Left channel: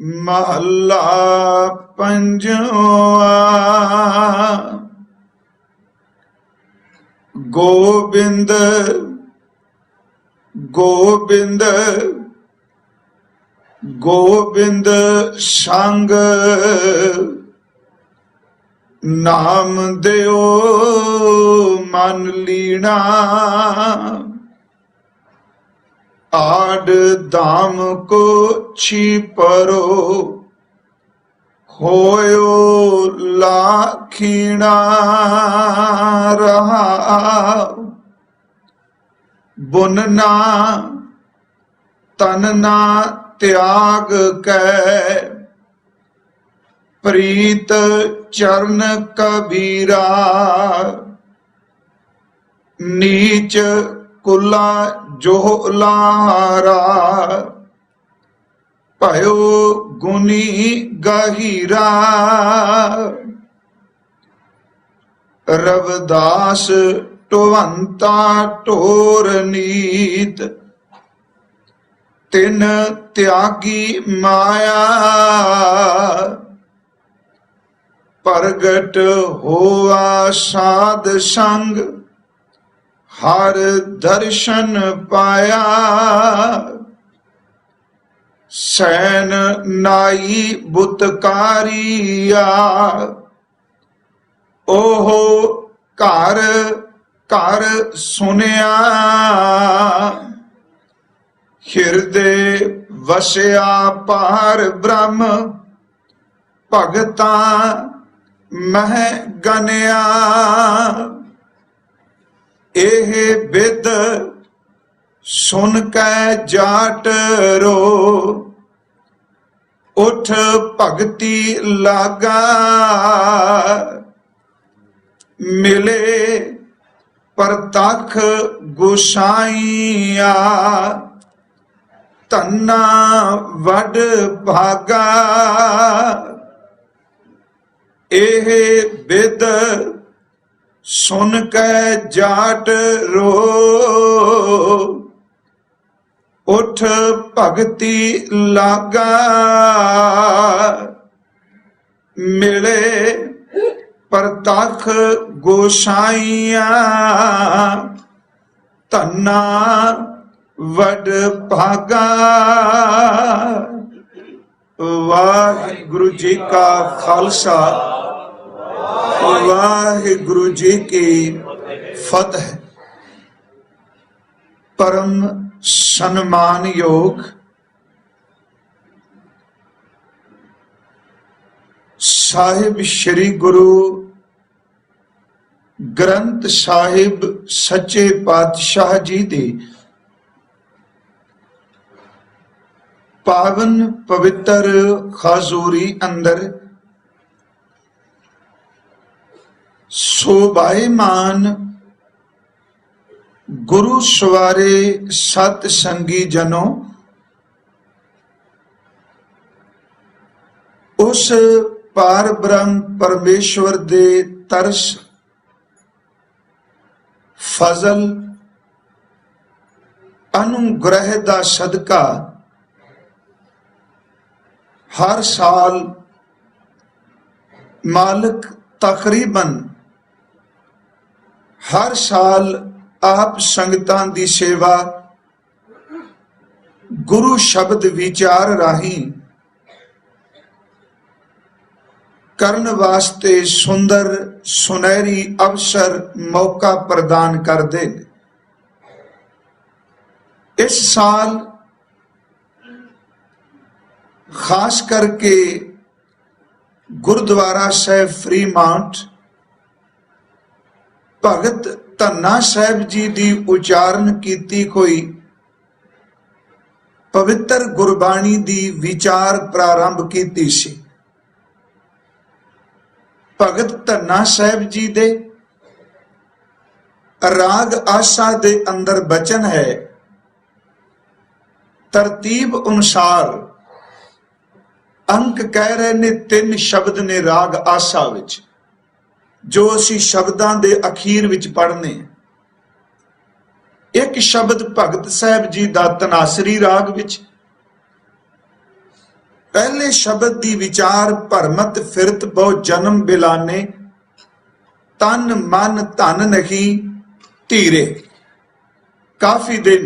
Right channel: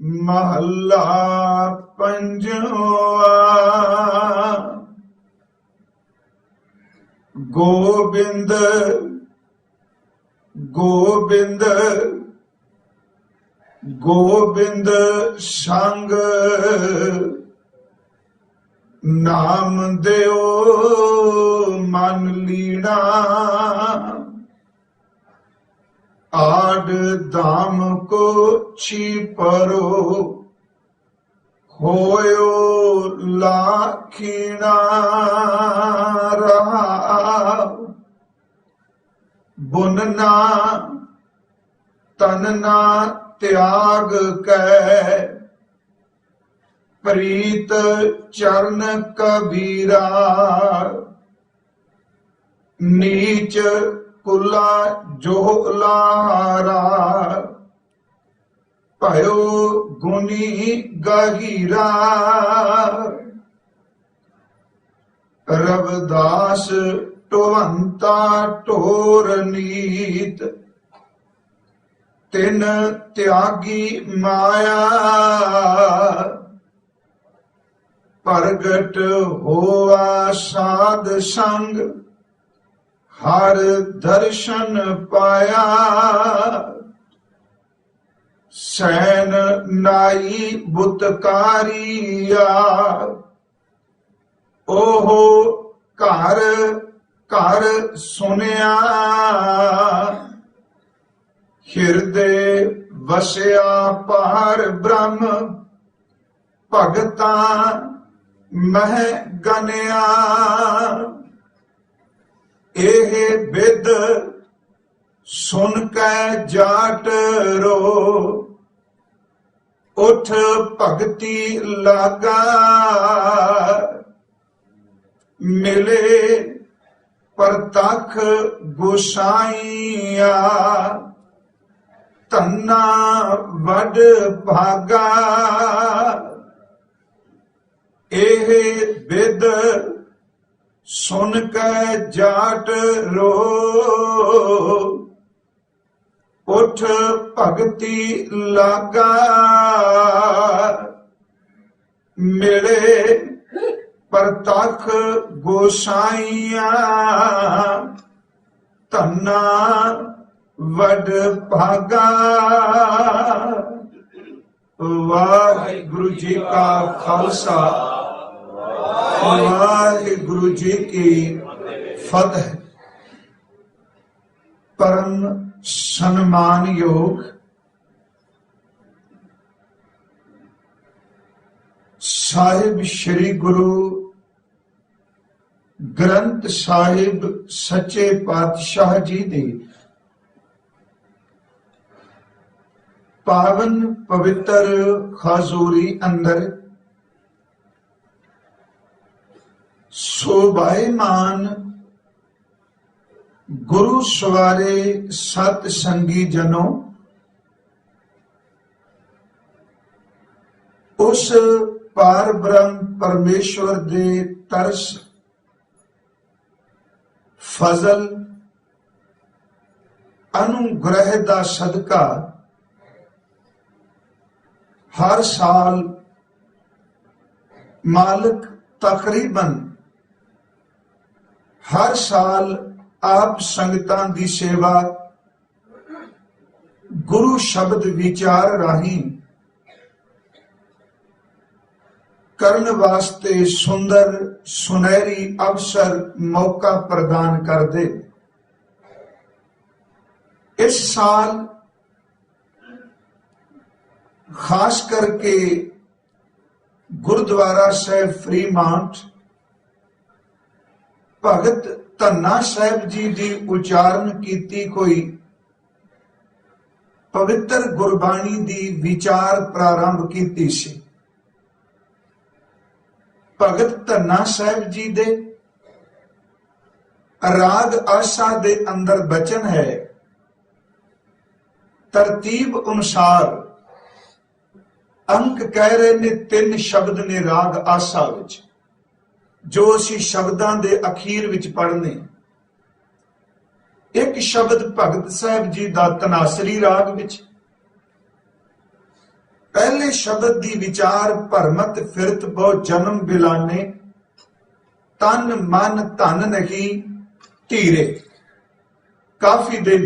महला पंजवा। गोबिंद गोबिंद गोबिंद संग नाम देओ मन लीना। आड दाम को छिपरो होयो लाखीना रहा। बुनना तनना त्याग कै प्रीत चरण कबीरा। नीच कुला जोहलारा भयो गुनी गहीरा। रविदास टोहंता टोर नीत तिन त्यागी माया। प्रगट होआ साध संग हर दर्शन पाया। सैन नाई बुतकारिया ओहो घर घर सुनिया। हिरदे वसिया पार ब्रह्म भगता मह गनिया। एह बिद सुन कै जाट रो उठ भगति लागा। मिले परतख गोसाइया धन्ना वड भागा। एह बिद सुन कै जाट रो उठ भगति लागा। मिले परतख गोसाइया धन्ना वड भागा। वाहिगुरु जी का खालसा वाहिगुरु जी की फतह। परम सम्मान योग साहिब श्री गुरु ग्रंथ साहिब सच्चे पातशाह जी दे पावन पवित्र खाजूरी अंदर शोभायमान गुरु सवारे सत संगी जनों, उस पार ब्रह्म परमेश्वर दे तरस फजल अनुग्रह दा सदका हर साल मालिक तकरीबन हर साल आप संगतां दी सेवा गुरु शब्द विचार राही करन वास्ते सुंदर सुनहरी अवसर मौका प्रदान कर दे। इस साल खास करके गुरुद्वारा साहिब फ्रीमाउंट भगत धन्ना साहिब जी दी उचारण कीती कोई पवित्र गुरबाणी दी विचार प्रारंभ कीती सी। भगत धन्ना साहिब जी दे राग आशा दे अंदर बचन है, तरतीब अनुसार अंक कह रहे ने 3 शब्द ने राग आशा विच जो असी शब्दां दे अखीर विच पढ़ने। एक शब्द भगत साहिब जी दा तनासरी राग विच, पहले शब्द दी विचार भरमत फिरत बहु जन्म बिलाने, तन मन धन नहीं धीरे। काफी दिन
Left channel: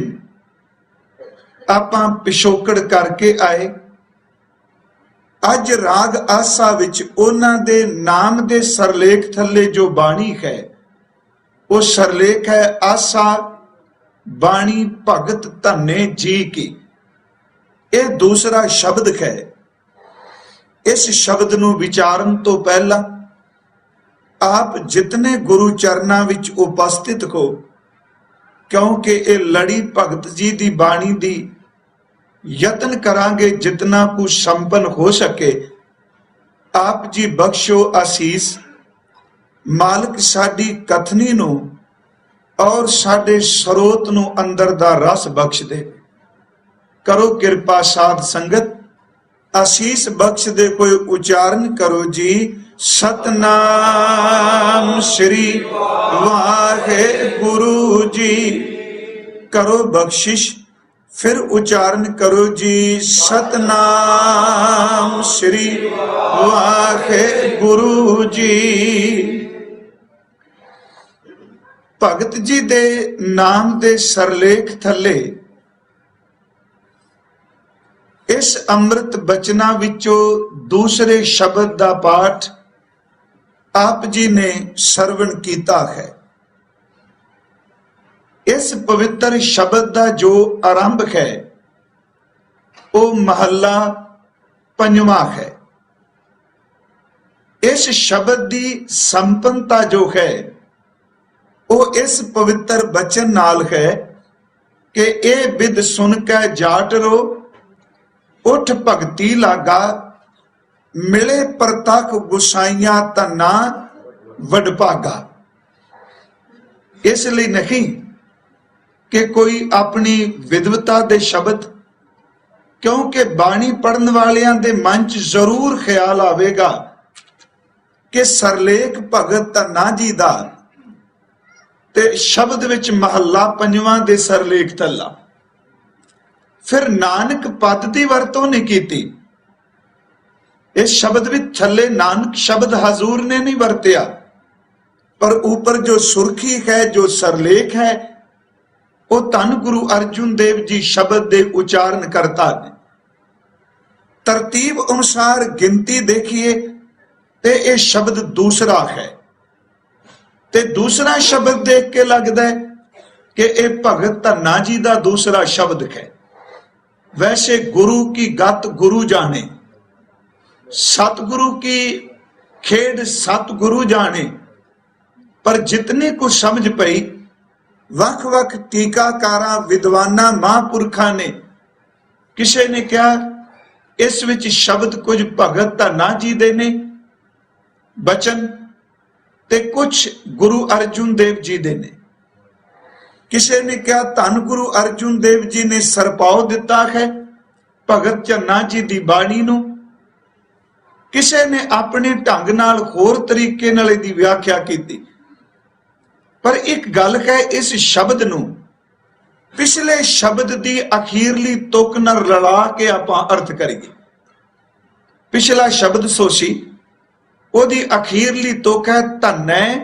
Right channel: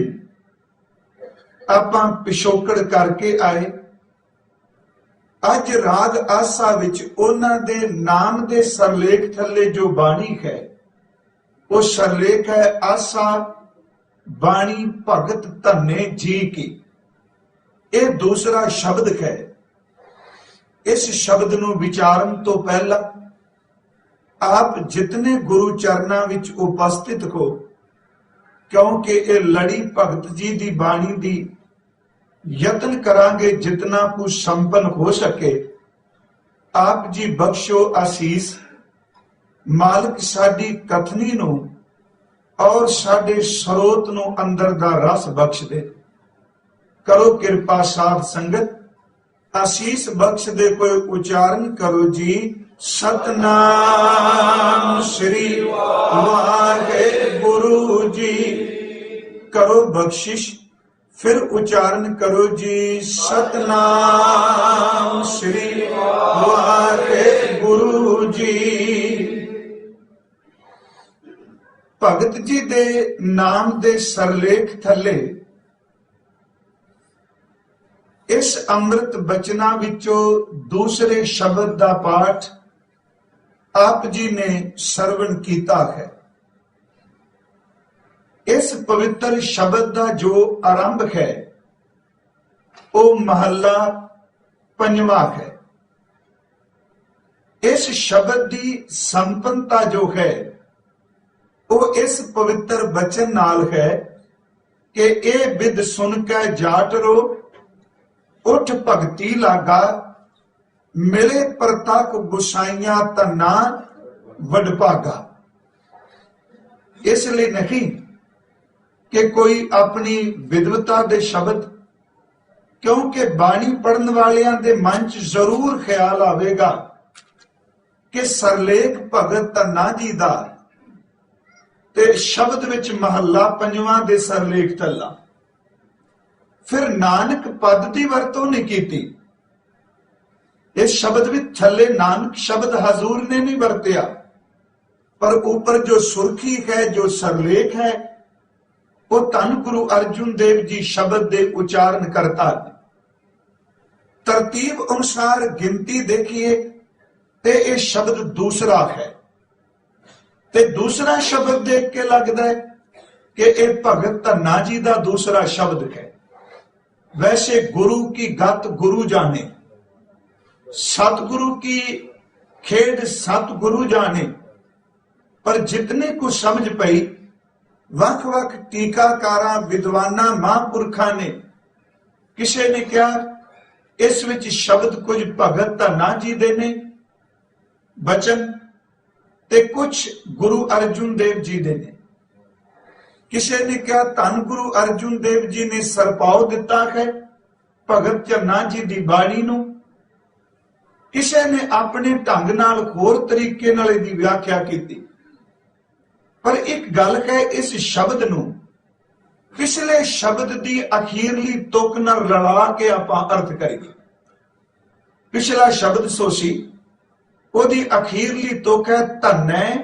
आपां पिछोकड़ करके आए। अज राग आसा विच उन्हां दे नाम दे सरलेख थल्ले जो बाणी है, वो सरलेख है आसा बाणी भगत धन्ने जी की। यह दूसरा शब्द है। इस शब्द नूं विचारन तो पहला आप जितने गुरु चरनां विच उपस्थित हो, क्योंकि ये लड़ी भगत जी दी बाणी दी यतन करांगे जितना कुछ संपन्न हो सके। आप जी बख्शो आसीस, मालिक साडी कथनी नूं और साडे स्रोत नूं अंदर दा रस बख्श दे। करो किरपा साध संगत, आसीस बख्श दे। कोई उच्चारण करो जी, सतनाम श्री वाहे गुरु जी। करो बख्शिश, फिर उच्चारण करो जी, सतनाम श्री वाहे गुरु जी। भगत जी दे नाम दे सरलेख थले इस अमृत बचना विचों दूसरे शब्द दा पाठ आप जी ने सरवण कीता है। इस पवित्र शब्द का जो आरंभ है वो महला पंजवा है। इस शब्द की संपन्नता जो है वो इस पवित्र बचन नाल है कि ए बिद सुन के जाट रो, उठ भगती लागा, मिले परतक गुसाइया धना वडभागा। इसलिए नहीं कि कोई अपनी विद्वता दे शब्द, क्योंकि बाणी पढ़न वालियां दे मन च जरूर ख्याल आवेगा कि सरलेख भगत धन्ना जी दा ते शब्द विच महला पंजवां दे सरलेख थल्ला। फिर नानक पद की वरतों नहीं की। इस शब्द विच थल्ले नानक शब्द हजूर ने नहीं वरतिया, पर ऊपर जो सुर्खी है, जो सरलेख है, वो धन गुरु अर्जुन देव जी शब्द दे उच्चारण करता है। तरतीब अनुसार गिनती देखिए ते ये शब्द दूसरा है, ते दूसरा शब्द देख के लगता है कि ये भगत धन्ना जी का दूसरा शब्द है। वैसे गुरु की गत गुरु जाने, सतगुरु की खेड सतगुरु जाने, पर जितने को समझ पई वख वख टीकाकारा विद्वाना महापुरखा ने, किसी ने क्या इस विच शब्द कुछ भगत धन्ना जी दे ने बचन ते कुछ गुरु अर्जुन देव जी दे ने। किसी ने क्या धन गुरु अर्जुन देव जी ने सरपाव दिता है भगत धन्ना जी दी बाणी नूं। किसी ने अपने ढंग नाल होर तरीके नाल इहदी व्याख्या की। पर एक गल है, इस शब्द नूं पिछले शब्द दी अखीरली तुक नाल रला के आपां अर्थ करिए। पिछला शब्द सोसी, ओदी अखीरली तुक है धन्नै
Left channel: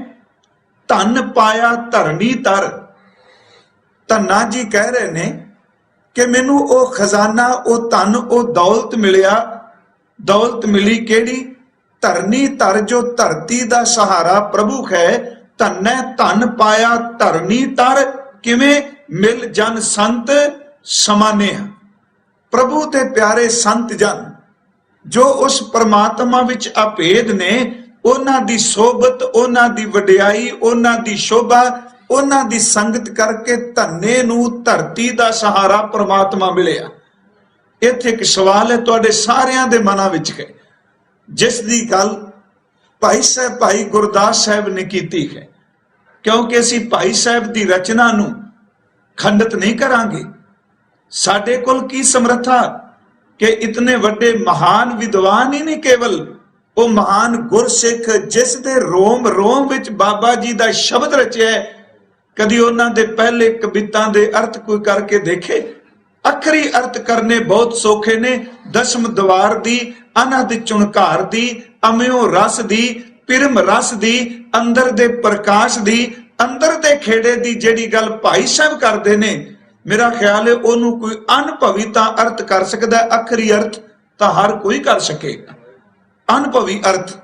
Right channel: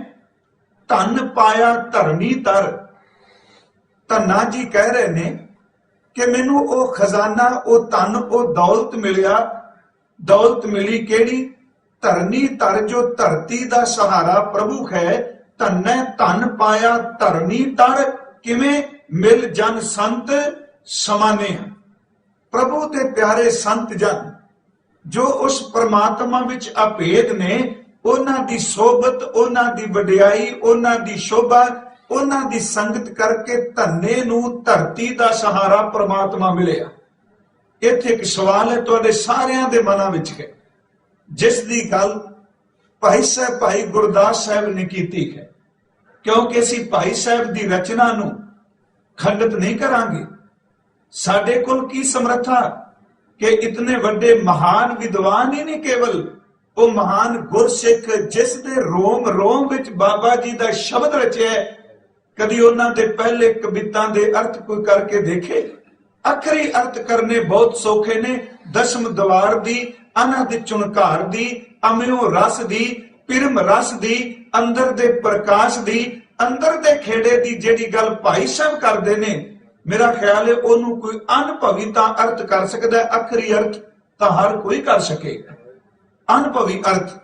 धन पाया धरनी तर। धन्ना जी कह रहे ने कि मैनू ओ खजाना, ओ धन, ओ दौलत मिलिया। दौलत मिली केड़ी? धरनी तर, जो धरती दा सहारा प्रभु है। धन्नै धन पाया धरनी तर, किवें? मिल जन संत समाने। प्रभु ते प्यारे संत जन जो उस परमात्मा विच अभेद ने, उन्हां दी सोबत, उन्हां दी वडियाई, उन्हां दी शोभा, उन्हां दी संगत करके धन्ने नूं धरती दा सहारा परमात्मा मिलिया। इत्थे एक सवाल है तुहाडे सारियां दे मनां विच है, जिस दी गल भाई साहब भाई गुरदास साहब ने कीती है, क्योंकि असीं भाई साहब दी रचना नूं खंडित नहीं करांगे। साडे कोल की समर्था कि इतने वड्डे महान विद्वान ही नहीं, केवल वो महान गुरसिख जिस दे रोम रोम विच बाबा जी दा शब्द रचिया है, कदी उन्हां दे पहले कवितां दे अर्थ कोई करके देखे? अखरी अर्थ करने बहुत सौखे ने, दशम द्वार दी, अनहद चुनकार दी, अम्यो रस दी, पिरम रस दी, अंदर दे प्रकाश दी, अंदर दे खेड़े दी। जेड़ी गल भाई साहब करते ने, मेरा ख्याल है ओनू कोई अनुभवी तां अर्थ कर सकता है, अखरी अर्थ तां हर कोई कर सकेगा। अनुभवी अर्थ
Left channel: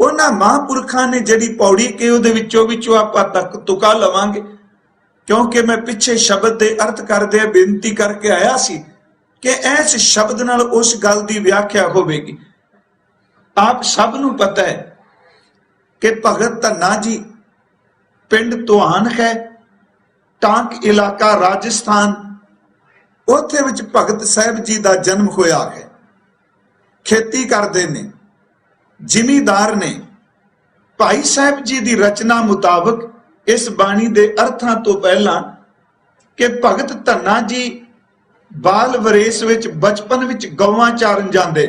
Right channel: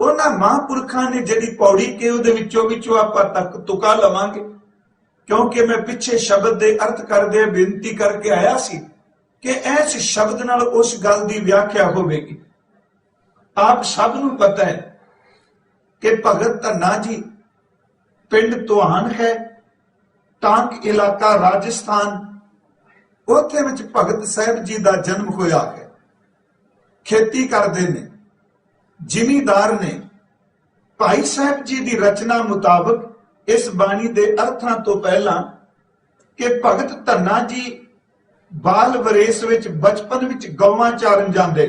उन्हां महापुरखां ने जिहड़ी पौड़ी कि उहदे विचों आपां तक तुका लवांगे, क्योंकि मैं पिछे शब्द दे अर्थ करदे बेनती करके आया सी कि इस शब्द नाल उस गल दी व्याख्या होवेगी। आप सब नूं पता है कि भगत धन्ना जी पिंड तुहान है, टांक इलाका राजस्थान, उत्थे विच भगत साहब जी दा जन्म होया है। खेती करदे ने, जिमीदार ने। भाई साहब जी दी रचना मुताबक इस बाणी दे अर्थां तो पहला कि भगत धन्ना जी बाल वरेस विच बचपन विच गौवां चारन जांदे,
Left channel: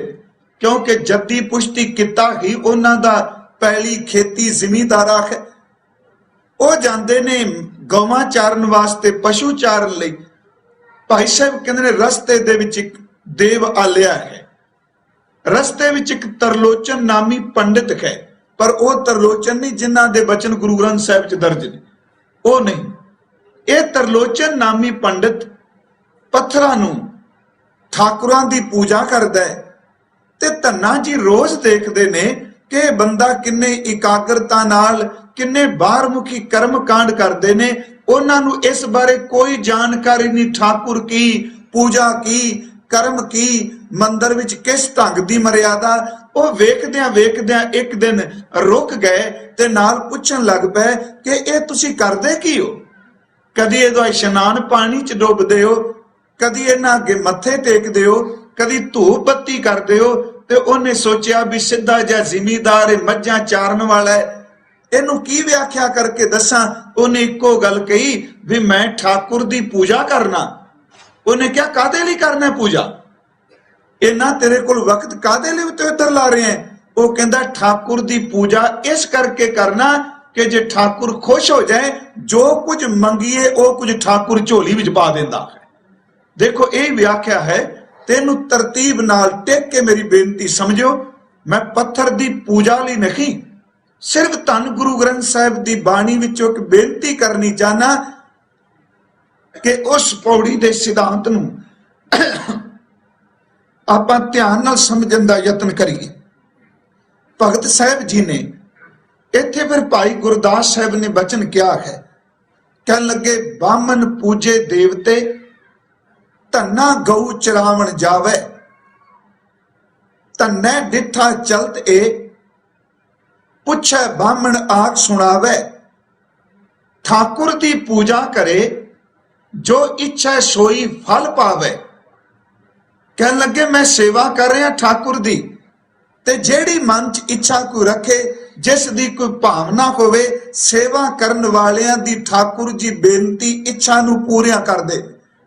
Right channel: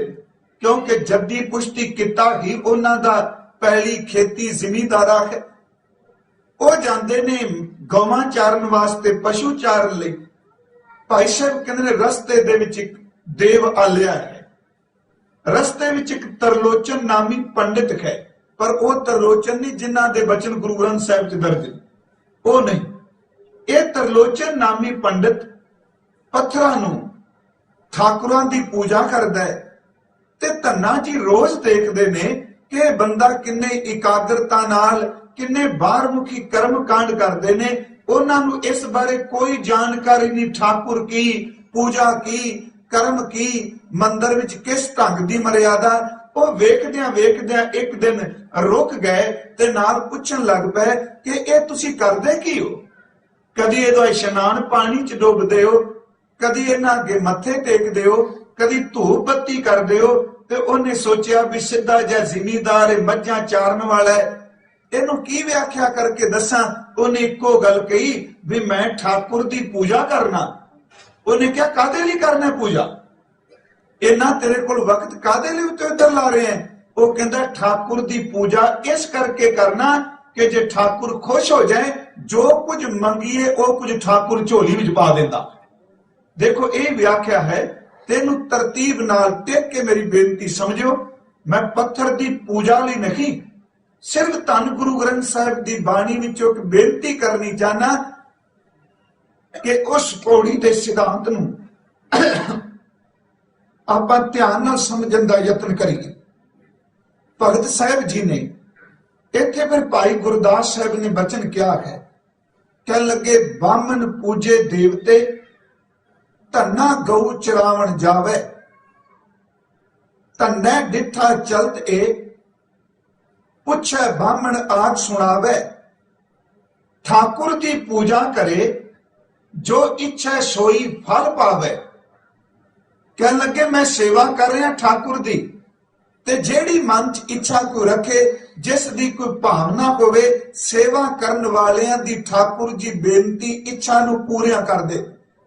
क्योंकि जद्दी पुश्ती किता ही उन्हां दा पहली खेती जिमीदारा है। वो जांदे ने गौवां चारन वास्ते, पशु चारन लई। भाई साहब कहंदे ने रस्ते दे विच इक देव आलिया है, रस्ते विच एक तरलोचन नामी पंडित है, पर वह तरलोचन नहीं जिन्हां दे बचन गुरु ग्रंथ साहिब च दर्ज ने, वो नहीं। यह तरलोचन नामी पंडित पत्थरां नूं ठाकुरां दी पूजा करदा है, ते धन्ना जी रोज देखदे ने कि बंदा किन्ने इकाग्रता नाल, किन्ने बाहरमुखी कर्म कांड करदे ने। उन्हां नूं इस बारे कोई जानकारी नहीं, ठाकुर की पूजा की, कर्म की, मंदिर विच किस ढंग दी मर्यादा। वो वेखदियां वेखदियां एक दिन रुक गए ते नाल पुछण लग पए कि ये तुसीं करदे की हो? कदी इहदा इशनान पानी च डुबदे हो, कदी इन्हां अगे मत्थे टेकदे हो, कदी धूप बत्ती करदे हो। ते उन्हें सोचिया भी सीधा जिहा जिमीदार मझां चारन वाला है, इहनूं की व्याख्या करके दसां। उन्हें इक्को गल कही भी मैं ठाकुर दी पूजा करना। उन्हें क्या कादे लई करना पूजा? इन्ना तेरे कोल वक्त कादे लई उत्ते इधर ला रहे हैं? वो कहंदा ठाकुर दी पूजा इस करके करना कि जे ठाकुर खुश हो जाए, जो कुछ मंगीए वो कुछ ठाकुर झोली विच पा देंदा। देखो ये व्याख्या है। तेनू तरतीब नाल टेक के मेरी बेनती समझो, मैं पत्थर दी पूजा लई नहीं, सिर्फ धन गुरु ग्रंथ साहिब दी बाणी विचों एक बेनती करनी चाहना कि उस पौड़ी दे सिद्धांत नूं आपां ध्यान नाल समझण दा यतन करिए। भगत साहब जी ने इत्थे फिर भाई गुरदास साहब ने बचन क्या है, कह लगे बामन पूजे देवते, धन्ना गऊ चरावण जावे, धन्ने डिठा चलत ए, पुछे बामन आख सुनावे, ठाकुर दी पूजा करे, जो इच्छा सोई फल पावे। कह लगे मैं सेवा कर रहा ठाकुर दी, ते जेड़ी मन च इच्छा कोई रखे, जिस दी कोई भावना होवे, सेवा करन वालियां दी ठाकुर जी बेनती इच्छा नूं पूरियां कर दे।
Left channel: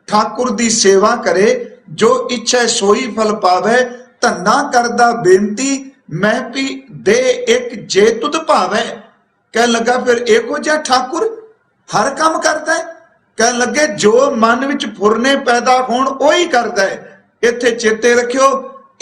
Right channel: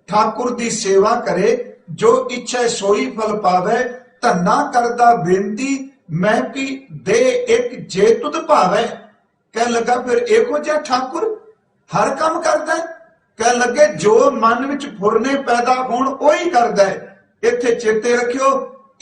ठाकुर दी सेवा करे, जो इच्छा सोई फल पावे। धन्ना करदा बेनती, मैं भी दे एक जे तुद भावे। कह लगा फिर इहो जिहा ठाकुर हर काम करदा है? कह लगे जो मन विच फुरने पैदा होण ओही करदा है। इत्थे चेते रखियो,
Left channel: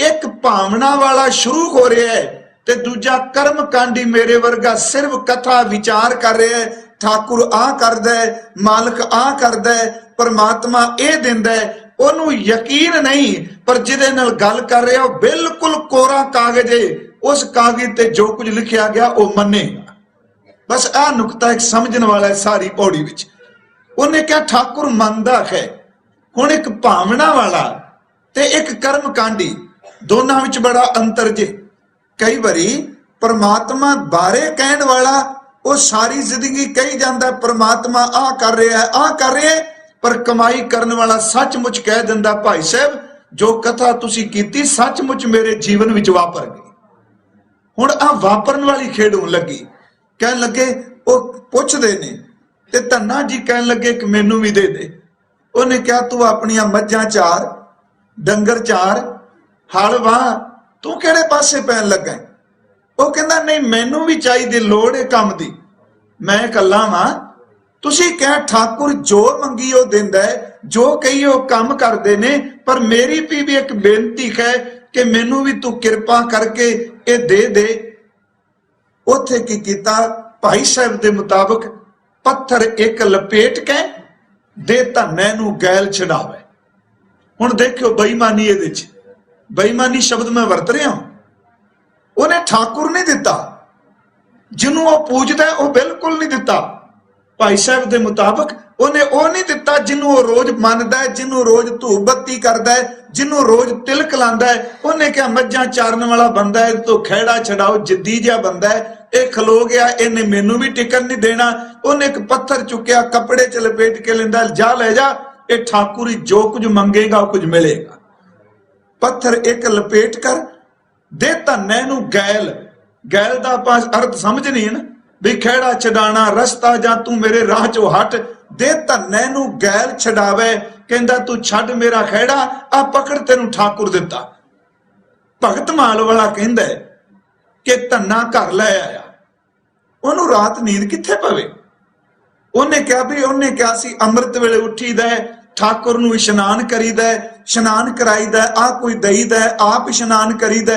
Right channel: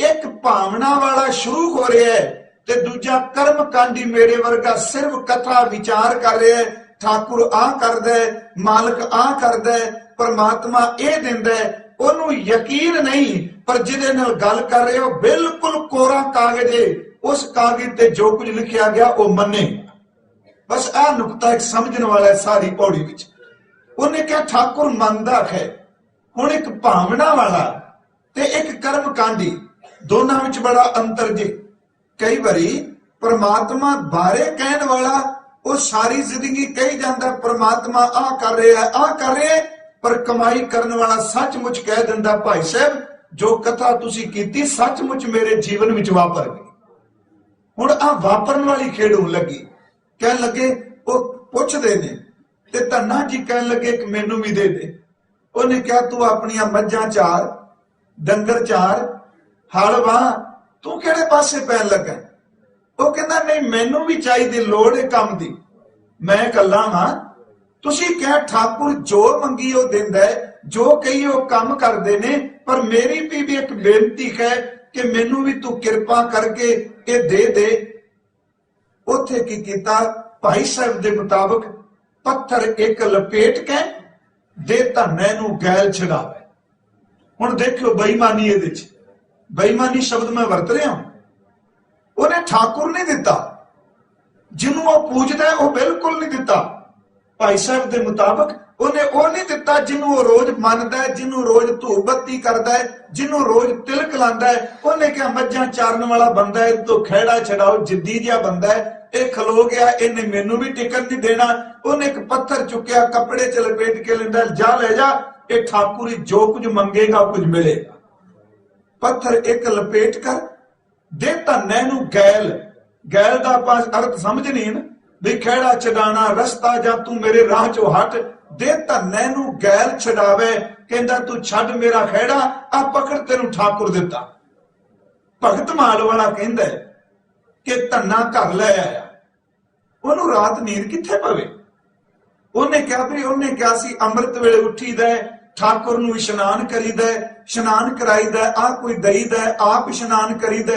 एक भावना वाला शुरू हो रहा है ते दूजा कर्म कांडी मेरे वर्गा सिर्फ कथा विचार कर रहा है। ठाकुर आ करदा है, मालिक आ करदा है, परमात्मा ए दिंदा है, ओनू यकीन नहीं। पर जिहदे नाल गल कर रहा हो बिल्कुल कोरा कागज है, उस कागज ते जो कुछ लिखिया गया वो मन्ने। बस आ नुकता एक समझने वाला है सारी पौड़ी विच। उन्हें क्या ठाकुर मंनदा है। हुण एक भावना वाला ते एक कर्म कांडी, दोनों विच बड़ा अंतर जे। कई बारी परमात्मा बारे कहण वाला वो सारी जिंदगी कही जाता परमात्मा आ कर रहा है, आ कर रहा है, पर कमाई करने वाला सचमुच कह दिंदा भाई साहब जो कथा तुसी कीती सचमुच मेरे जीवन विच वापर गई। हुण आ वापरन वाली खेड होण लगी। कह लगे वो पुछदे ने ते धन्ना जी कह लगे कि मैनू भी दे दे। उन्हें क्या तू अपनियां मज्जां चार, डंगर चार, हल वाह, तू किहड़े पासे पैन लगा? वो कहंदा नहीं मैनू भी चाहिए लोड़ है काम दी, मैं कल्ला वां। तुसीं कह ठाकुर जो मंगी वो दिंदा है, जो कई वो काम करते ने, पर मेरी भी एक बेनती है कि मैनू भी तू कृपा करके ये दे दे। उथे की कीता, भाई साहब के मुताबिक पत्थर एक लपेट के दे धन्ने नूं गैल छड़ावे। हुण देखियो बेईमानी, ये बेईमानी शब्द मैं वरत रहा हूं। उन्हें ठाकुर नहीं दिता, जिन्हों वो पूजदा है वो बिल्कुल नहीं दिता। भाई साहब के मुताबिक उन्हें वो नहीं दिता जिन्हों वो रोज मनदा है, जिन्हों रोज धूप बत्ती करदा है, जिन्हों रोज तिलक लांदा है। उन्हें क्या मज्जां चारन वाला बंदा है, तो खेड़ा छड़ाओ जिद्दी जिहा बंदा है, ये खलो गया, इन्हें मैनू भी टिकन नहीं देना। उन्हें एक पत्थर चुकया, कपड़े च लपेट के लेंदा, जा ले जा, ये ठाकुर ही जो कुछ मंगेगा कुछ मिलेगा। पत्थर एक लपेट कर दे धन्ने नूं गैल। गैल दा पास अर्थ समझ नहीं है ना, भी खेड़ा छडाना रस्ता, जा तू मेरे राह चो हट। दे धन्ने नूं गैल छडावे, कहंदा तू छड मेरा खेड़ा, आ पकड़ तेनू ठाकुर दिता। भगत माल वाला कहंदा है कि धन्ना घर लै आया, ओनू रात नींद कित्थे पवे। उन्हें क्या भी, उन्हें क्या सी, अमृत वेले उठी दे, ठाकुर नूं इशनान करीदा, इशनान कराईदा, आ कोई दईदा, आप इशनान करीदा।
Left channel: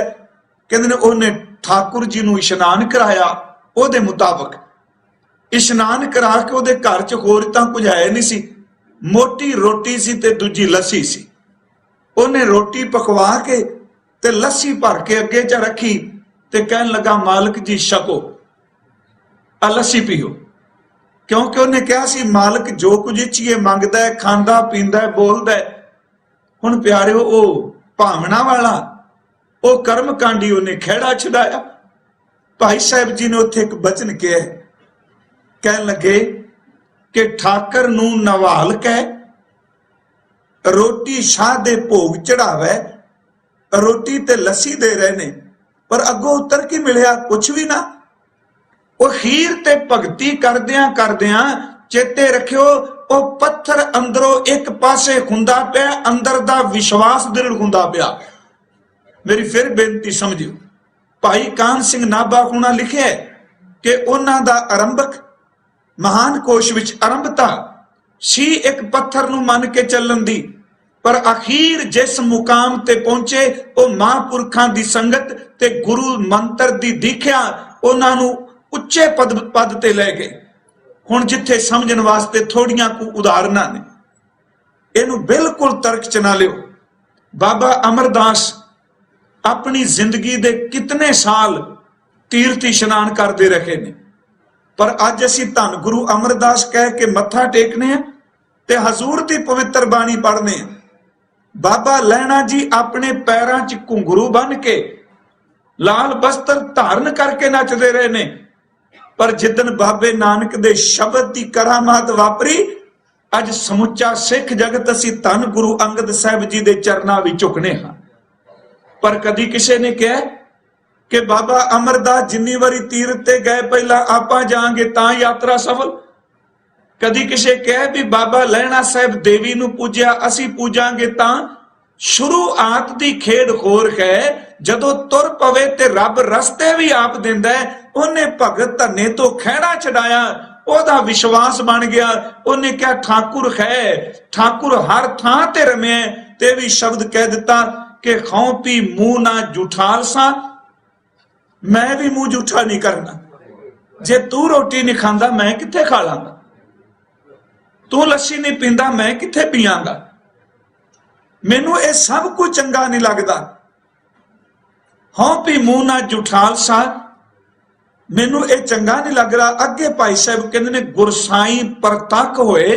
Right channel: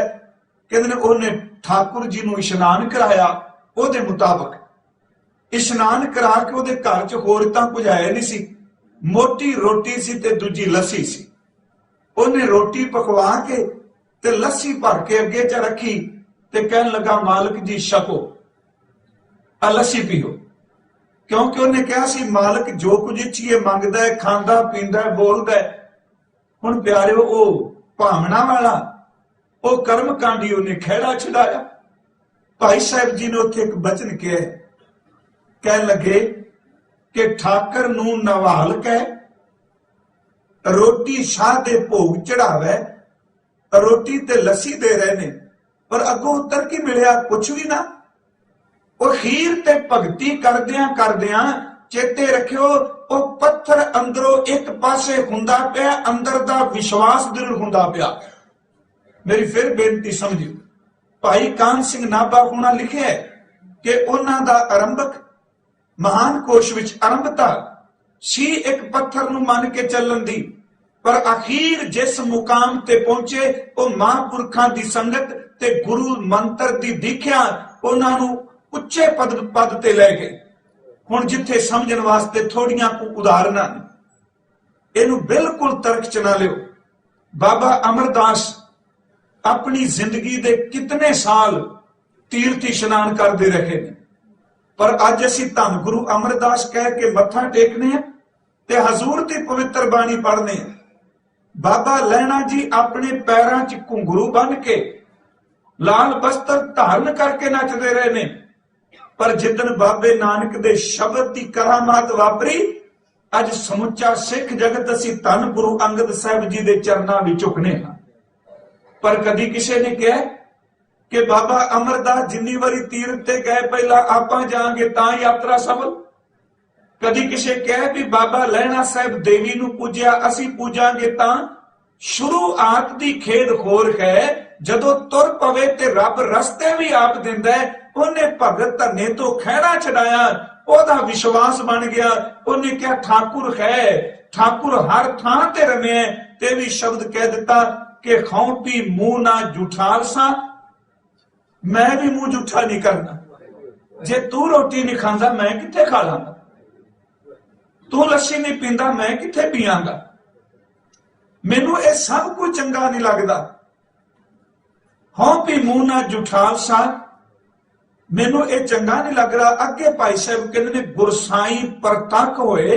कहंदे ने उन्हें ठाकुर जी नूं इशनान कराया, ओदे मुताबिक इशनान करा के ओदे घर च होर तां कुछ है नहीं सी, मोटी रोटी सी ते दूजी लस्सी सी। उन्हें रोटी पकवा के ते लस्सी भर के अगे च रखी ते कहन लगा, मालिक जी छको, आ लस्सी पीओ। क्योंकि उन्हें कहा सी मालिक जो कुछ इच्छीए मंगदा है, खांदा पींदा है, बोलदा है। हुण प्यारिओ ओ भावना वाला ओ कर्म कांडी उन्हें खेड़ा छड़ाया। भाई साहब जी ने उत्थे एक बचन कहा, कह लगे कि ठाकर नूं नवाल के रोटी शाह दे भोग चढ़ावे, रोटी ते लस्सी दे रहे ने, पर अगों उत्तर की मिलिया कुछ भी ना। वो खीर ते भगती करदियां करदियां चेते रखियो, वो पत्थर अंदरों एक पासे हुंदा पिया, अंदर दा विश्वास दृढ़ हुंदा पिया। मेरी फिर बेनती समझियो, भाई कान सिंह नाभा हुणा लिखिया है कि उन्हां दा आरंभक महान कोश विच आरंभता सी एक पत्थर नूं मन के चलन दी, पर अखीर जिस मुकाम ते पहुंचे वो महापुरखां दी संगत ते गुरु मंत्र दी दीख्या उन्हां नूं उच्चे पद ते लै गए। हुण जिथे समझण वास्ते थोड़ियां कु उदाहरणां ने, इहनूं बिल्कुल तर्क च ना लिओ। बाबा अमरदास अपनी जिंदगी दे कितने साल तीर्थ इशनान करते रहे ने, पर अज असीं धन गुरु अमरदास कह के मत्था टेकने ते हजूर दी पवित्र बाणी पढ़ने। बाबा लैणा जी अपने पैरां च घुंघरू बन के लाल वस्त्र धारण करके नचदे रहे ने, पर जिदन बाबे नानक दे शब्द की करामात वापरी, अज समुचा सिख जगत असीं धन गुरु अंगद साहिब जी दे चरनां विच झुकने हां। पर कदी किसी ने कहा कि बाबा अमरदास जिन्नी वारी तीर्थ ते गए पहला आपां जांगे तां यात्रा सफल। कदी किसी कहा भी बाबा लैणा साहिब देवी नूं पूजिया, असीं पूजांगे तां। शुरुआत दी खेड होर है, जदों तुर पवे ते रब रस्ते भी आप दिंदा है। उन्हें भगत धन्ने तो खैड़ा छड़ाया, ओदा विश्वास बन गया। उन्हें क्या ठाकुर है, ठाकुर हर थां ते रमे, ते भी शब्द कह दिता कि खाओ पी मुंह ना जुठाल सा, मैं भी मुंह जूठा नहीं करना। जे तू रोटी नहीं खांदा मैं किथे खा लांगा, तू लस्सी नहीं पींदा मैं किथे पीआंगा। मैनू ये सब कुछ चंगा नहीं लगता। हाँ भी मुंह ना जुठाल सा, मैनू ये चंगा नहीं लग रहा। अगे भाई साहब कहते ने गुरसाई परतक होए,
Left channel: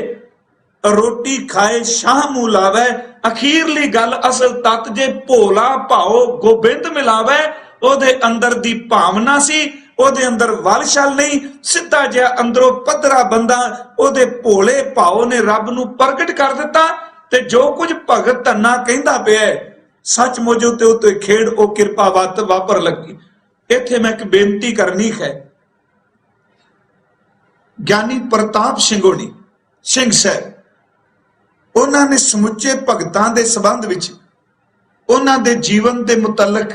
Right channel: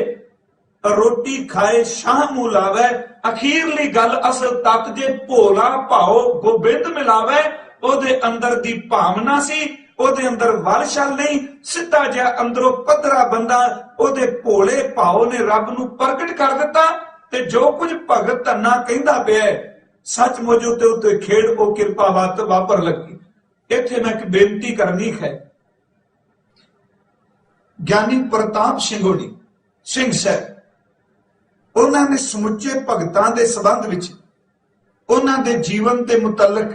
रोटी खाए शाह मुंह लावे। अखीरली गल असल तत जे भोला भाओ गोबिंद मिलावे, ओदे अंदर दी भावना सी, ओदे अंदर वलछल नहीं। सीधा जिहा अंदरों पधरा बंदा, ओदे भोले भाओ ने रब नूं प्रगट कर दिता। ते जो कुछ भगत धन्ना कहंदा पिया सचमुच ते उत्ते खेड़ ओ किरपा वापर लगी। इत्थे मैं एक बेनती करनी है, ज्ञानी प्रताप सिंघोनी सिंह साहब, उन्होंने समुचे भगतां दे संबंध विच उन्हां दे जीवन दे मुतलक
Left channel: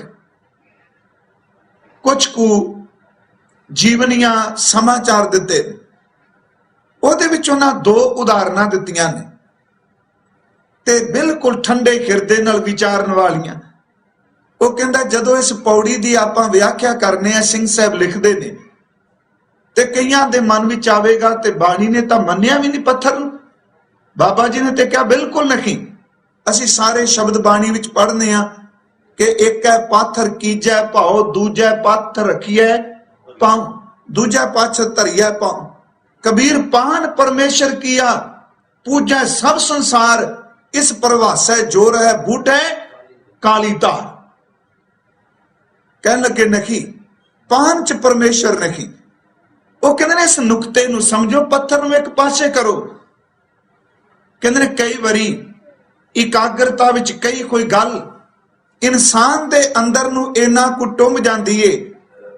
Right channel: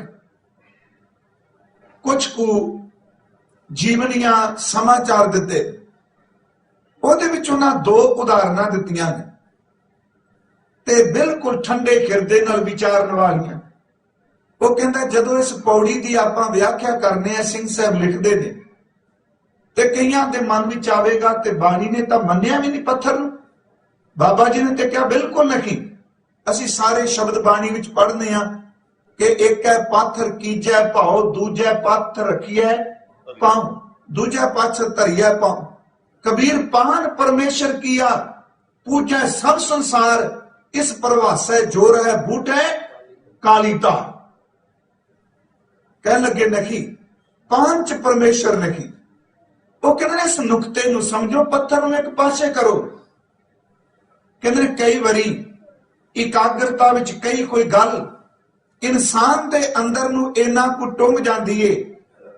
कुछ कु जीवनियां समाचार दिते। उहदे विच उन्हां दो उदाहरणां दित्तियां ने। ਤੇ ਬਿਲਕੁਲ ਠੰਡੇ ਹਿਰਦੇ ਨਾਲ ਵਿਚਾਰਨ ਵਾਲੀਆਂ। ਉਹ ਕਹਿੰਦਾ ਜਦੋਂ ਇਸ ਪੌੜੀ ਦੀ ਆਪਾਂ ਵਿਆਖਿਆ ਕਰਨੇ ਆ, ਸਿੰਘ ਸਾਹਿਬ ਲਿਖਦੇ ਨੇ, ਤੇ ਕਈਆਂ ਦੇ ਮਨ ਵਿੱਚ ਆਵੇਗਾ ਤੇ ਬਾਣੀ ਨੇ ਤਾਂ ਮੰਨਿਆ ਵੀ ਨਹੀਂ ਪੱਥਰ ਨੂੰ, ਬਾਬਾ ਜੀ ਨੇ ਤੇ ਕਿਹਾ ਬਿਲਕੁਲ ਨਹੀਂ। ਅਸੀਂ ਸਾਰੇ ਸ਼ਬਦ ਬਾਣੀ ਵਿੱਚ ਪੜ੍ਹਨੇ ਆ ਕਿ ਇੱਕ ਹੈ ਪਾਥਰ ਕੀਜੈ ਭਾਉ, ਦੂਜਾ ਪਾਥਰ ਰਖੀਐ ਪਾਉ, ਦੂਜਾ ਪਾਥਰ ਧਰੀਐ ਪਾਉ। ਕਬੀਰ ਪਾਨ परमेश्वर किया पूजै सब संसार, इस प्रवासै जो रहे बूटे काली तार। कहने लगे नहीं, पान च परमेश्वर नहीं। वो कहते ने इस नुकते नूं समझो, पत्थर नूं एक पासे करो। कहते ने कई बारी इकाग्रता विच कई कोई गल इंसान दे अंदर नूं इन्ना कुछ टुंब जांदी है,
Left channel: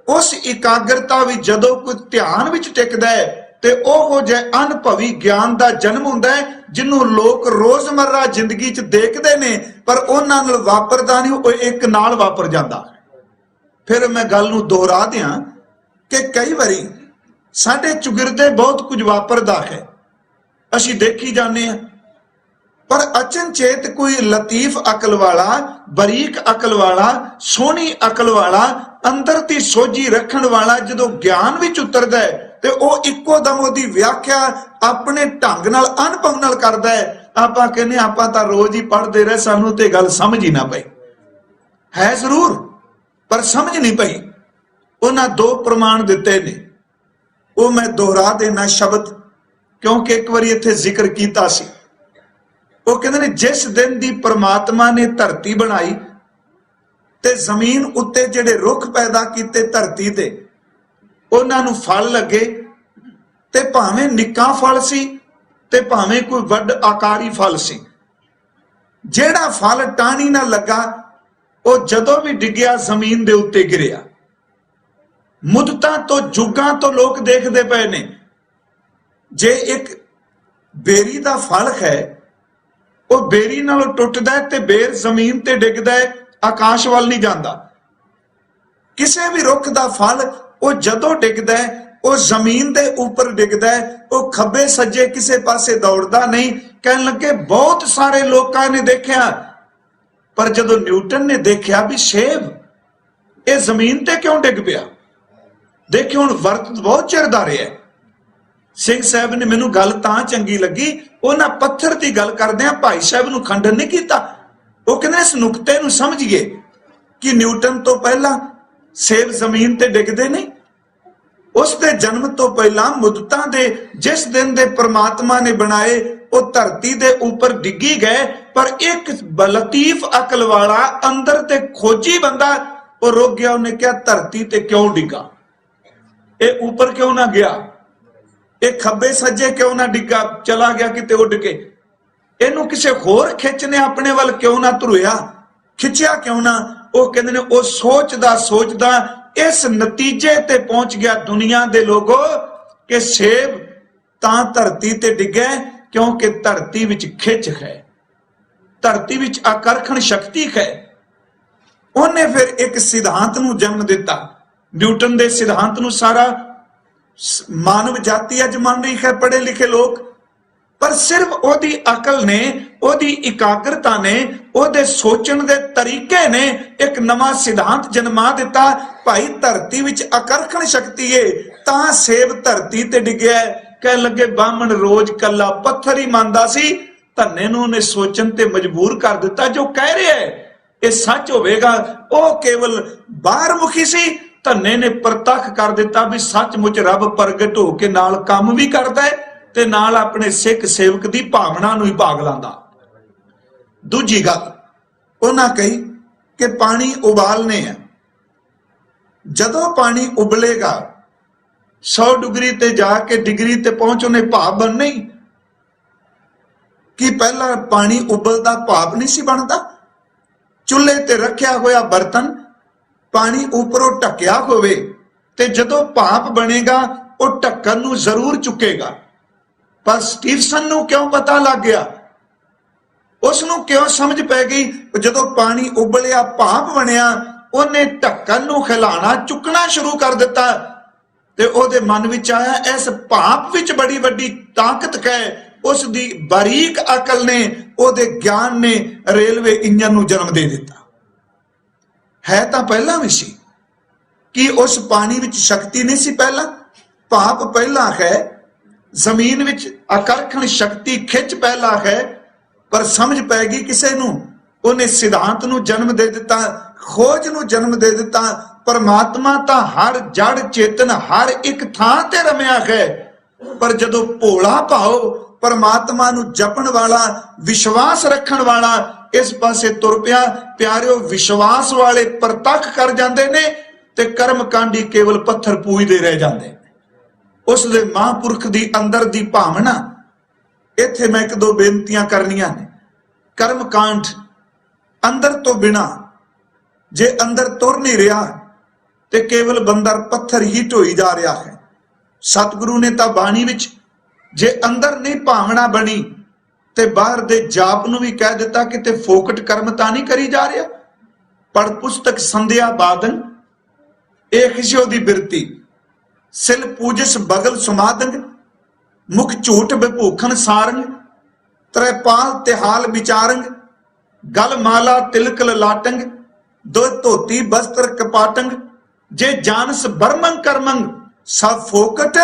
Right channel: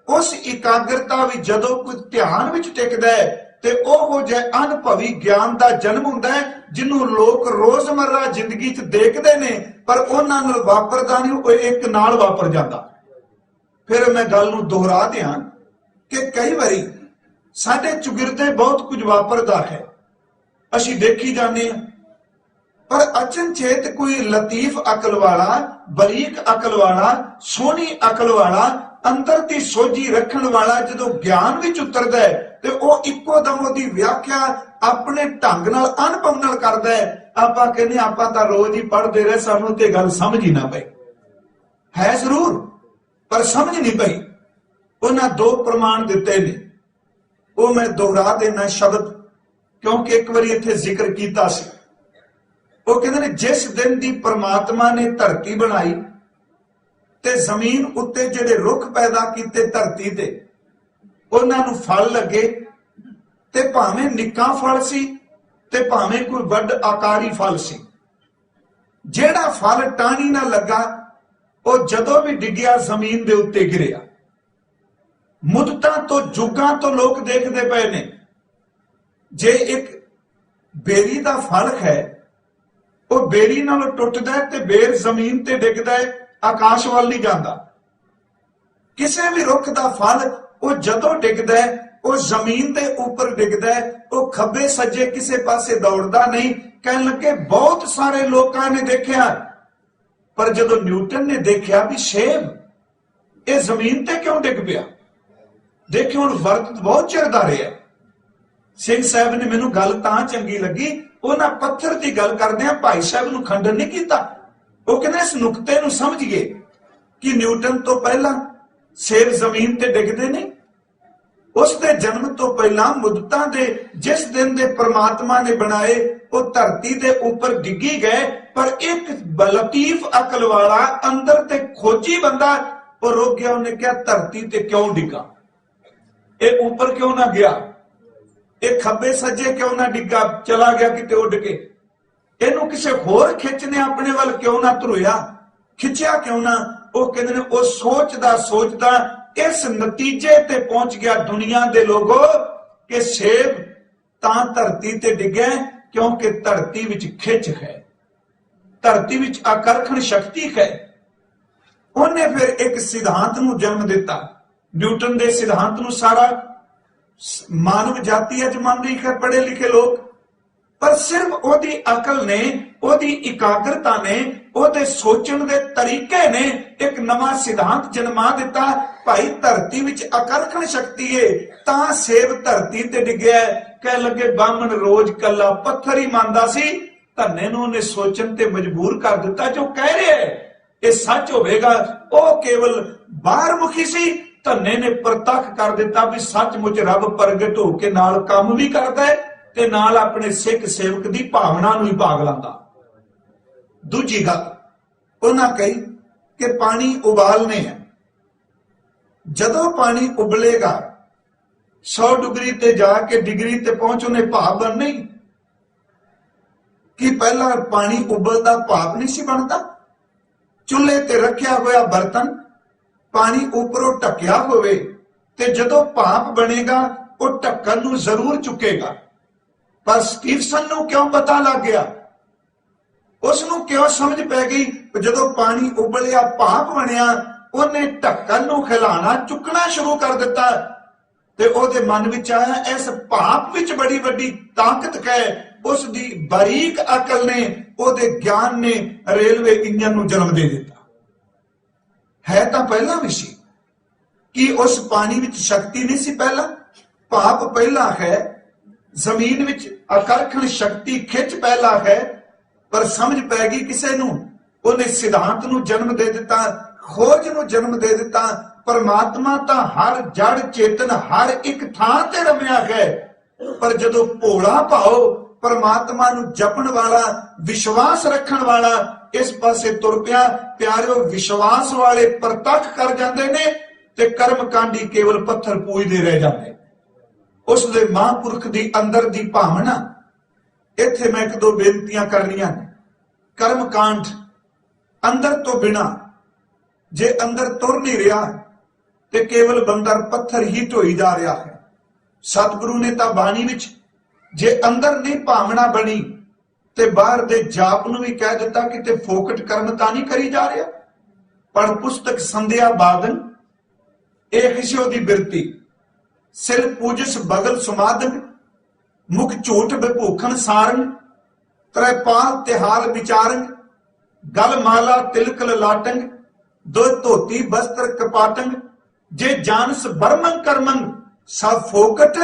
उस इकाग्रता विच जदों कोई ध्यान विच टिकदा है ते ओहो जे अनुभवी ज्ञान दा जन्म हुंदा है, जिन्हों लोग रोजमर्रा जिंदगी च देखदे ने पर उन्हां नाल वापरदा नहीं, वो एक नाल वापर जांदा। फिर मैं गल नूं दोहरा दियां कि कई बारी साडे चुगिरदे बहुत कुछ वापरदा है, असीं देखी जाने हैं, पर अचनचेत कोई लतीफ अकल वाला, बरीक अकल वाला, सोहनी अकल वाला, अंदर दी सोझी रखण वाला जदों ज्ञान विच उतरदा है ते ओह इक्को दम ओहदी व्याख्या अपने ढंग नाल अनुभव नाल करदा है। आपां कहने आपां तां रोज ही पढ़दे रहे, सानूं ते गल समझ ही ना पई है, जरूर पर समझ नहीं पई। उन्हां दो प्रमाण दिते ने, ओह मैं दोहरा देना शब्द क्योंकि एक बारी इत्थे जिक्र कीता सी। ओह कहंदे ने जिस दिन दी परमात्मा ने धरती बनाई ते जमीन उत्ते जिहड़े रुख पैदा कीते धरती ते, उन्हां नूं फल लगे ते भावें निक्का फल सी ते भावें कोई वड आकारी फल सी। जिहड़ा फल टाणी ना लगा ਉਹ ਜਦੋਂ भी डिग्या जमीन दे उत्ते गिरिया। मुद्दतां तो जुगां तो लोग देखते पे ने, जे एक बेरी दा फल है वो बेरी नालों टुटदा है ते बेर जमीन ते डिगदा है, आकाश वाल नहीं जाता। किसी भी रुख दा फल वो जदों डिगदा है वो जमीन दे ऊपर डिगदा है, वो खब्बे सज्जे किसी पासे दौड़दा नहीं। कहने लगे बहुत सारे लोगों ने देखा, पर जदों न्यूटन ने देखा भी सेब ये जमीन ते क्यों डिग पिया, देखियो हुण वरत बहुत चिर दा रहा। सिंह साहब ने मैनूं गल तां चंगी लगी, उन्हां पत्थर की गल करदिआं भाई साहब नूं खंडन नहीं कीता। वो कहंदे इस नुकते नूं समझिए कि न्यूटन तो पहला सेब जमीन ते डिगदे नहीं, उसके जन्म तो पहला मुद्दतां दे जिस दिन दे परमात्मा ने बनाए वो धरती दे ऊपर डिगी गए, पर एक लतीफ अकल वाला अंदर ते खोजी बंदा वो रुक गया। उन्हें क्या धरती ते क्यों डिगा, ये ऊपर क्यों ना गया, ये खब्बे सज्जे क्यों ना डिगा, चला गया किते उड़ के, इनू किसी होर खिंचने अपने वाल क्यों ना धुरिया, खिंचिया क्यों ना। वो कहते ने वो सोचदा सोचदा इस नतीजे ते पहुंच गया दुनिया दे लोगों कि सेब तां धरती ते डिगे क्योंकि धरती विच खिंच है, धरती विच आकर्षण शक्ति है। उन्हें फिर एक सिद्धांत नूं जन्म दिता, न्यूटन दे सिद्धांत नूं सारा मानव जाति अज मान रही है, पढ़े लिखे लोग, पर सिर्फ ओदी अकल ने, ओदी इकाग्रता ने, ओदे सोचण दे तरीके ने एक नवा सिद्धांत जन्मा दिता। भाई धरती विच आकर्षण शक्ति है तां सेब धरती ते डिगया। कह लगे बामण रोज कला पत्थर ही मानदा सी, धन्ने नूं ने सोचण ते मजबूर कर दिता। जो कह रहा है ये सच होवेगा, ओ केवल बाहर मुखी सी, धन्ने ने प्रतख कर दिता भी सचमुच रब प्रगट हो के नाल काम भी करदा है ते नाल अपने सिख सेवक दी भावना नूं ही भाग लांदा। दूजी गल उन्हां कही कि पानी उबालने हैं, जदों पानी उबलेगा 100 डिग्री ते जाके डिग्री ते पहुंच उन्हें भाप बनना ही कि पहला पानी उबलदा भाप नहीं सी बनता। चुल्हे ते रखिया होया बर्तन पानी ऊपरों ढकिया होवे ते जदों भाप बनेगा वो ढक्कन नूं जरूर चुकेगा। पर स्टीफसन नूं क्यों पता लग गया, उसनूं क्यों समझ पै गई, जदों पानी उबलिया भाप बनिया उन्हें ढक्कन नूं खिलाना चुकना शुरू कर दिता ते ओहदे मन विच आया इस भाप विच बड़ी वड्डी ताकत है, उस दी बारीक अकल ने, ओदे ज्ञान ने रेलवे इंजन नूं जन्म दे दिता। है तां पहला भी सी कि उस पानी विच शक्ति नहीं सी पहला, भाप पहला है, जमीन विच आकर्षण शक्ति खिच पहला है, पर समझ पै गई किसे नूं, उन्हें सिद्धांत नूं जन्म दे दिता, खोज नूं जन्म दे दिता। परमात्मा तां हर जड़ चेतन हर एक थां ते रमिया है, पर जदों भोला भाव परमात्मा नूं जपण वाला, विश्वास रखण वाला इस पासे तुर पिया, प्यारिओ विश्वास वाले प्रतख कर जांदे ने ते कर्मकांडी केवल पत्थर पूजदे रह जांदे। उस दे महापुरख दी अंदर दी भावना। इत्थे मैं एक दो बेनतियां करनियां ने। कर्मकांड अंदर तो बिना जे अंदर तुर नहीं रहा ते केवल बंदा पत्थर ही ढोई जा रहा है। सतगुरु ने तां बाणी विच जे अंदर नहीं भावना बनी ते बाहर दे जाप नूं भी कह दिता कि ते फोकट कर्म तां नहीं करी जा रहा। पढ़ पुस्तक संध्या बादन एक हिस्सों दी बिरती, सिर पूजस बगल सुमादन, मुख झूठ विभूखन सारंग, त्रैपाल तिहाल विचारंग, गल माला तिलक ललाटंग, दो धोती बस्त्र कपाटंग, जे जानस बर्मंग कर्मंग, सब फोकट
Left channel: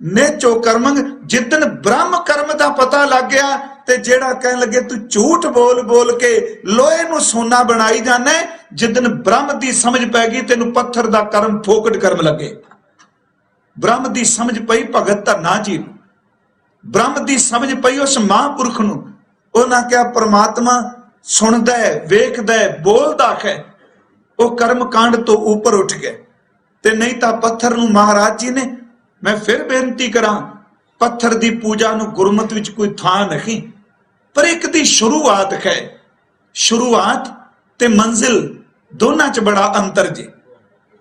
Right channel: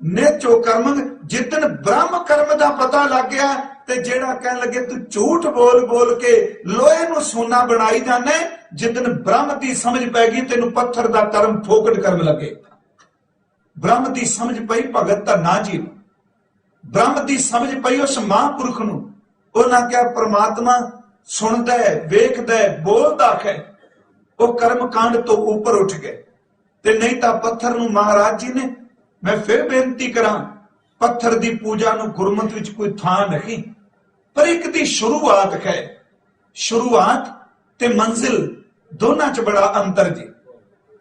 ने चो कर्मंग। जिदन ब्रह्म कर्म दा पता लग गया ते जेड़ा कहन लगे तू झूठ बोल बोल के लोहे नूं सोना बनाई जाना, जिदन ब्रह्म दी समझ पैगी तेनू पत्थर दा कर्म फोकट कर्म लगे। ब्रह्म दी समझ पई भगत दा ना जीव, ब्रह्म दी समझ पई उस महापुरख नूं। उन्हां क्या परमात्मा सुनदा है, वेखदा है, बोलदा है, वो कर्म कांड तो ऊपर उठ गए। ते नहीं तां पत्थर नूं महाराज जी ने, मैं फिर बेनती करां, पत्थर दी पूजा नूं गुरमत विच कोई थां नहीं, पर एक दी शुरुआत है। शुरुआत ते मंजिल दोनां च बड़ा अंतर जी।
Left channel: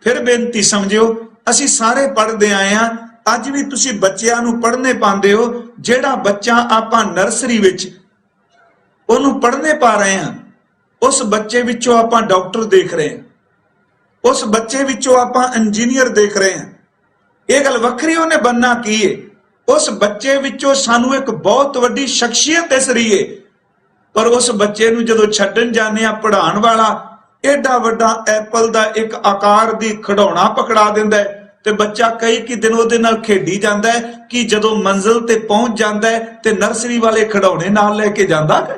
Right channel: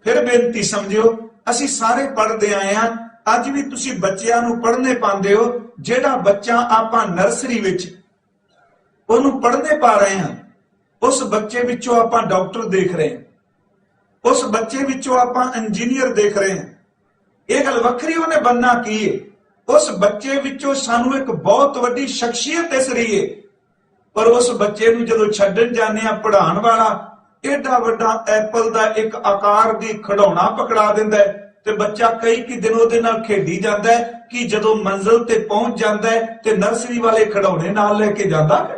फिर बेनती समझियो, असीं सारे पढ़दे आए हां, अज भी तुसीं बच्चिआं नूं पढ़ने पांदे हो। जेड़ा बच्चा आपां नर्सरी विच ओनूं पढ़ने पा रहे हां, उस बच्चे विचों आपां डॉक्टर देख रहे हैं, उस बच्चे विचों आपां इंजीनियर देख रहे हैं। यह गल वखरी उन्हें बनना की है, उस बच्चे विचों सानू एक बहुत वड्डी शख्सियत दिस रही है, पर उस बच्चे नूं जदों छड्डण जाने आ पढ़ाउण वाला एडा वड्डा एप्पल दा एक आकार दी खिडौना पकड़ा दिंदा है ते बच्चा कई कि दिन उहदे नाल खेडी जांदा है कि जदों मंजिल ते पहुंच जांदा है ते नर्सरी वाले खिडौने नाल लेके जांदा है।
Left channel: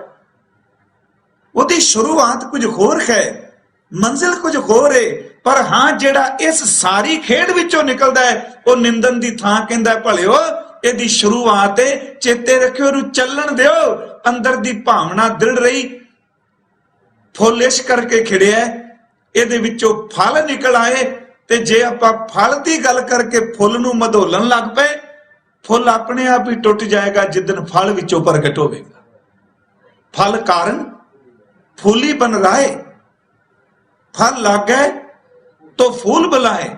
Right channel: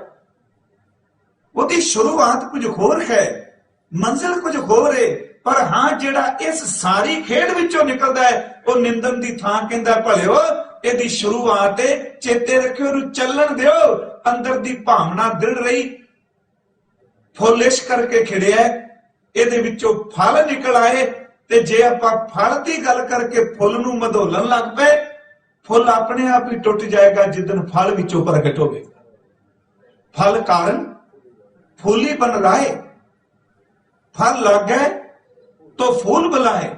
उहदी शुरुआत कुछ होर है, मंजिल कुछ होर है, पर हां जेड़ा इस सारी खेड विचों निकलदा है वो निंदन दी थां कहंदा भलिओ इहदी शुरुआत है, चेते रखियो इहनूं चलण दिओ। अंदर दी भावना दृढ़ रही, फुल इस करके खिड़िया, इहदे विचों फल निकल आए। ते जे आपां फल दी गल करके फुल नूं मधोलन लग पए, फुल अपने आप ही टुट जाएगा जिदन फल विचों प्रगट होवेगा। फल कारण फूल ही बन रहा है, फल लग गए तो फूल बुलाए।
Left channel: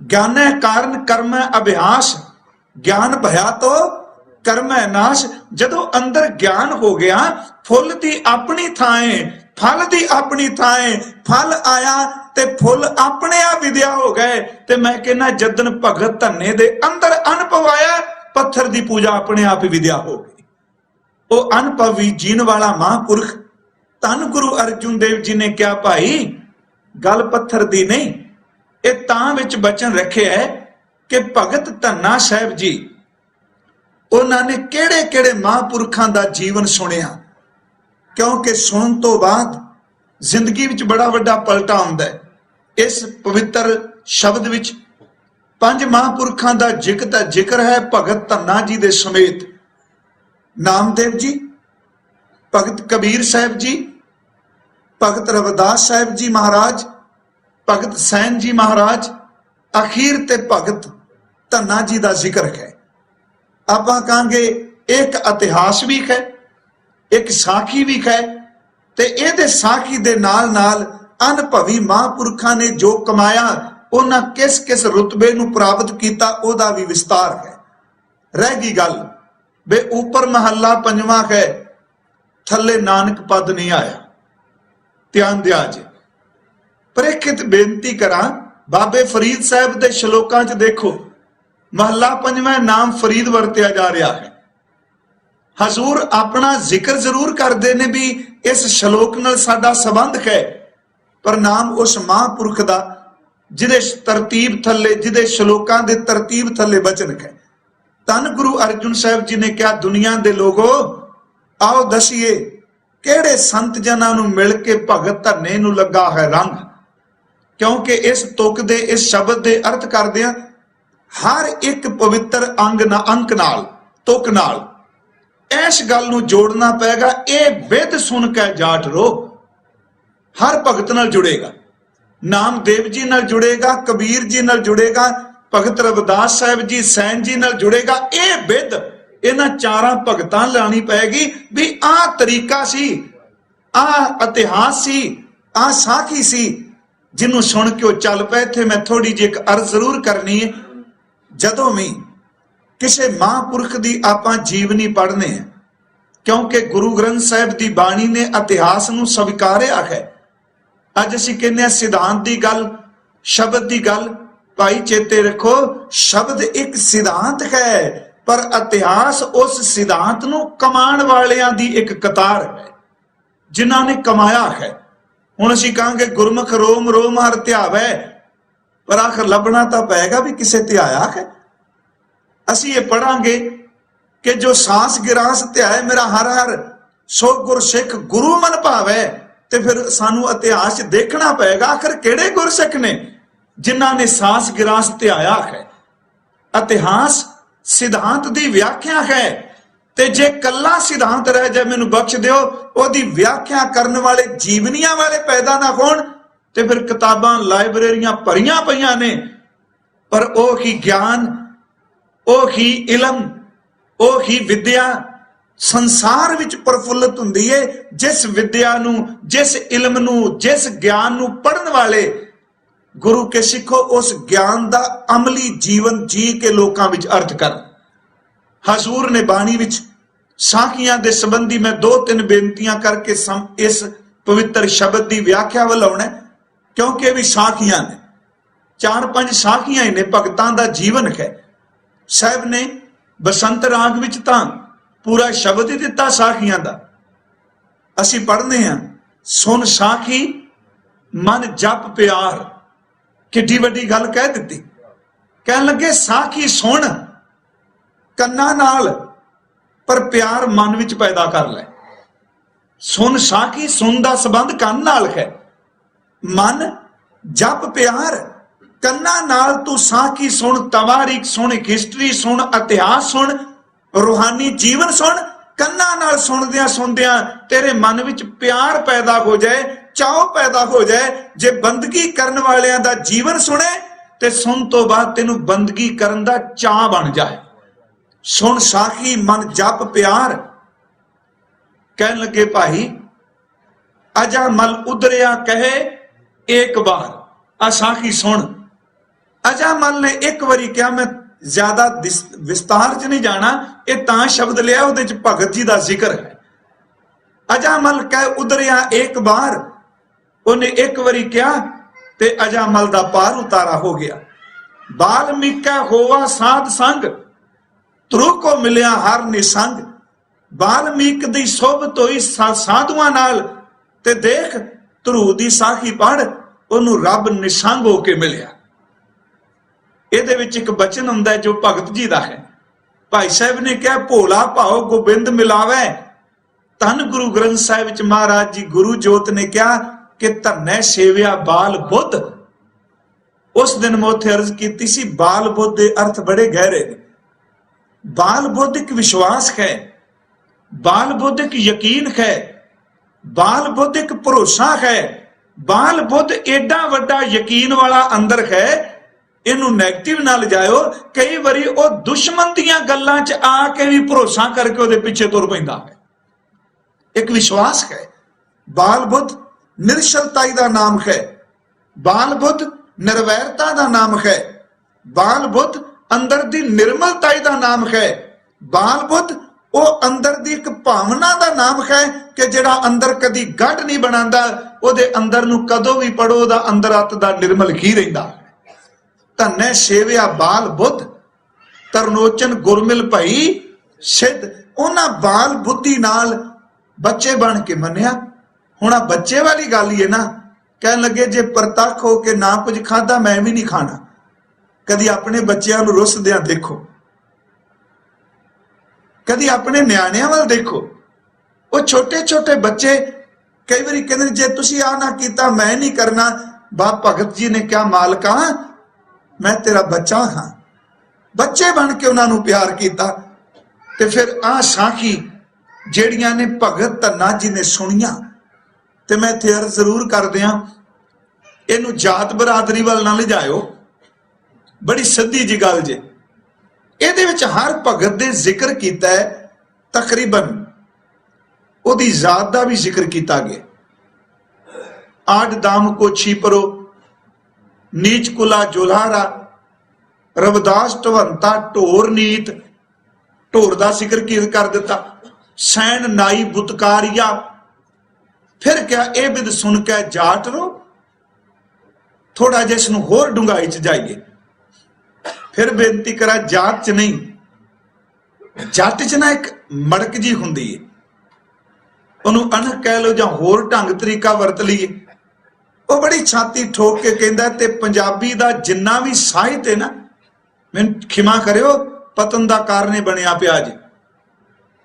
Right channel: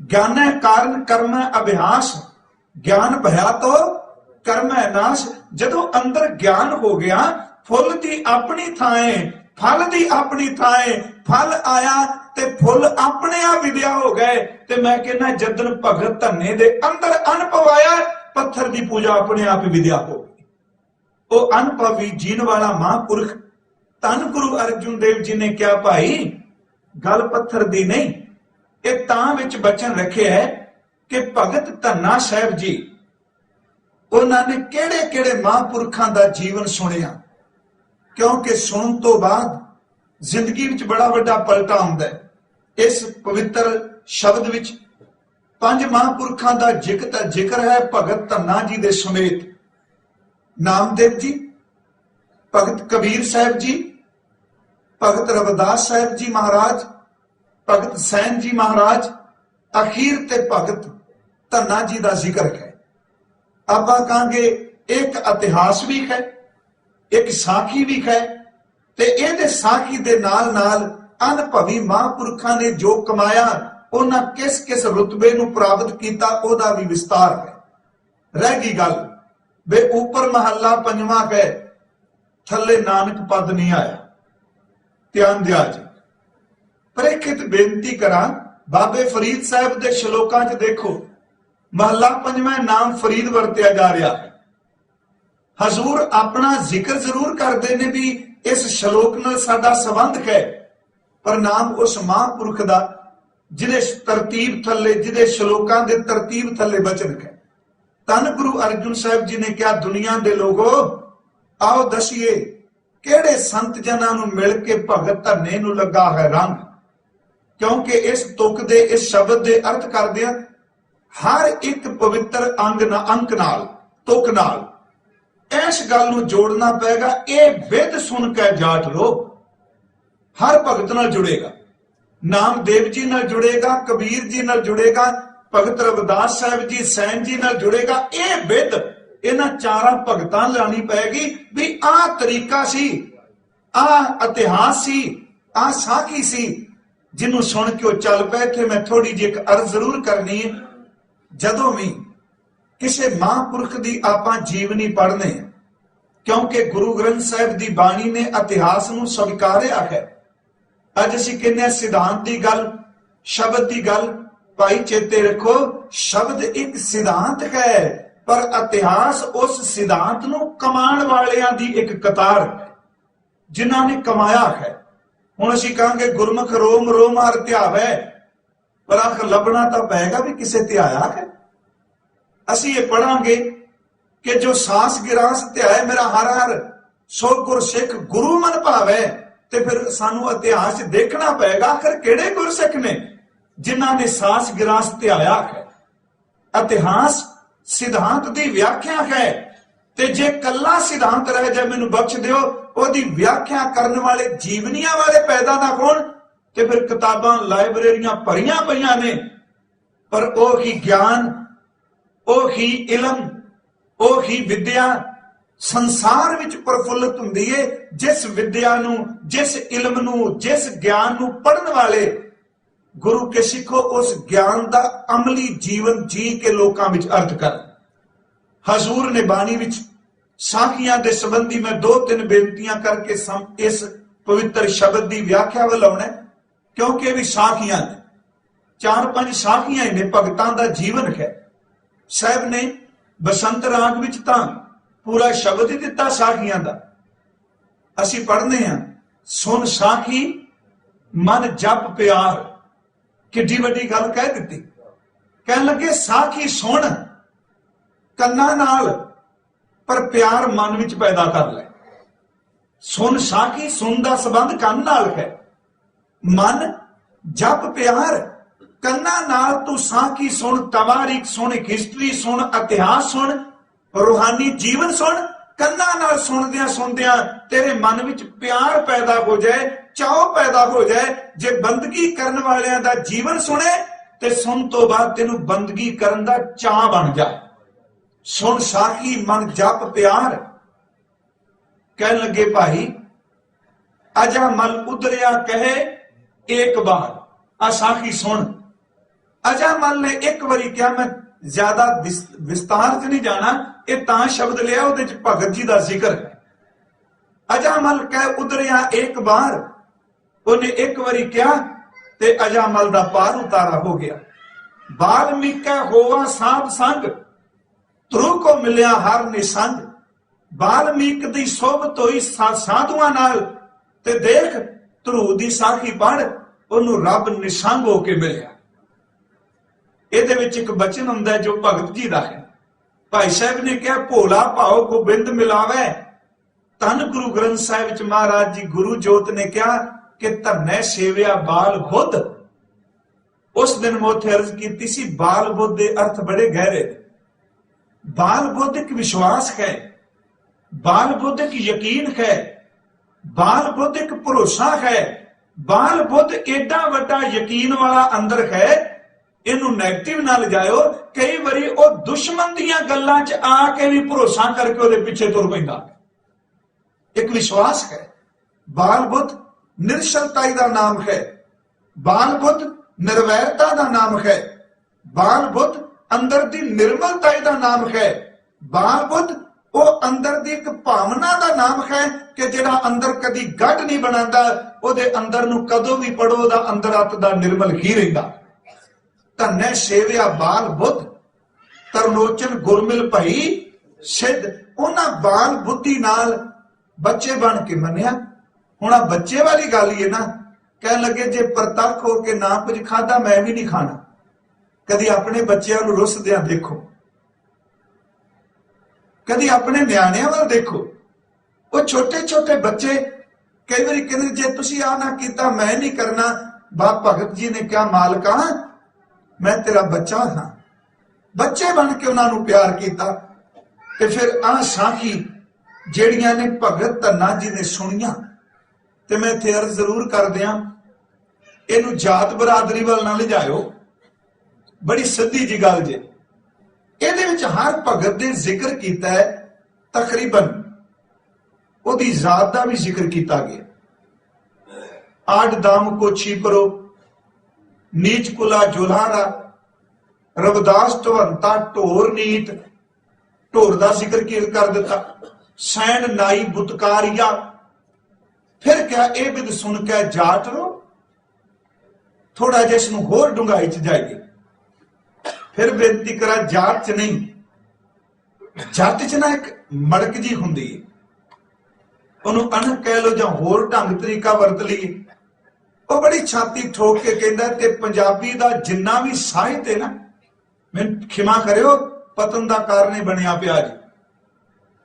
ज्ञान कारण कर्म अभ्यास, ज्ञान भया तो कर्म नाश। जदों अंदर ज्ञान हो गया, फुल दी अपनी थाए, फल दी अपनी थाए, फल आया ते फुल अपने आप विद्या हो गए। ते मैं कहना जदन भगत धन्ने दे अंदर अनुभव आया, पत्थर दी पूजा अपने आप ही विद्या हो गई। वो अनुभवी जीन वाला महापुरख धन गुरु अर्जुन देव जी ने क्या भाई गल पत्थर दी नहीं, ये तां विच बचन रखे है कि भगत धन्ना साहिब जी उन्होंने केड़े केड़े महापुरखां दा जीवन सुनिया, क्योंकि सुन तो बाद जिंदगी विच बड़ा वड्डा पलटा हुंदा है। इस पवित्र शब्द विच पंज महापुरखां दा जिक्र है भगत धन्ना जी दे समेत। नामदेव जी, भगत कबीर साहब जी, भगत रविदास साहब जी महाराज, भगत सैन जी महाराज, अखीर ते भगत धन्ना जी का जिक्र है। आप कहांगे एक इतिहास भी है, एक साखी भी है, ते इहदे साखी दे नाल नाल अनुभवी महापुरखां ने जो कमाया, उन्हां किस किस रुतबे नूं प्राप्त कीता, ओदा भी विस्तार है। रह गई गल बे ऊपर महला पंजवां है, थले नानक पद नहीं आया, ध्यान दिया जी। प्रेखित बेनती करा, बाबे फरीद साहब के श्लोकां च देखो, महला पंजवां नाम फरीद वरतिया जा रहा है। हजूर अपना जिक्र जरूर करते ने भी इस श्लोक नाल साडा संबंध है, पर नाम उस महापुरख दा जिहदे तरतीब थले, जिहदे श्लोकां दे तरतीब थले बचन है। धन गुरु अर्जुन साहब जी ने कहा, दुनिया दे लोगो आओ दसीए किहड़े संत जनां नूं मिल के भगत धरने नूं लगा है रंग। क्योंकि इस तुक दे, इस शब्द दे अर्थ करदिआं हर एक पवित्र अंक नाल, तुक नाल इस गल नूं जोड़ना पेगा। यह विध सुन के जाट रो हर भगत नाल जुड़ेगा, नामदेव जी नाल जुड़ेगा, कबीर जी नाल जुड़ेगा, भगत रविदास साहब जी, सैन जी नाल जुड़ेगा। यह विध इन्हां चारां भगतां लानी पैगी भी आ तरीका सी, आ इतिहास सी, आ साखी सी, जिन्हों सुन के चल पे। थे मैं थोड़ी जी एक अर्ज जरूर करनी है। जदों भी किसी महापुरख की आपां जीवनी पढ़ने हैं, क्योंकि गुरु ग्रंथ साहिब की बाणी ने इतिहास नूं स्वीकारिया है। अज असीं कहने सिद्धांत की गल, शब्द की गल, भाई चेते रखो शब्द एक सिद्धांत है, पर इतिहास उस सिद्धांत नूं कमाण वालियां दी एक कतार है जिन्हां ने कमाया है। हुण असीं कहांगे गुरमुख रोम रोम हर ध्यावै, पर आखिर लभना तां पैगा भी किसे ते आया है। असीं ये पढ़ांगे कि जो सांस गिरास ध्याए मेरा हर हर सो गुरसिख गुरु मन भावै, ते फिर सानू इतिहास देखना पैगा आखिर किहड़े गुरसिख ने जिन्हां ने सांस गिरास ध्याया है। इतिहास सिद्धांत की व्याख्या है, ते जे कल्ला सिद्धांत रह जाए मैनू बख्श दिओ, ओदी व्याख्या करने वाले जीवनियां वाले पैदा ना होण, ते फिर किताबां लाइब्रेरियां भरियां पईयां ने, पर ओ ही ज्ञान, ओ ही इलम, ओ ही विद्या संसार विच प्रफुल्लित हुंदी है जिस विद्या नूं, जिस इलम नूं, जिस ज्ञान नूं पढ़न वाले गुरु के सिखो उस ज्ञान दा अमली जीवन जी के लोकां विच अर्थ कर। हजूर ने बाणी विच साखियां दे संबंधी मैं 2-3 बेनतियां करके इस पवित्र शब्द की व्याख्या वल आउणा, क्योंकि भी साखियां ने 4-5 साखियां ही ने, भगतां दा जीवन है। साहब ने बसंत राग विच तां पूरा शब्द ही दिता साखियां दा। असीं पढ़ने हैं, सुन साखी मन जप प्यार, किड्डी वड्डी गल कह दित्ती। कह लगे साखी सुन कन्ना नाल, पर प्यार मन विच पैदा कर ले। सुन साखी, सुन दा संबंध कन नाल है, मन जप प्यार, कन्ना नाल तू साखी सुन, तवारीख सुन, हिस्टरी सुन, इतिहास सुन, रूहानी जीवन सुन। कन्ना नाल सुनदियां तेरे मन विच प्यार पैदा हो जाए, चाव पैदा हो जाए। जे बंदगी करन वालियां दा जीवन सुने ते सुन तो बाद तेनू बंदगी करन दा चाह बन जाए। सुन साखी मन जप प्यार। कह लगे भाई अजा मल उदरिया कहे एक बार, आ साखी सुन। अजा मल ने एक बारी क्या, मैं ज्यादा विस्तार च नहीं जाना, ये तां शब्द लिया उहदे च भगत जी दा जिक्र है। अजा मल कह उदरिया एक बार, उन्हें एक बारी क्या ते अजा मल दा पार उतारा हो गया। बाल्मीकि होवा साध संग, ध्रुव को मिलिया हर निसंग। बाल्मीक दी सोबत होई साधुआं नाल, ते देख ध्रुव दी साखी पढ़, उन्होंने रब निसंग होके मिलिया। ਇਹਦੇ ਵਿੱਚ ਇੱਕ ਬਚਨ ਹੁੰਦਾ ਜੋ ਭਗਤ ਜੀ ਦਾ ਹੈ। ਭਾਈ ਸਾਹਿਬ ਨੇ ਕਿਹਾ ਭੋਲਾ ਭਾਉ ਗੋਬਿੰਦ ਮਿਲਾਵੇ। ਧੰਨ ਗੁਰੂ ਗ੍ਰੰਥ ਸਾਹਿਬ ਵਿੱਚ ਮਹਾਰਾਜ ਜੀ ਗੁਰੂ ਜੋਤ ਨੇ ਕਿਹਾ ਕਿ ਧੰਨੇ ਸੇਵਿਆ ਬਾਲ ਬੁੱਧ। ਉਸ ਦਿਨ ਮੈਂ ਉੱਥੇ ਅਰਜ਼ ਕੀਤੀ ਸੀ, ਬਾਲ ਬੁੱਧ ਦੇ ਅਰਥ ਬੜੇ ਗਹਿਰੇ ਨੇ। ਬਾਲ ਬੁੱਧ ਇੱਕ ਵਿਸ਼ਵਾਸ ਹੈ, ਬਾਲ ਬੁੱਧ ਇੱਕ ਯਕੀਨ ਹੈ, ਬਾਲ ਬੁੱਧ ਇੱਕ ਭਰੋਸਾ ਹੈ। ਬਾਲ ਬੁੱਧ ਏਡਾ ਵੱਡਾ ਯਕੀਨ ਵਾਲਾ ਅੰਦਰ ਹੈ, ਇਹਨੂੰ ਨੈਗੇਟਿਵ ਨਾ ਲਿਜਾਇਓ। ਕਈ ਵਾਰੀ ਉਹ ਦੁਸ਼ਮਣ ਦੀਆਂ ਗੱਲਾਂ 'ਚ ਆ ਕੇ ਵੀ ਭਰੋਸਾ ਕਰਕੇ ਉਹਦੇ ਪਿੱਛੇ ਤੁਰ ਪੈਂਦਾ ਹੈ। ਇੱਕ ਵਿਸ਼ਵਾਸ ਹੈ। ਬਾਲ ਬੁੱਧ ਨਿਰਸ਼ਲਤਾਈ ਦਾ ਨਾਮ ਹੈ, ਬਾਲ ਬੁੱਧ ਨਿਰਵੈਰਤਾ ਦਾ ਨਾਮ ਹੈ, ਬਾਲ ਬੁੱਧ ਅੰਦਰ ਦੀ ਨਿਰਮਲਤਾਈ ਦਾ ਨਾਮ ਹੈ। ਬਾਲ ਬੁੱਧ ਉਹ ਅੰਦਰ ਦੀ ਇੱਕ ਭਾਵਨਾ ਦਾ ਨਾਮ ਹੈ ਕਿ ਜਿਹੜਾ ਅੰਦਰ ਕਦੀ ਗੱਡ ਨਹੀਂ ਬਣਾਉਂਦਾ, ਉਹਦੇ ਅੰਦਰ ਨੂੰ ਕਦੋਂ ਵੀ ਪੜੋ ਉਹਦਾ ਅੰਦਰ ਅੱਤ ਦਾ ਨਿਰਮਲ ਹੀ ਰਹਿੰਦਾ। ਧੰਨੇ ਸੇਵਿਆ ਬਾਲ ਬੁੱਧ, ਤਰਨੋਚਨ ਗੁਰਮਿਲ ਭਈ ਸਿੱਧ। ਉਹਨਾਂ ਬਾਲ ਬੁੱਧੀ ਨਾਲ ਬੱਚੇ ਬਣ ਕੇ ਮੰਨਿਆ। ਹੁਣ ਆ ਬੱਚੇ ਵਾਲੀ ਗੱਲ ਹੀ ਹੈ ਨਾ, ਕਹਿਣ ਲੱਗੇ ਜੇ ਪ੍ਰਤੱਖ ਹੋ ਕੇ ਨਾ ਕੁਝ ਖਾਦਾ ਮੈਂ ਵੀ ਨਹੀਂ ਖਾਣਾ। ਕਦੀ ਆਪਣੇ ਬੱਚਿਆਂ ਨੂੰ ਰੁੱਸਦਿਆਂ ਦੇਖੋ, ਕਦੀ ਆਪਣੇ ਨਿਆਣਿਆਂ ਵੱਲ ਦੇਖੋ। ਉਹ ਛੋਟੇ ਛੋਟੇ ਬੱਚੇ ਕਈ ਵਾਰੀ ਕਹਿੰਦੇ ਜੇ ਤੁਸੀਂ ਆ ਨਾ ਕੀਤਾ ਮੈਂ ਨਹੀਂ ਕਰਨਾ। ਬਾਬਾ ਭਗਤ ਜੀ ਨੇ ਕਿਹਾ ਮਾਲਕਾ ਮੈਂ ਤੇਰਾ ਬੱਚਾ ਹਾਂ। ਬੱਚੇ ਬਣ ਕੇ ਉਹਨਾਂ ਨੂੰ ਪਿਆਰ ਕੀਤਾ। ਤੇ ਫਿਰ ਆਹ ਸਾਖੀ ਜਿਹੜੀਆਂ ਨੇ ਭਗਤ ਧੰਨਾ ਜੀ ਨੇ ਸੁਣੀਆਂ, ਤੇ ਮੈਂ ਇੱਥੇ ਅਰਜ਼ ਜ਼ਰੂਰ ਕਰਦਿਆਂ ਇਹਨੂੰ ਜਾਤ ਬਰਾਦਰੀ ਵੱਲ ਨਾ ਲਿਜਾਇਓ, ਬੜੀ ਸਿੱਧੀ ਜੀ ਗੱਲ ਜੇ। ਇਹਦੇ ਵਿੱਚ ਹਰ ਭਗਤ ਦੇ ਜ਼ਿਕਰ ਕੀਤਾ ਹੈ, ਤਕਰੀਬਨ ਉਹਦੀ ਜ਼ਾਤ ਦਾ ਵੀ ਜ਼ਿਕਰ ਕੀਤਾ ਗਿਆ। ਆਡ ਦਾਮ ਕੋ ਛੀਪਰੋ, ਨੀਚ ਕੁਲਾ ਜੁਲਾਰਾ, ਰਵਿਦਾਸ ਢਵੰਤਾ ਢੋਰ ਨੀਤ, ਢੋਰ ਦਾ ਜ਼ਿਕਰ ਕੀ ਕਰ ਦਿੱਤਾ। ਸੈਣ ਨਾਈ ਬੁਤਕਾਰੀਆ, ਫਿਰ ਕਿਹਾ ਇਹ ਬਿਦ ਸੁਣ ਕੇ ਜਾਟ ਰੋ। ਥੋੜਾ ਜਿਹਾ ਇਸ ਨੂੰ ਹੋਰ ਡੂੰਘਾਈ ਚ ਜਾਈਏ। ਫਿਰ ਬੇਨਤੀ ਕਰਾਂ, ਜਾਤ ਚ ਨਹੀਂ, ਜੱਟ ਚ ਨਾ ਇੱਕ ਮੜਕ ਜੀ ਹੁੰਦੀ ਹੈ, ਉਹਨੂੰ ਅਣਖ ਕਹਿ ਲਓ ਜਾਂ ਹੋਰ ਢੰਗ ਤਰੀਕਾ ਵਰਤ ਲਈਏ। ਉਹ ਬੜੀ ਛਾਤੀ ਠੋਕ ਕੇ ਕਹਿੰਦਾ ਤੇ ਪੰਜਾਬੀ ਦਾ ਜਿੰਨਾ ਵੀ ਸਾਹਿਤ ਹੈ ਨਾ, ਮੈਨੂੰ ਖਿਮਾ ਕਰਿਓ ਪਤਨ ਦਾ ਕਾਰਨ ਬਣਿਆ ਪਿਆ ਜੀ।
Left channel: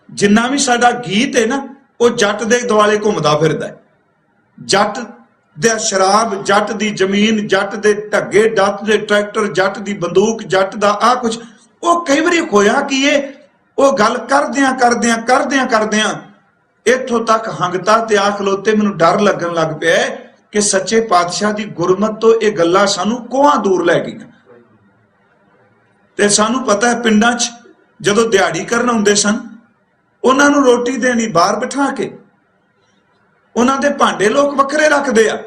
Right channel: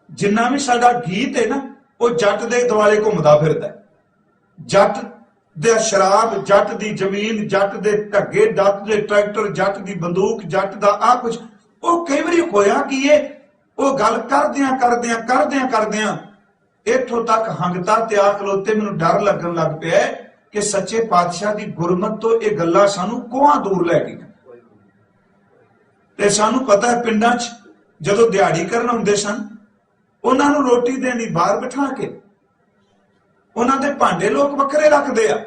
ਜਿੰਨਾ ਵੀ ਸਾਡਾ ਗੀਤ ਹੈ ਨਾ ਉਹ ਜੱਟ ਦੇ ਦੁਆਲੇ ਘੁੰਮਦਾ ਫਿਰਦਾ ਹੈ। ਜੱਟ ਦੇ ਸ਼ਰਾਬ, ਜੱਟ ਦੀ ਜ਼ਮੀਨ, ਜੱਟ ਦੇ ਢੱਗੇ, ਜੱਟ ਦੇ ਟਰੈਕਟਰ, ਜੱਟ ਦੀ ਬੰਦੂਕ, ਜੱਟ ਦਾ ਆ ਕੁਝ। ਉਹ ਕਈ ਵਾਰੀ ਹੋਇਆ ਕਿ ਉਹ ਗੱਲ ਕਰਦਿਆਂ ਇੱਥੋਂ ਤੱਕ ਹੰਗਤਾ ਤੇ ਆ ਖਲੋਤੇ ਮੈਨੂੰ ਡਰ ਲੱਗਣ ਲੱਗ ਪਿਆ ਕਿ ਸੱਚੇ ਪਾਤਸ਼ਾਹ ਦੀ ਗੁਰਮਤ ਤੋਂ ਇਹ ਗੱਲਾਂ ਸਾਨੂੰ ਕੋਹਾਂ ਦੂਰ ਲੈ ਗਈਆਂ। ਤੇ ਸਾਨੂੰ ਪਤਾ ਹੈ ਪਿੰਡਾਂ 'ਚ ਜਦੋਂ ਦਿਹਾੜੀ ਕਰਨ ਆਉਂਦੇ ਸਨ, ਉਹਨਾਂ ਨੂੰ ਰੋਟੀ ਦੇਣੀ ਬਾਹਰ ਬਿਠਾ ਕੇ, ਉਹਨਾਂ ਦੇ ਭਾਂਡੇ ਲੋਕ ਵੱਖਰੇ ਰੱਖਦੇ ਆ।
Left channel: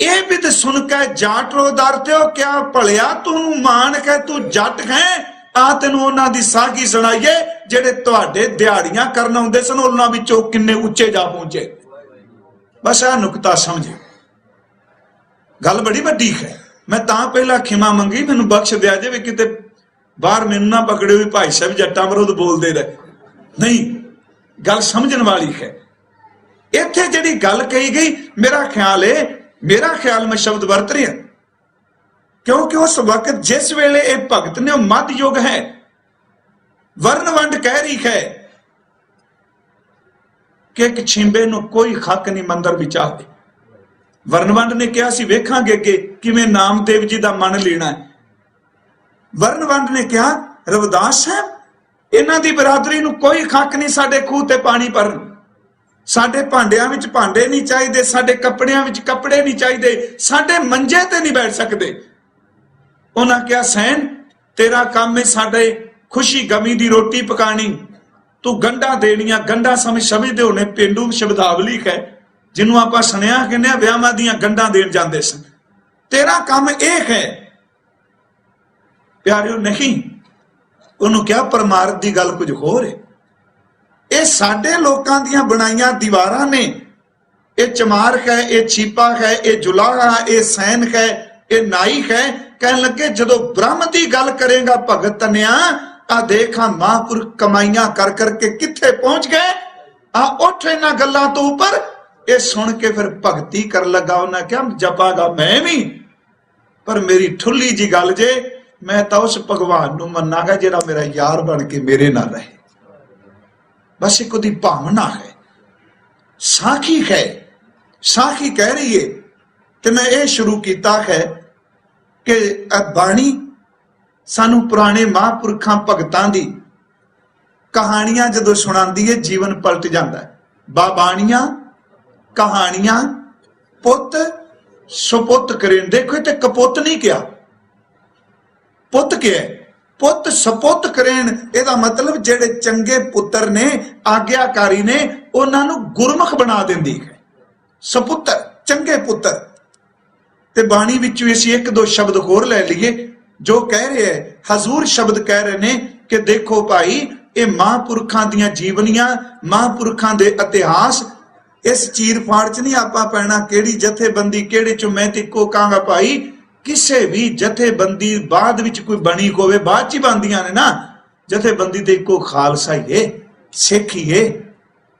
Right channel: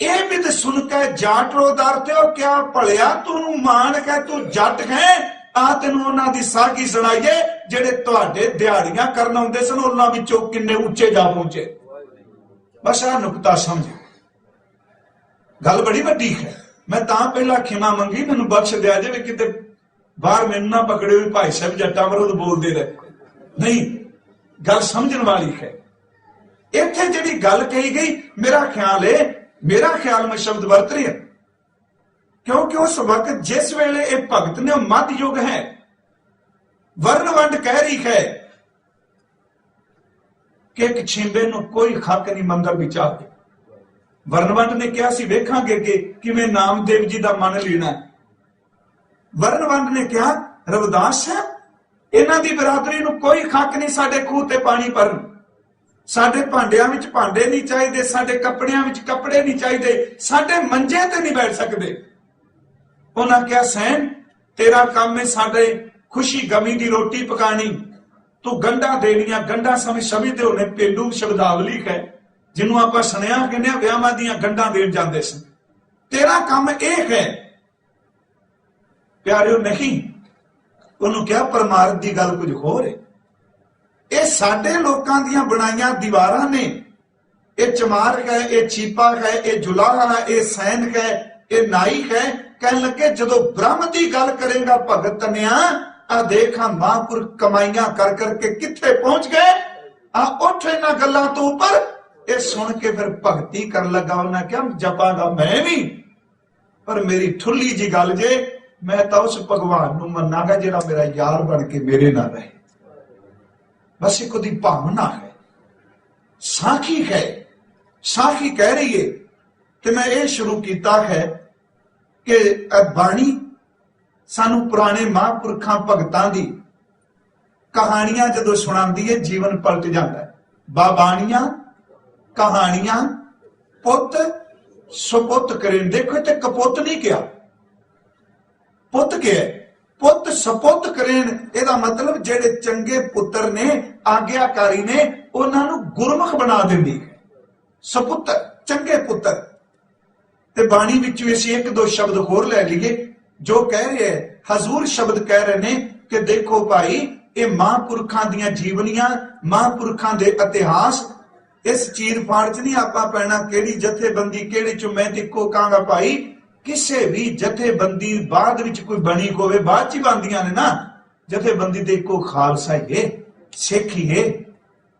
ਇਹ ਵੀ ਤੇ ਸੁਣ ਕੇ ਜਾਟ ਰੋਦਾਰ ਤੇ ਉਹ ਕਿਆ ਭਲਿਆ ਤੂੰ ਮਾਨ ਕੇ ਤੂੰ ਜੱਟ ਹੈ ਆ, ਤੈਨੂੰ ਉਹਨਾਂ ਦੀ ਸਾਖੀ ਸੁਣਾਈਏ ਜਿਹੜੇ ਤੁਹਾਡੇ ਦਿਹਾੜੀਆਂ ਕਰਨ ਆਉਂਦੇ ਸਨ, ਉਹਨਾਂ ਵਿੱਚੋਂ ਕਿੰਨੇ ਉੱਚੇ ਜਾ ਪਹੁੰਚੇ। ਬਸ ਆ ਨੁਕਤਾ ਸਮਝੇ, ਗੱਲ ਬੜੀ ਵੱਡੀ ਹੈ। ਮੈਂ ਤਾਂ ਪਹਿਲਾਂ ਖਿਮਾ ਮੰਗੀ, ਮੈਨੂੰ ਬਖਸ਼ ਦਿਆ ਜਾਵੇ, ਕਿਤੇ ਬਾਹਰ ਮੈਨੂੰ ਨਾ ਪਕੜੇ ਵੀ ਭਾਈ ਸਾਹਿਬ ਜੱਟਾਂ ਵਿਰੁੱਧ ਬੋਲਦੇ ਰਹੇ। ਨਹੀਂ, ਗੱਲ ਸਮਝਣ ਵਾਲੀ ਹੈ। ਇੱਥੇ ਜਿਹੜੀ ਗੱਲ ਕਹੀ ਗਈ, ਮੇਰਾ ਖਿਆਲ ਮੈਂ ਸ਼ਬਦ ਵਰਤ ਰਿਹਾ ਕਿਉਂਕਿ ਉਸ ਵਕਤ ਜਿਸ ਵੇਲੇ ਇਹ ਭਗਤ ਨੇ, ਉਹ ਮੱਧ ਯੁੱਗ ਹੈ, ਵਰਨ ਵੰਡ ਕਹਿ ਰਹੀ ਹੈ ਕਿ ਇੱਕ ਛਿੰਬੇ ਨੂੰ ਕੋਈ ਹੱਕ ਨਹੀਂ ਮੰਦਰ ਵਿੱਚ ਆਵੇ। ਵਰਨ ਵੰਡ ਨੇ ਕਿਹਾ ਸੀ ਵੇਖਾਂਗੇ ਕਿ ਕਿਵੇਂ ਨਾਮਦੇਵ ਜੀ ਦਾ ਮਨ ਲੈਣਾ ਹੈ। ਵਰਨ ਵੰਡ ਨੇ ਕਿਹਾ ਰਵਿਦਾਸ ਸਾਹਿਬ ਇਹਨਾਂ ਦੀ ਬਰਾਦਰੀ ਨੂੰ ਕੋਈ ਹੱਕ ਨਹੀਂ ਸਾਡੇ ਖੂਹ ਤੇ ਪਾਣੀ ਭਰਨ, ਸਾਡੇ ਭਾਂਡਿਆਂ ਵਿੱਚ ਭਾਂਡੇ ਨਹੀਂ ਚਾਹੀਦੇ, ਸਾਡੇ ਕੱਪੜਿਆਂ ਵਿੱਚ ਕੱਪੜੇ ਨਹੀਂ ਚਾਹੀਦੇ, ਸਾਡੇ ਮੰਜੇ ਤੇ ਨਹੀਂ ਬੈਠ ਸਕਦੇ। ਉਹਨਾਂ ਕਿਹਾ ਸੈਨ ਤੇਰਾ ਕੰਮ ਹੈ ਸਾਡੇ ਖੁਸ਼ੀ ਗਮੀ ਦੀ ਰੋਟੀ ਪਕਾਣੀ, ਤੂੰ ਗੰਢਾਂ ਦੇਣੀਆਂ। ਗੰਢਾਂ ਸਮਝਦੇ ਹੋਣੇ ਪੇਂਡੂ ਸ਼ਬਦਾਵਲੀ ਹੈ ਜਿਹਨੂੰ ਆਪਾਂ ਸੁਣਿਆ ਕਹਿੰਦੇ ਆ ਵਿਆਹਾਂ ਦੀਆਂ ਗੰਢਾਂ ਦੇਣ ਜਾਂਦੇ ਸਨ। ਤੇਰਾ ਕੰਮ ਇਹ ਹੈ ਪਿਆਰਿਓ। ਨਹੀਂ, ਉਹਨੂੰ ਕਿਹਾ ਪਰਮਾਰਥ ਦੀ ਗੱਲ ਕੁਝ ਹੋਰ ਹੈ। ਇਹ ਸਾਡੇ ਲੋਕਾਂ ਦੀਆਂ ਬਣਾਈਆਂ ਦੀਵਾਰਾਂ ਨੇ। ਇਹ ਚਮਾਰ ਹੈ, ਇਹ ਛੀਪਾ ਹੈ, ਇਹ ਜੁਲਾਹਾ, ਇਹ ਸੈਨ ਹੈ, ਇਹ ਨਾਈ ਹੈ। ਕਹਿਣ ਲੱਗੇ ਜਦੋਂ ਬ੍ਰਹਮ ਦੀ ਗੱਲ ਕਰੇਗਾ ਭਗਤ ਧੰਨਿਆ, ਆ ਦੇਖਾਂ ਮਹਾਂਪੁਰਖ ਕਮਾਈਆਂ ਕਰ ਕਰਕੇ ਕਿੱਥੇ ਪਹੁੰਚ ਗਏ। ਆ ਉੱਠ ਇਹਨਾਂ ਗੱਲਾਂ ਤੋਂ ਉੱਪਰ। ਇਹ ਸੁਣ ਕੇ ਫਿਰ ਭਗਤੀ ਕਰਨ ਲੱਗਾ। ਉਹਨਾਂ ਕਿਹਾ ਜਪਾਂਗਾ ਮੈਂ ਵੀ, ਪਰ ਮੇਰੀ ਠੁੱਲੀ ਜੀ ਗੱਲ ਜੇ, ਮੈਂ ਤਾਂ ਉਸ ਭਗਵਾਨ ਨੂੰ ਮੰਨਾਂਗਾ ਜਿਹੜਾ ਮੇਰਾ ਯਾਰ ਬਣ ਕੇ ਮੇਰੇ ਨਾਲ ਰਹੇ। ਬਸ ਇੱਕ ਉਹਦੀ ਭਾਵਨਾ ਹੈ, ਸਾਖੀ ਹੈ। ਸਾਖੀ ਕਹਿ ਰਹੀ ਹੈ ਕਿ ਮੈਂ ਇਹ ਸ਼ੁਰੂ ਕੀਤਾ ਹੈ ਕਿ ਇਹ ਬਾਣੀ ਸਾਨੂੰ ਪੁਰਾਣੇ ਮਹਾਂਪੁਰਖਾਂ ਭਗਤਾਂ ਦੀ ਕਹਾਣੀਆਂ ਜਦੋਂ ਸੁਣਾਉਂਦੀ ਹੈ ਜੀਵਨ ਪਲਟ ਜਾਂਦਾ ਹੈ। ਬਾਬਾਣੀਆਂ ਕਹਾਣੀਆਂ ਪੁੱਤ ਸੁਪੁੱਤ ਕਰੇ। ਦੇਖੋ ਤੇ ਕਪੁੱਤ ਨਹੀਂ ਕਿਹਾ, ਪੁੱਤ ਕਿਹਾ। ਪੁੱਤ ਸਪੁੱਤ ਕਰੇਣ, ਇਹਦਾ ਮਤਲਬ ਜਿਹੜੇ ਚੰਗੇ ਪੁੱਤਰ ਨੇ, ਆਗਿਆਕਾਰੀ ਨੇ, ਉਹਨਾਂ ਨੂੰ ਗੁਰਮੁਖ ਬਣਾ ਦਿੰਦੀ ਹੈ। ਸਪੁੱਤਰ, ਚੰਗੇ ਪੁੱਤਰ। ਤੇ ਬਾਣੀ ਵਿੱਚੋਂ ਅਸੀਂ ਇੱਕ ਦੋ ਸ਼ਬਦ ਹੋਰ ਲੈ ਲਈਏ ਜੋ ਕਹਿ ਰਹੇ ਹੈ। ਹਜ਼ੂਰ ਸ਼ਬਦ ਕਹਿ ਰਹੇ ਨੇ ਕਿ ਦੇਖੋ ਭਾਈ, ਇਹ ਮਹਾਂਪੁਰਖਾਂ ਦੀਆਂ ਜੀਵਨੀਆਂ, ਮਹਾਂਪੁਰਖਾਂ ਦੇ ਇਤਿਹਾਸ, ਇਸ ਚੀਰ ਫਾੜ ਚ ਨਹੀਂ ਆਪਾਂ ਪੈਣਾ ਕਿਹੜੀ ਜਥੇਬੰਦੀ ਕਿਹੜੇ ਚੋਂ। ਮੈਂ ਤੇ ਇੱਕੋ ਕਹਾਂਗਾ ਭਾਈ, ਕਿਸੇ ਵੀ ਜਥੇਬੰਦੀ ਬਾਅਦ ਵਿੱਚ ਕੋਈ ਬਣੀ ਹੋਵੇ, ਬਾਅਦ ਚ ਹੀ ਬਣਦੀਆਂ ਨੇ ਨਾ। ਜਥੇਬੰਦੀ ਤੇ ਇੱਕੋ ਖਾਲਸਾ ਹੀ ਹੈ, ਸਿੱਖੀਏ।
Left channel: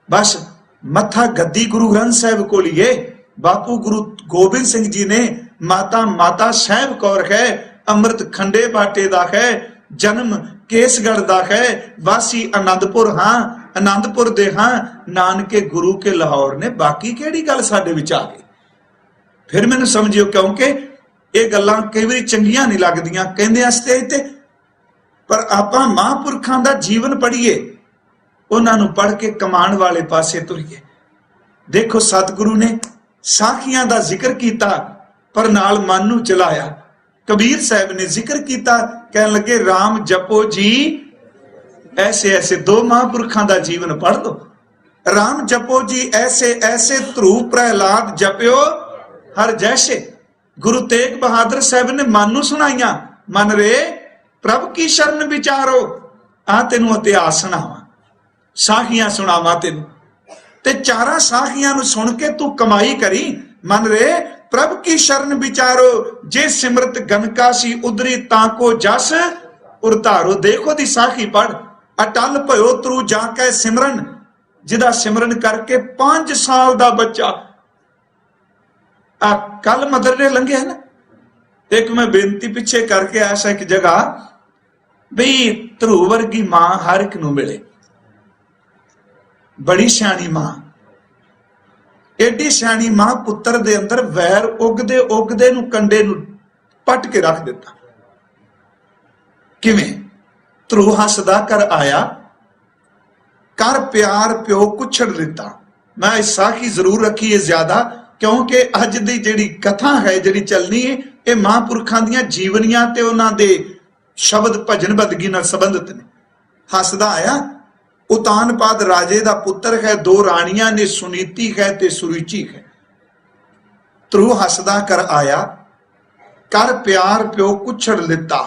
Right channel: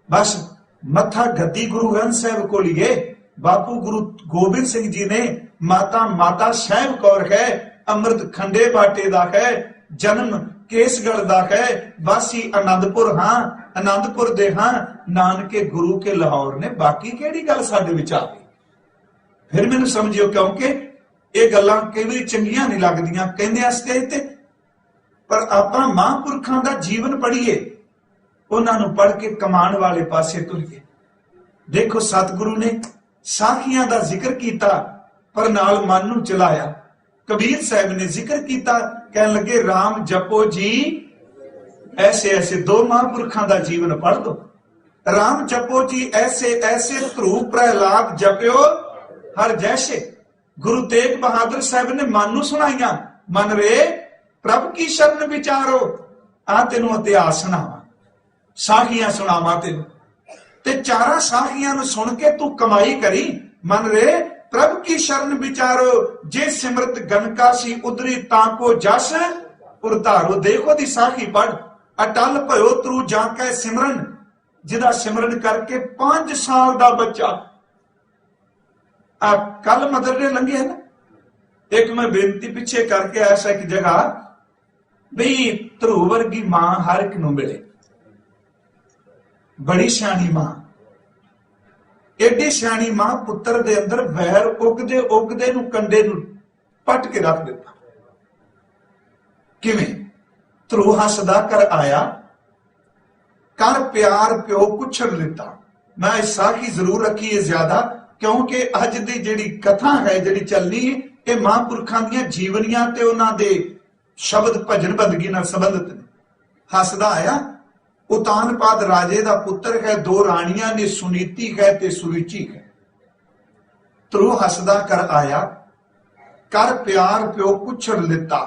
बस मत्था गद्दी गुरु ग्रंथ साहिब को लिए। बापू गुरु गोबिंद सिंह जी ने माता माता साहिब कौर है, अमृत खंडे बाटे दा है, जन्म केसगढ़ दा है, वासी आनंदपुर हाँ, आनंदपुर दे हाँ, नानके गुरु के लाहौर ने। बाकी केड़ी गल साडे विच आ गई? फिर मैनूं समझियो, क्योंकि ये गल्लां कई वारी चंगियां नहीं लगदियां कहंदे आस्ते ते, पर आपां महापुरखां दा जीवन पढ़ीए, उन्होंने पढ़ के कमाण वाले पासे तुरीए। देखो सतगुरु ने साखियां का जिक्र किया पर नाल मन नूं चलाया। कबीर साहब ने जिक्र किया, कह लगे राम जपो जी ऐसे ऐसे। दो महापुरखों का जीवन पढ़ दो। राम जपो जी ऐसे ऐसे, ध्रुव प्रहलाद जप्यो हर जैसे। गुरु तेग बहादुर साहब ने मन नूं सुनाइया, मन रे प्रभ की शरण विचारो। आ तेनों इतिहास सुनावा, साखियां सुनावा तेनों, ते चारा साखियां नूं सुन के तू कमाई करी। मन रे प्रभ की शरण विचारो, जे सिमरत गनका सी उदरी ताको जस उरतारो। देखो दी साखी पढ़। अटल भयो तरू जाके सिमरन, जिदा सिमरन करके 5 साल दा बच्चा। आ कल मदरने लंघे है ना, एक मैं बेनती पिछे करके ऐसा एक जगह बई ध्रुव वर्गी मां हर एक नूं मिले, बड़ी सियाणी मां, एडी सियाणी मां, पुत्र दे अंदर वैर उगदे उगदे नूं कंडे नूं पट के रख दिता। किवें? ध्रुव हसदा कर आया, कर प्यार प्यो कुछड़ दिता। मैं इस साखी जरूर रखी है ज्यादा, क्योंकि अज दी जिहड़ी कथा है जिहड़ी चलनी है, ये महापुरखां दीयां जीवनियां ते उन्हां दे शब्द भजन बंदगी नाल संबंधित ने। हसदा आया, उतानपाद राजे दा पुत्र है, 2 राणियां ने, सुनीति है ते सुरुचि है। ध्रुव हसदा कर आया, कर प्यार प्यो कुछड़ लिता।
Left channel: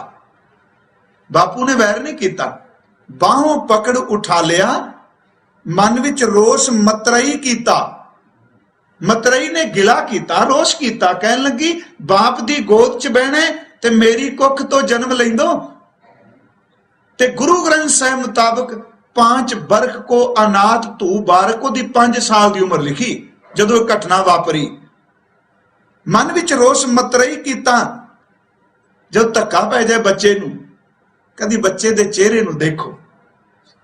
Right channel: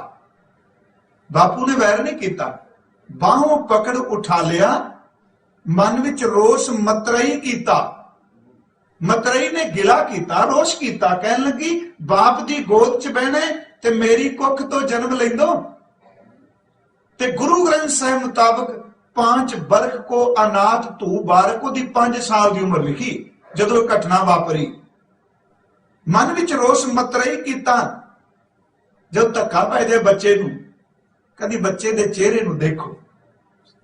बापू ने वैर नहीं किया, बाहों पकड़ उठा लिया, मन विच रोष मतरई किया। मतरई ने गिला किया, रोष किया, कहन लगी बाप दी गोद च बहना ते मेरी कुख तो जन्म लैंदो। ते गुरु ग्रंथ साहिब मुताबक 5 बरख को अनाथ तू बारक दी 5 साल की उम्र लिखी जदों घटना वापरी। मन विच रोष मतरई किया। जब धक्का पै जाए बच्चे नूं, कदी बच्चे दे चेहरे नूं देखो,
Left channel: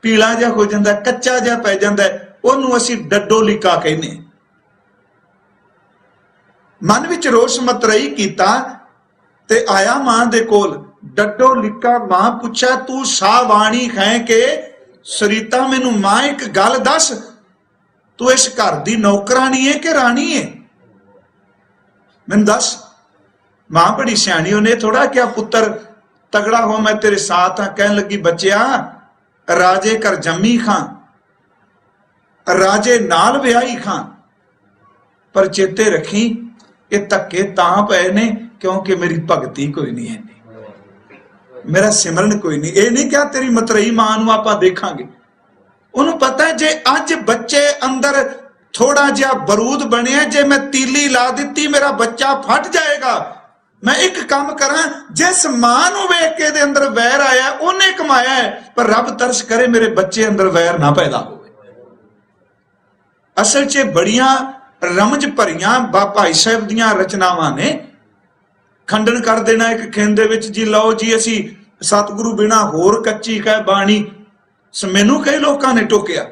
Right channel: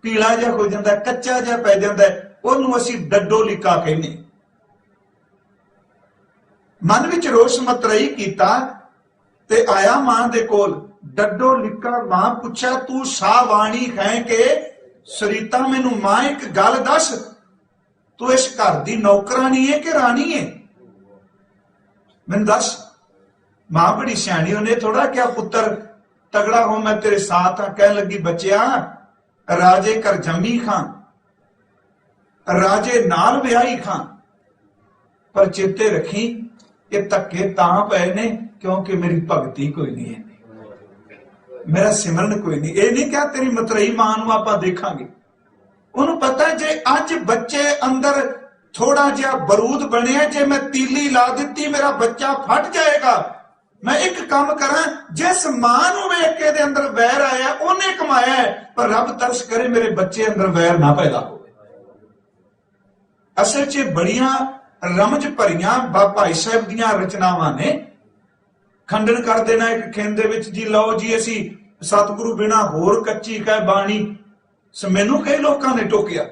पीला जा हो जाता, कच्चा जा पै जाता, उहनूं असीं डड्डो लिका कहने। मन विच रोष मतरई किया ते आया मां दे कोल। डड्डो लिका मां पुछा, तू सावाणी है के सरीता? मैनू मां एक गल दस, तू इस घर दी नौकरानी है कि रानी है? मैनू दस। मां बड़ी सियाणी, उन्हें थोड़ा क्या पुत्र तगड़ा हो मैं तेरे साथ हाँ। कहन लगी बच्चिया, राजे कर जम्मी खां, राजे नाल विआही खां, पर चेते रखी ये धक्के तां पए ने क्योंकि मेरी भगती कोई नहीं है, मेरा सिमरन कोई नहीं। ये नहीं क्या तेरी मतरई मां नूं आपां देखांगे। उन्होंने पता है जे अज बच्चे अंदर थोड़ा जिहा बरूद बनिया, जे मैं तीली ला दी मेरा बच्चा फट जाएगा। मैं एक काम करा, जिस मां नूं वेख के दे अंदर वैर आया उन्हें कमाया है, पर रब तरस करे मेरे बच्चे अंदर वैर ना पैदा हो। असल च बड़ियां रमज भरियां भाई साहब दीयां रचनावां ने। खंडन कर देना एक खेन दे विच जी, लो जी असी सतगुरु बिना होर कच्ची है बाणी। मैनू कई लोगों ने टोकिया,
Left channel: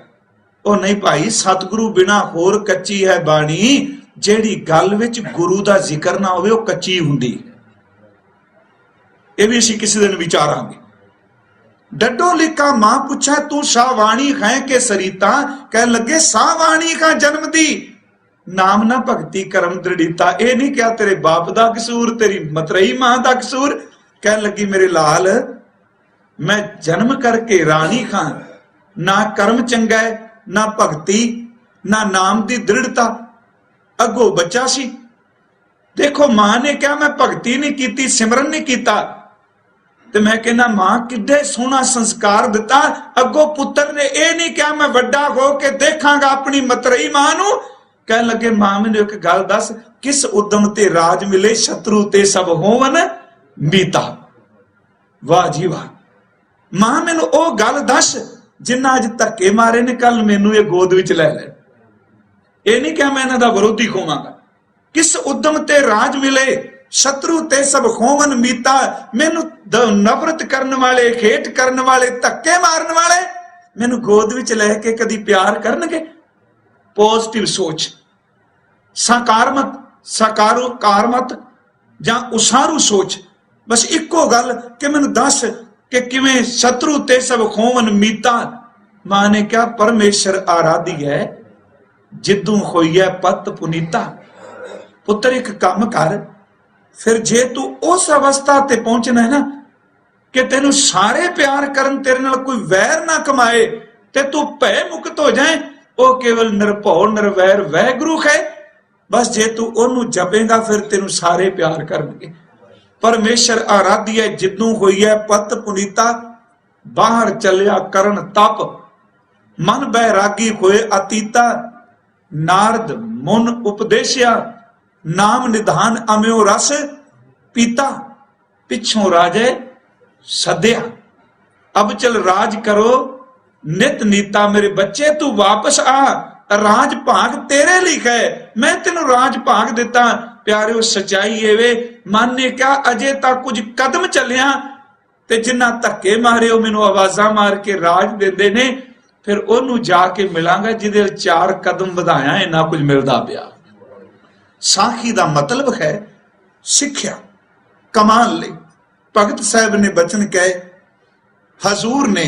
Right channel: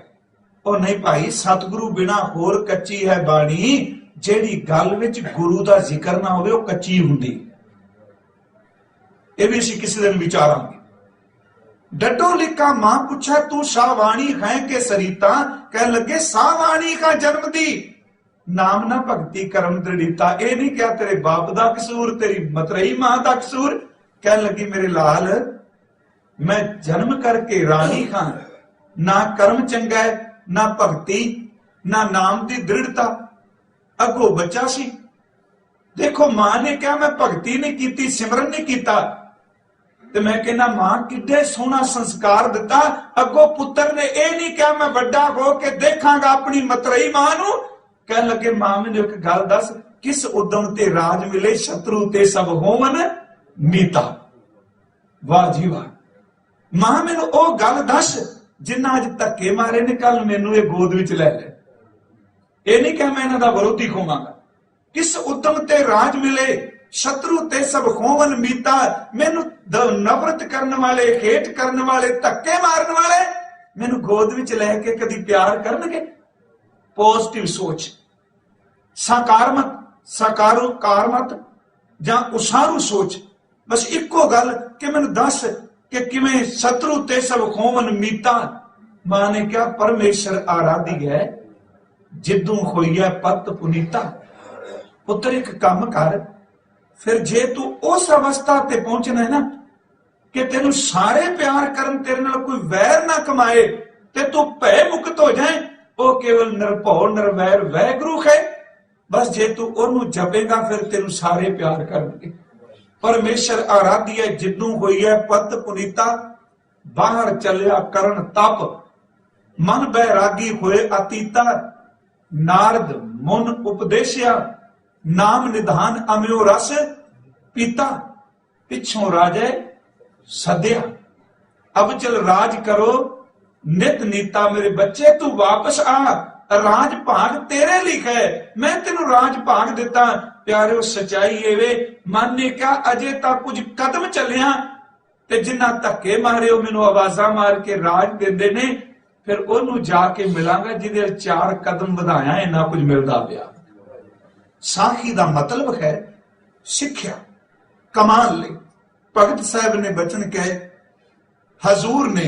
ओ नहीं भाई, सतगुरु बिना होर कच्ची है बाणी। जेड़ी गल विच गुरु दा जिक्र ना होवे, ओ कच्ची हुंदी। ये भी असी किसी दिन विचारांगे। डड्डो लिखा मां पुछा, तू सावाणी है के सरीता? कह लगे सावाणी का जन्म दी, नाम ना भगती कर्म दृढ़ीता। ये नहीं क्या तेरे बाप दा कसूर, तेरी मतरई मां दा कसूर। कह लगी मेरे लाल, मैं जन्म करके रानी खां, ना कर्म चंगा है, ना भगती, ना नाम दी दृढ़ता। अगो बच्चा सी। देखो मां ने क्या मैं भगती नहीं की, सिमरन नहीं किया, तो मैं कहना मां किड्डे सोहना संस्कार दिता। अगो पुत्र ने यह नहीं क्या मैं वड्डा हो के देखांगा अपनी मतरई मां नूं। कह लगे मां मैनू एक गल दस, किस उदम ते राज मिले, शत्रु ते सब होवन मीता। वाह जी वाह। मां मैनू ओ गल दस जिन्ना अज धक्के मारे ने कल मैनू ये गोद विच लै लै। ये नहीं क्या मैं इन्हां दा विरोधी खोवांगा। किस उद्यम ते राज मिले शत्रु ते सब खोवन मीता। मैनू नफरत करने वाले, हेट करने वाले, धक्के मारने वाले मैनू गोद विच लैके कदी प्यार करनगे। पॉजिटिव सोच, सकारात्मक जां उसारू सोच। बस इको गल कि मैनू दस कि किवें शत्रु ते सब खोवन मीता। मां ने क्या परमेश्वर आराधी है जिद्दू होई है पत पुनीता। पुत्र एक काम कर, फिर जे तू उस अवस्था ते पहुंचना है ना कि तेनू सारे प्यार करन, तेरे नाल कोई वैर ना कमाए ते तू भय मुक्त हो जाए, वो केवल निरभौ निरवैर वैगुरु है। बस जे तू ओनू जपेगा फिर तेनू सारे प्यार करनगे। परमेश्वर आराधी है जिद्दू होई है पत पुनीता। बाहर चलिया करन तप मन बैरागी होए अतीता। नारद मुन उपदेशिया नाम निधान अम्यो रस पीता। पिछों राजे सद्या अब चल राज करो नित नीता। मेरे बच्चे तू वापस आ, राज भाग तेरे लिए है, मैं तेनू राज भाग दिता। प्यारिओ सच्चाई ये वे मन ने क्या अजे तक कुछ कदम चलिया ते जिन्ना धक्के मारे मैनू आवाजा मार के राज देंदे ने, फिर ओनू जाके मिलांगा जिदे 4 कदम वधाया इन्ना कुछ मिलदा पिया। साखी दा मतलब है सिक्ख्या कमाल ले। भगत साहब ने बचन कहे, हजूर ने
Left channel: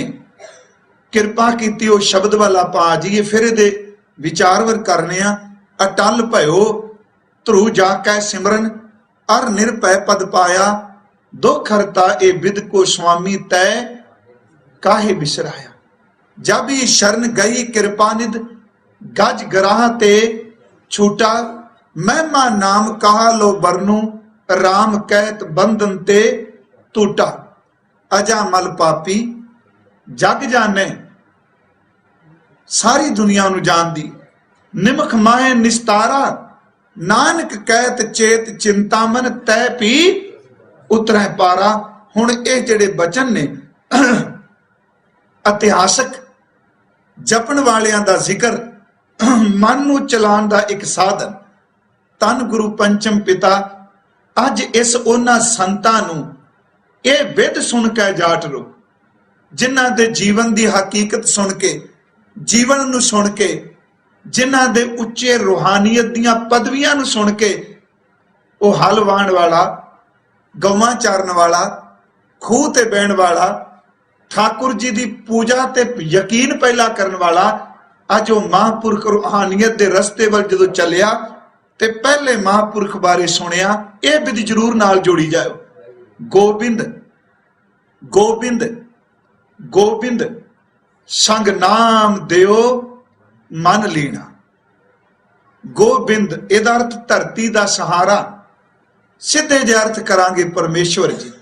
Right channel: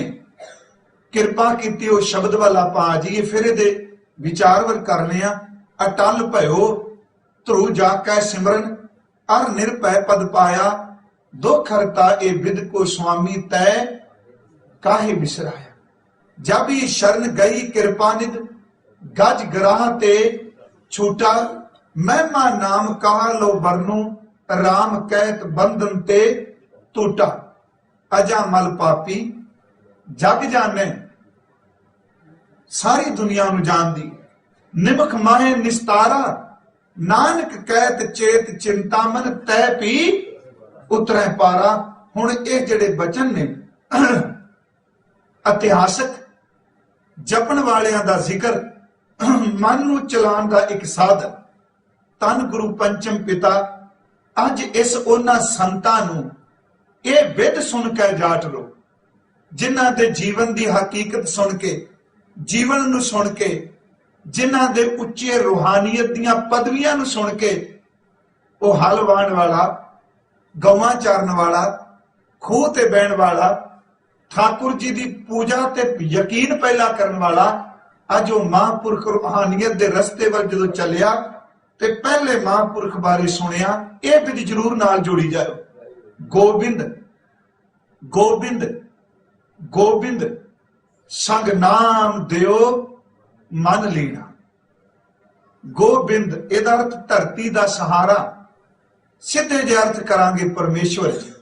किरपा कीती ओ शब्द वाला पा जाइए, फिर ये विचारवर करने। अटल भयो ध्रुव जाकै सिमरन अर निरभय पद पाया। दुख हरता ए बिद को स्वामी तय काहे बिसराया। जब ही शरण गई कृपा निध गज गराह ते छूटा। महिमा नाम कहा लो बरनू राम कहत बंधन ते टूटा। अजा मल पापी जग जाने, सारी दुनिया नू जानदी। निमख माए निस्तारा नानक कहत चेत चिंतामन तै पी उतरै पारा। हुण ये जिहड़े बचन ने इतिहासक जपन वालियां दा जिक्र, मन नू चलाण दा एक साधन। तन गुरु पंचम पिता अज इस उन्हां संतां नू ये विध सुन के जाट रो, जिन्हां दे जीवन दी हकीकत सुन के, जीवन नू सुन के, जिन्हां दे उच्चे रूहानियत दियां पदवियां नू सुन के, वो हल वाहण वाला, गौवां चारण वाला, खूह ते बहण वाला, ठाकुर जी की पूजा ते यकीन पहला करने वाला, अज वो महापुरख रूहानियत दे रस्ते वल जदों चलिया ते पहले महापुरख बारे सुनिया। यह विधि जरूर नाल जोड़ी जाओ। गोबिंद गोबिंद गोबिंद संग नाम दियो मन लीना। गोबिंद इहदा अर्थ धरती का सहारा। सीधे जे अर्थ करांगे परमेश्वर जी,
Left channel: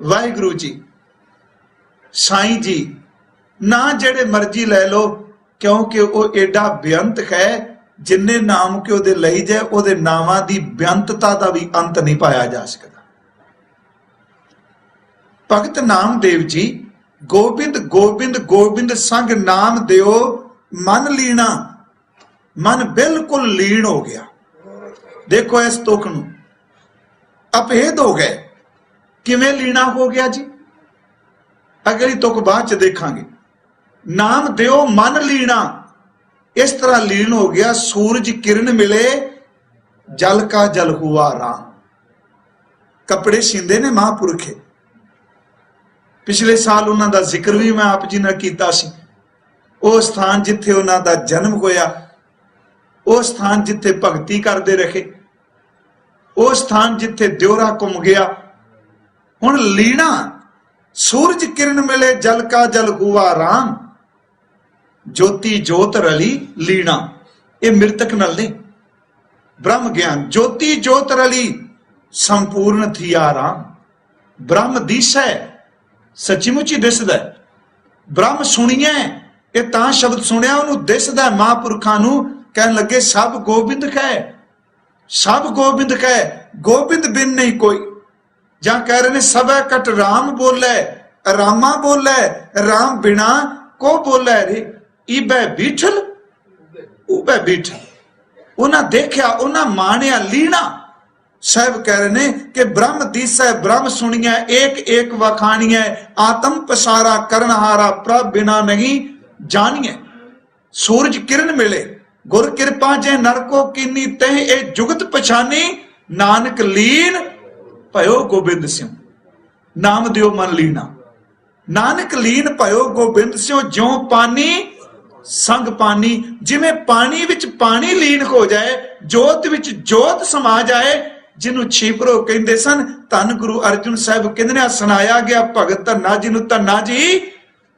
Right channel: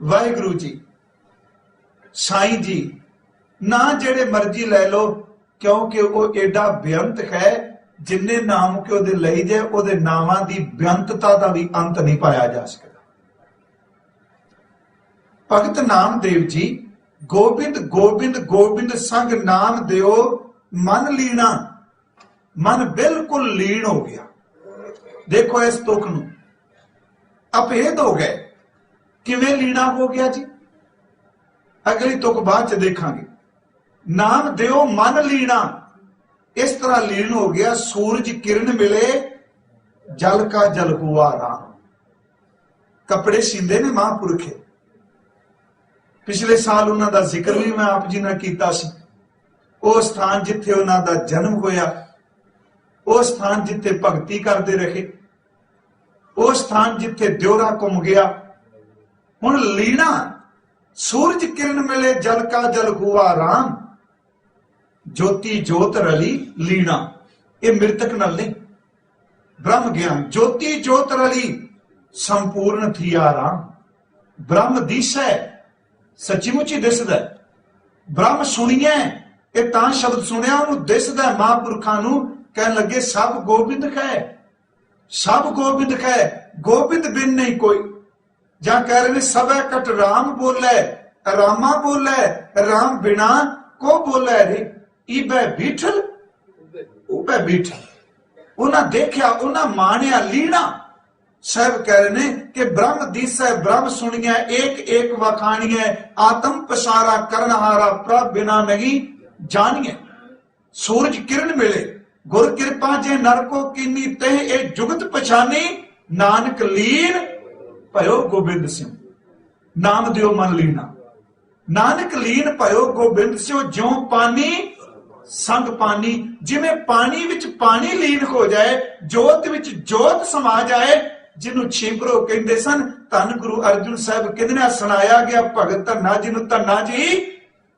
वाहिगुरु जी, साईं जी, ना जेड़े मर्जी लै लो, क्योंकि वो एडा बेअंत है। जिन्ने नाम के ओदे लई जाए, ओदे नावां दी बेअंतता दा भी अंत नहीं पाया जा सकता। भगत नामदेव जी गोबिंद गोबिंद गोबिंद संग नाम दियो मन लीना। मन बिल्कुल लीन हो गया। देखो इस तुक नू अभेद हो गए। किवें लीना हो गया जी? अगली तुक बाद च देखांगे। नाम दियो मन लीना, इस तरह लीन हो गया। सूरज किरण मिले जल का जल हुआ राम। कपड़े सींदे ने महापुरखे। पिछले साल उन्हां दा जिक्र भी मैं आप जी ने कीता सी। वो स्थान जिथे उन्हां दा जन्म होया, वो स्थान जिथे भगती करते रहे, वो स्थान जिथे द्योरा घुम गया। हुण लीना, सूरज किरण मिले जल का जल हुआ राम। ज्योति जोत रली लीना, ये मृतक नल नहीं। ब्रह्म ज्ञान ज्योति जोत रली संपूर्ण थी आराम। ब्रह्म दिसै, सचीमुची दिसदा। ब्रह्म सुनिए, ये तां शब्द सुनिया उन्होंने दिसदा। महापुरखां नूं कहन लगे सब गोबिंद कै, सब गोबिंद कै, गोबिंद बिन नहीं कोई। जां कह रहे ने सब कट राम बोले, रामा बोले, राम बिना को बोले रे इबे बीठल उबे बीठल। उन्हें देखा, उन्हें मानिया लीना। साहब कह रहे ने कि ब्रह्म दिसै ब्रह्म सुनिया, एक एक वखानिया, आत्म पसारा करनहारा प्रभ बिना नहीं जानिए। सूरज किरण मिले गुर कृपा जे नरको कीनी तह ए जुगत पछानी, नानक लीन भयो गोबिंद सिंह। नाम दियो मन लीना, नानक लीन भयो गोबिंद सिंह। ज्यों पानी संग पानी, जिमें पानी विच पानी लीन हो जाए, जोत विच जोत समा जाए। जिन्हों छीपरो कहते सन, धन गुरु अर्जुन साहब कहते सुनाया गया भगत धन्ना जिन्हों धन्ना जी,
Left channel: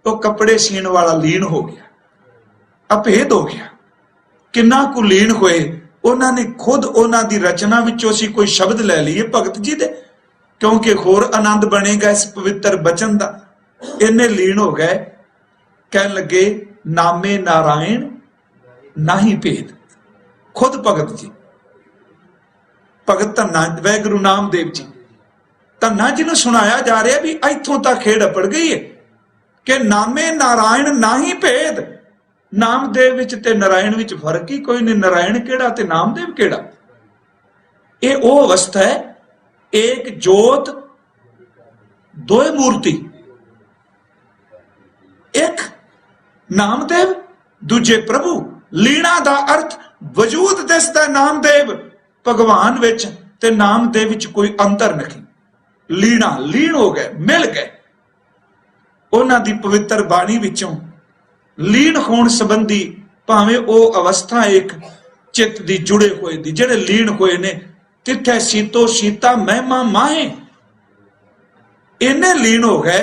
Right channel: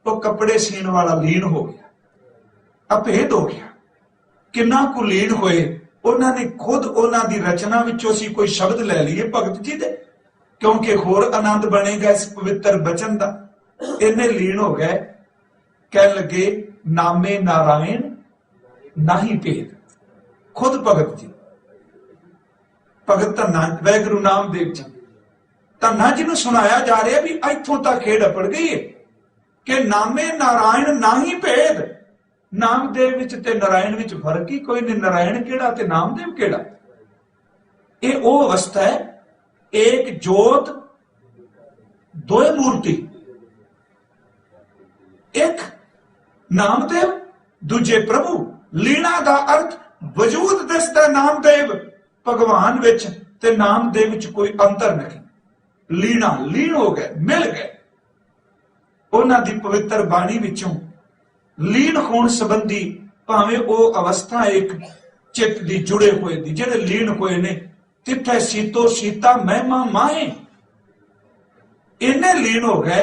तो कपड़े सीन वाला लीन हो गया, अभेद हो गया। किन्ना कु लीन होए, उन्होंने खुद उन्हों की रचना विचों असीं कोई शब्द लै लीए भगत जी दे, क्योंकि होर आनंद बनेगा इस पवित्र बचन का। इन्ने लीन हो गए, कह लगे नामे नारायण नाही भेद। खुद भगत जी, भगत धन्ना वाहिगुरु नामदेव जी, धन्ना जी नूं सुनाया जा रहा भी इत्थों तक खेड अपड़ गई है कि नामे नारायण नाही भेद। नामदेव विच ते नारायण विच फर्क ही कोई नहीं। नारायण केड़ा ते नामदेव केड़ा? ये वो अवस्था है, एक जोत दो मूर्ति, एक नामदेव दूजे प्रभु। लीना दा अर्थ वजूद दसदा नामदेव भगवान विच ते नामदेव विच कोई अंतर नहीं। लीना लीन हो गए, मिल गए। उन्हां दी पवित्र बाणी विचों लीन होण संबंधी भावें वो अवस्था एक चित्त दी जुड़े हुए दी, जिहड़े लीन हुए ने तिथे सीतो सीता महिमा माहे। इन्ने लीन हो गए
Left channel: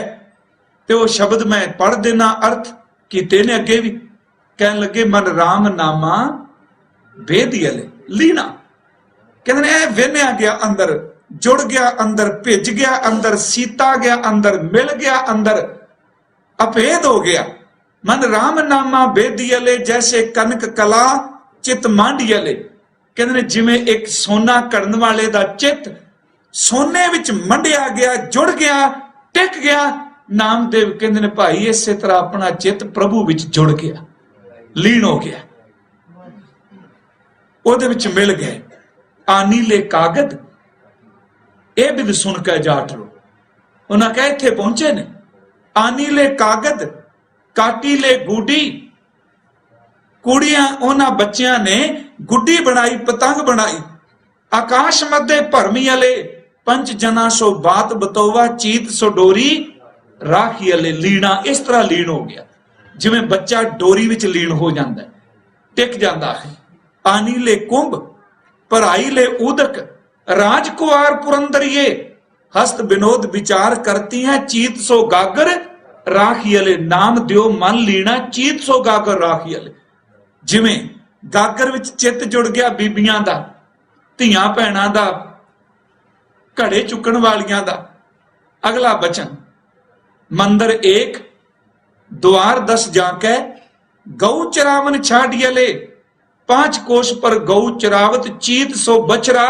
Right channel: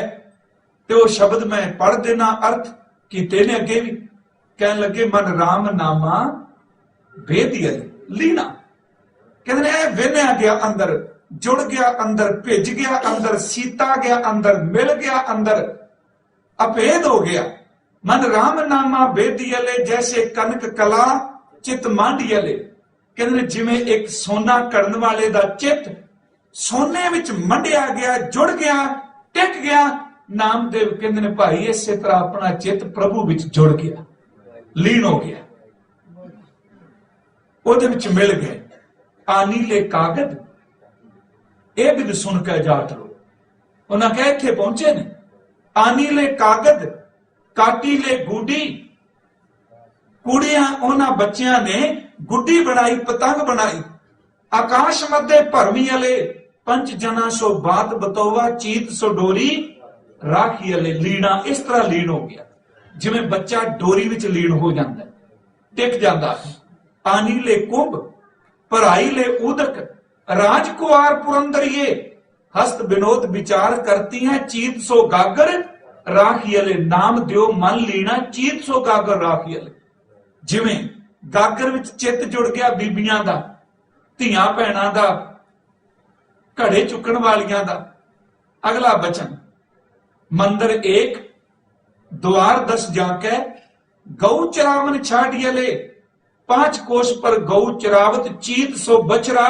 ते वो शब्द मैं पढ़ देना अर्थ कीते ने अगे भी। कह लगे मन राम नामा भेदियले लीना। कहते वेन्या गया अंदर, जुड़ गया अंदर, भिज गया अंदर, सीता गया अंदर, मिल गया अंदर, अभेद हो गया। मन राम नामा भेदियले जैसे कनक कला चित मांडियले। कहते जिमें एक सोना करन वाले दा चित सोने विच मंडिया गया, जुड़ गया, टिक गया। नामदेव कहते ने भाई इसे तरह अपना चित प्रभु विच जुड़ गया, लीन हो गया, ओदे विच मिल गए। आनी ले कागद ए बिल सुन के जाट लो। उन्हें कहा इत्थे पहुंचे ने। आनी ले कागद काटी ले गुडी। कुड़ियां उन्हां बच्चियां ने गुड्डी बनाई, पतंग बनाई। आकाश मध्य भरमी अले पंच जना सो बात बतोवा, चीत सो डोरी राखी अले। लीना इस तरह लीन हो गया जिवें बच्चा डोरी विच लीन हो जाता है, टिक जाता है। आनी ले कुंभ भराई ले उदक, राजकुआर पुरंदरिये हस्त विनोद विचार करती हैं, चीत सो गागर राखी अले। नाम दियो मन लीना, चीत सो गागर राखी अले। जिवें गागर विच चित जुड़ गया बीबियां दा, धियां भैणां दा, घड़े चुकण वालियां दा। अगला बचन मंदिर एक द्वार 10 जाके गौ चरावन छाडियले। 5 कोष पर गौ चरावत, चीत सो बछरा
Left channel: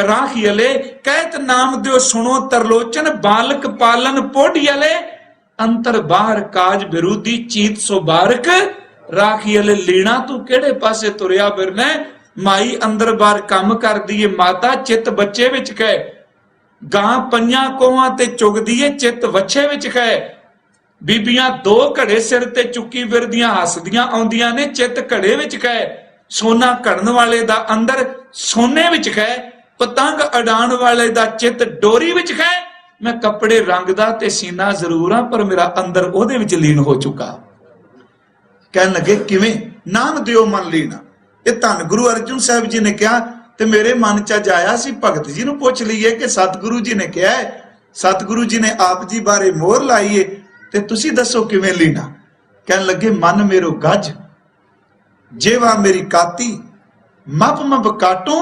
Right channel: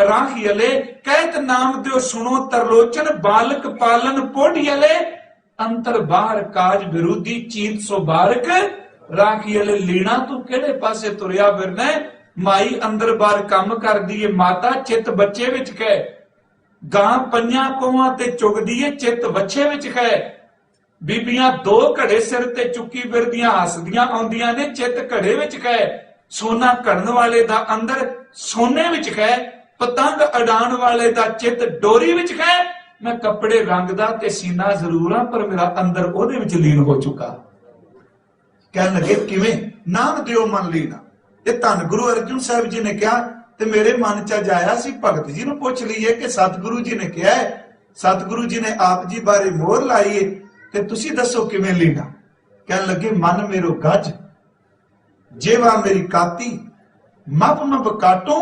राखियले। कहत नाम दियो सुनो तरलोचन, बालक पालन पोढ़ियले। अंतर बाहर काज विरोधी, चीत सो बारक राखियले। लीना तू केड़े पासे तुरिया फिरना? माई अंदर बाहर काम कर दी माता, चित बच्चे विच कहे। गां पंजां कोहां ते चुगदी है, चित वच्छे विच कहे। बीबियां 2 घड़े सिर ते चुकी फिरदियां, हसदियां आउंदियां ने, चित घड़े विच कहे। सोना घड़न वाले दा अंदर सोने विच कहे। पतंग अडाण वाले दा चित डोरी विच कहे। मैं कपड़े रंगदा ते सीना जरूर हां, पर मेरा अंदर ओदे विच लीन हो चुका। कहन लगे किवें? नाम दियो मन लीना। ये धन गुरु अर्जुन साहब जी ने कहा ते मेरे मन च जाया सी भगत जी नूं पुछ लईए कि सतगुरु जी ने कहा है, सतगुरु जी ने आप जी बारे मोहर लाई है, ते तुसी दसो किवें लीना। कहन लगे मन मेरो गज, जेवा मेरी काती, मप मप काटो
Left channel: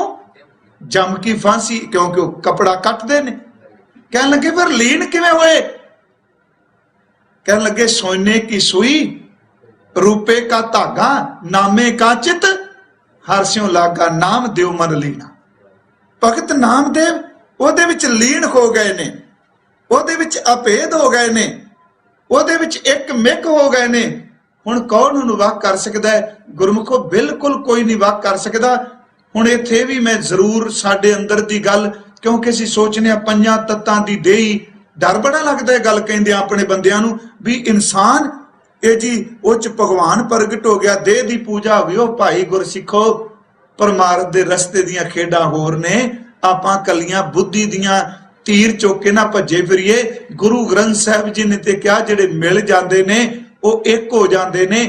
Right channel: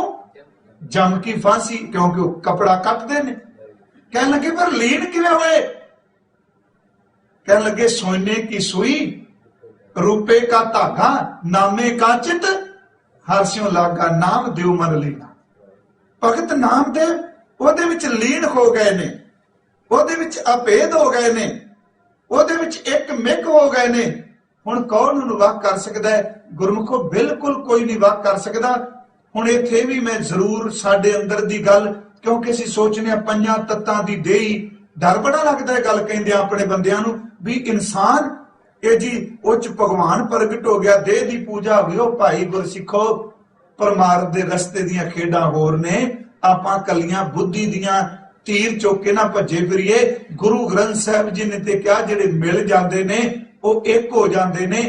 जम की फांसी। क्योंकि वो कपड़ा कटते ने। कहन लगे पर लीन किवें होए? कहन लगे सोने की सुई, रूपे का धागा, नामे का चित, हरस्यों लागा। नाम देव मन लीना। भगत नामदेव ओदे विच लीन हो गए ने, ओदे विच अभेद हो गए ने, ओदे विच एक मिक हो गए ने। हुण कौन उन्होंने वख कर सकता है? गुरमुखो बिल्कुल कोई नहीं वख कर सकता। हुण इत्थे भी मैं जरूर साडे अंदर दी गल, क्योंकि असीं सोचने पंजां तत्तां दी देही, डर बड़ा लगता है गल कहिंदे अपने बंदियां नूं भी इंसान ये जी उच भगवान प्रगट हो गया, देह दी पूजा हो गई। ओ भाई गुरसिखो, परमार्थ दे रस्ते दियां खेडां होर ने, आपां कलियां बुद्धि दियां तीर चुक के ना भज्जे फिरीए। गुरु ग्रंथ साहिब जी ने ते क्या जिहड़े मिल जांदे ने वो एक हो जाते ने,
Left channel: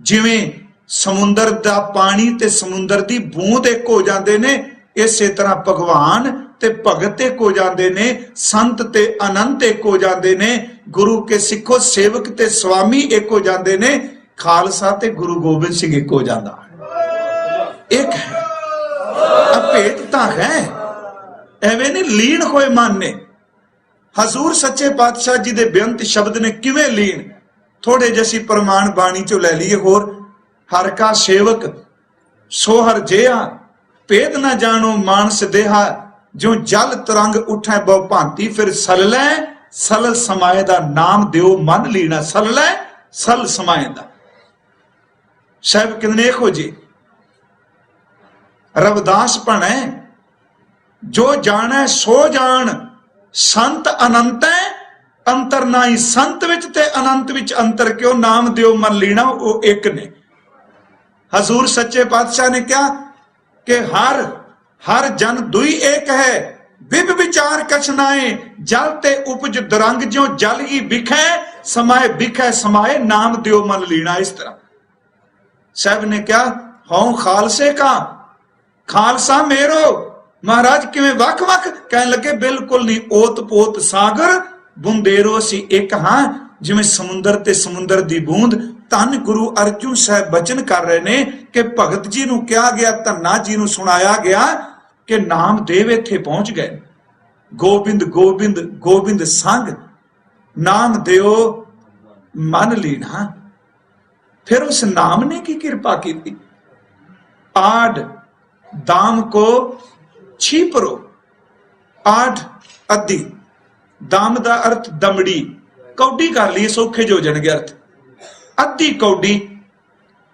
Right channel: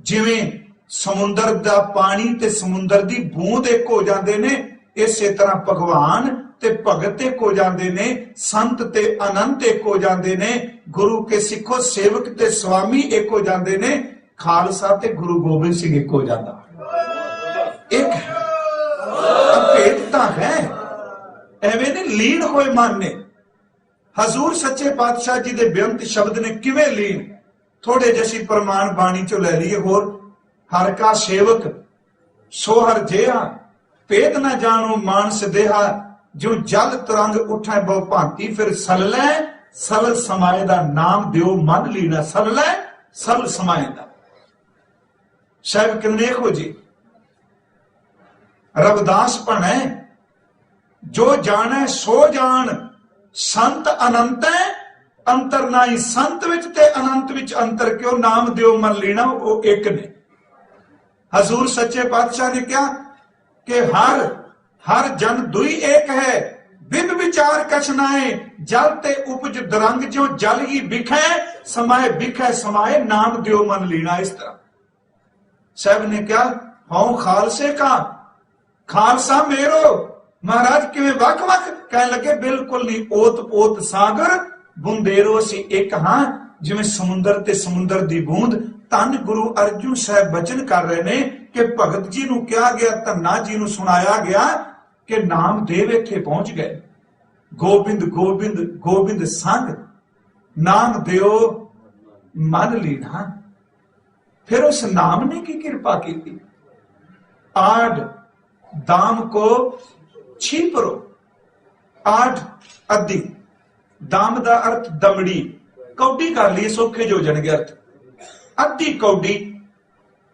जिवें समुंदर दा पानी ते समुंदर दी बूंद एक हो जाते ने, इसे तरह भगवान ते भगत एक हो जाते ने, संत ते अनंत एक हो जाते ने, गुरु के सिखो सेवक ते स्वामी एक हो जाते ने, खालसा ते गुरु गोबिंद सिंह एक हो जाता है। एक है अभेदता है, एवें नहीं लीन होए मन ने। हजूर सच्चे पातशाह जी दे बेअंत शब्द ने किवें लीन, थोड़े जैसी प्रमाण बाणी चो लै लीए। होर हर का सेवक सोहर जेहा, भेद न जानो मानस देहा, जो जल तरंग उठै बहु भांति, फिर सललै सल समाए दा नाम दियो मन लीना। सललै सल समाए दा साहब कितने एक हो जी। रविदास भणे जो जाने सो जान, संत अनंत है अंतर नाई। संत विच ते अनंत विच अंतर क्यों? नाम दियो मन लीना, वो एक ने। हजूर सच्चे पातशाह ने क्या कि हर जन दुई एक है, विभ विचार कछ नाए, जल ते उपज दरंग, जो जल ही बिखै समाए, बिखै समाए, नाम दियो मन लीना। इस तरह साहब ने क्या, हूं खालसे का, खालसा मेरो। महाराज किवें वख वख कहने लगे, बिल्कुल नहीं, ओत पोत सागर बुंदेरो सी एक हां, जिवें समुंदर ते समुंदर दी बूंद। धन गुरु अर्जुन साहब बचन कर रहे ने कि भगत जी नूं कहा गया, धन्ना जी नूं सुनाया गया कि नामदेव इत्थे पहुंच गए। गोबिंद गोबिंद गोबिंद संग, नाम दियो मन लीना। फिर उस नाम ने की कृपा की, आड दाम को छीपरो। आठ अद्धी, दाम दा अर्थ दमड़ी, कौडी कर ली सौखे जो जन गया अर्थ, अद्धी कौडी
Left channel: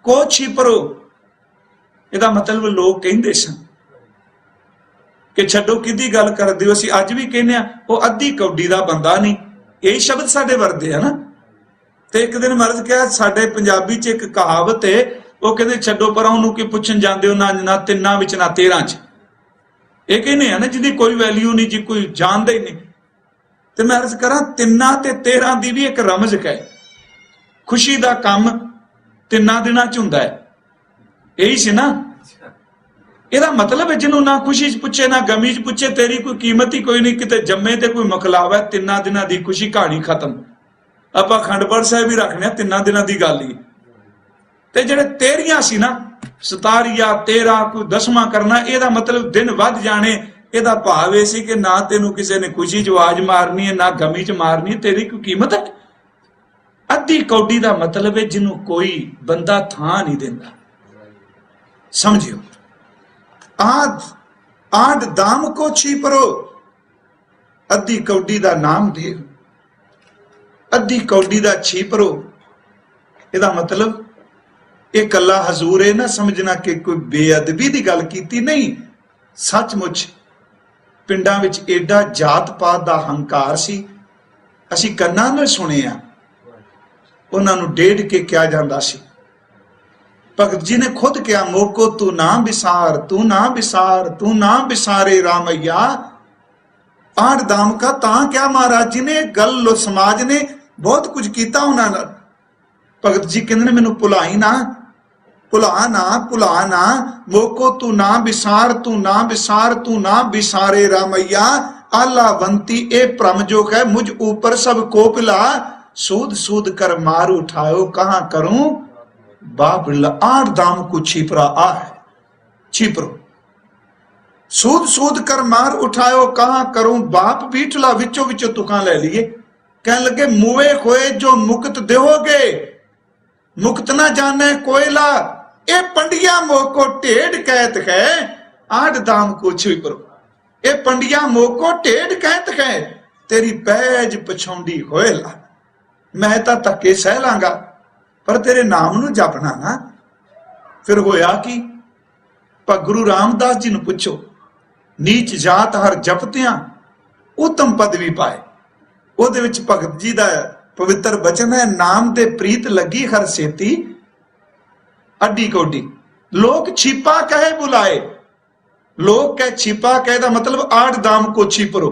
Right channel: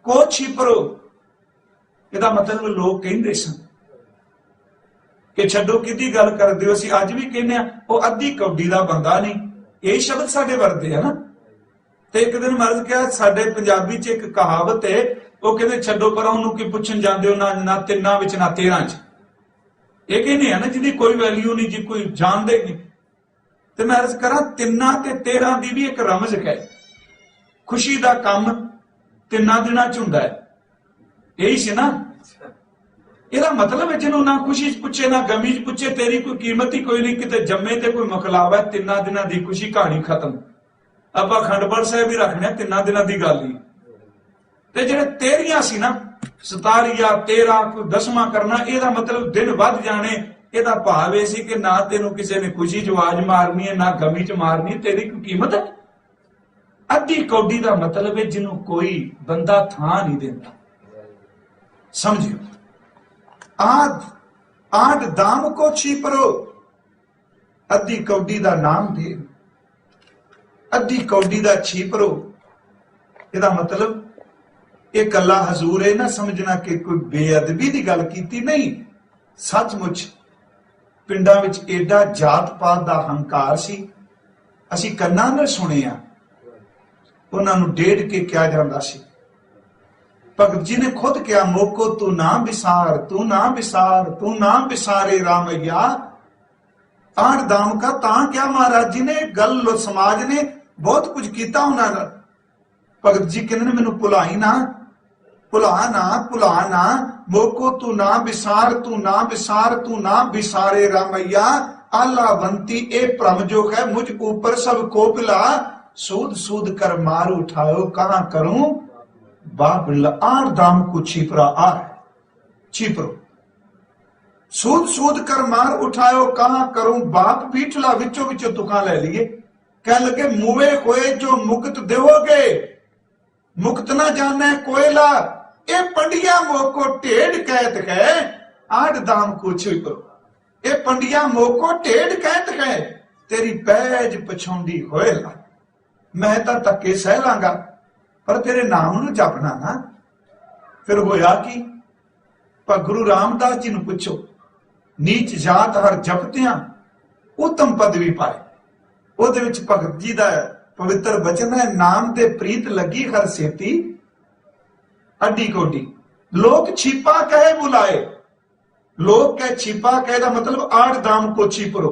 को छीपरो। इहदा मतलब लोग कहंदे सन कि छड्डो किहदी गल करदे हो, असीं अज भी कहने आ वो अद्धी कौडी दा बंदा नहीं। यही शब्द साडे वरदे है ना। ते एक दिन महाराज क्या साडे पंजाबी च एक कहावत है, वो कहंदे छड्डो पर उहनूं की पुछण जांदे हो, ना तिन्नां विच ना 13 च। एक ही नहीं है ना जिंदी कोई वैल्यू नहीं, जी कोई जानता ही नहीं। तो मैं अर्ज करा, तिन्ना ते 13 दी भी एक रमज है। खुशी का काम 3 दिनां च हुंदा है, यही से ना। ਇਹਦਾ मतलब है जिन्हों ना खुशी च पुछे ना गमी च पुछे, तेरी कोई कीमत ही कोई नहीं। किते जम्मे ते कोई मकलावा, 3 दिनां दी खुशी, कहानी खत्म। आपां खंडपड़ साहिब ही रखने 3 दिनां दी गल ही। ते जेड़े 13 सी ना, 17 या 13 कोई 10वां करना, ਇਹਦਾ मतलब दिन वध जाने। ਇਹਦਾ भाव ਇਹ ਸੀ कि ना तेनों किसी ने खुशी च आवाज मारनी है, ना गमी च मारनी, तेरी कोई कीमत है। अद्धी कौडी का मतलब है जिन्हों कोई बंदा थां नहीं देता। समझियो, आद दाम को छीपरो, अद्धी कौडी का नाम दे, अद्धी कौडी का छीपरो। ਇਹਦਾ मतलब ਇਹ कला हजूर है ना समझना कि कोई बेअदबी की गल की नहीं। सचमुच पिंडां विच एडा जात पात का हंकार सी, असीं कन्नां नाल सुणिया। उन्हां नूं डेढ़ के क्या जांदा सी। भगत जी ने खुद क्या, मोको तू ना बिसार, तू ना बिसार, तू ना बिसारे रामैया। आठ दाम का तां क्या महाराज जी ने गल समाज ने बहुत कुछ किया उन्होंने। भगत जी कहते मैनू भुलाई ना, भुला ना, भुला ना, मोको तू ना बिसार, तू ना बिसार, तू ना बिसारे रामैया। आलावंती ए भ्रम जो है मुझ ऊपर सब कोपिला, सूद सूद कर मार उठायो कहां करूं बाप। 8 दाम को छिपरा आ है, छिपरो। सूद सूद कर मार उठायो कहां करूं बाप, बीठला विचो विचो तुकां ले लिए। कह लगे मुए खोए जो मुक्त देवोगे, मुक्त ना जाने कोयला। ए पंडिया मोको टेढ़ कहत है, 8 दाम को छिपरो। ए पंडिया मोको टेढ़ कहत है, तेरी पैज पछौंडी होएला। मैं तो धक्के सह लांगा पर तेरे नाम नूं जपना ना। फिर होया कि पर गुरु रामदास जी नूं पुछो, नीच जात हर जपतियां उत्तम पदवी पाए। ਉਹਦੇ ਵਿੱਚ ਭਗਤ जी ਦਾ पवित्र वचन है, नाम दे प्रीत लगी हर सेती अड्डी कोडी। लोग छिपा कहे बुलाए, लोग कह छिपा कहे दा मतलब आठ दाम को छिपरो।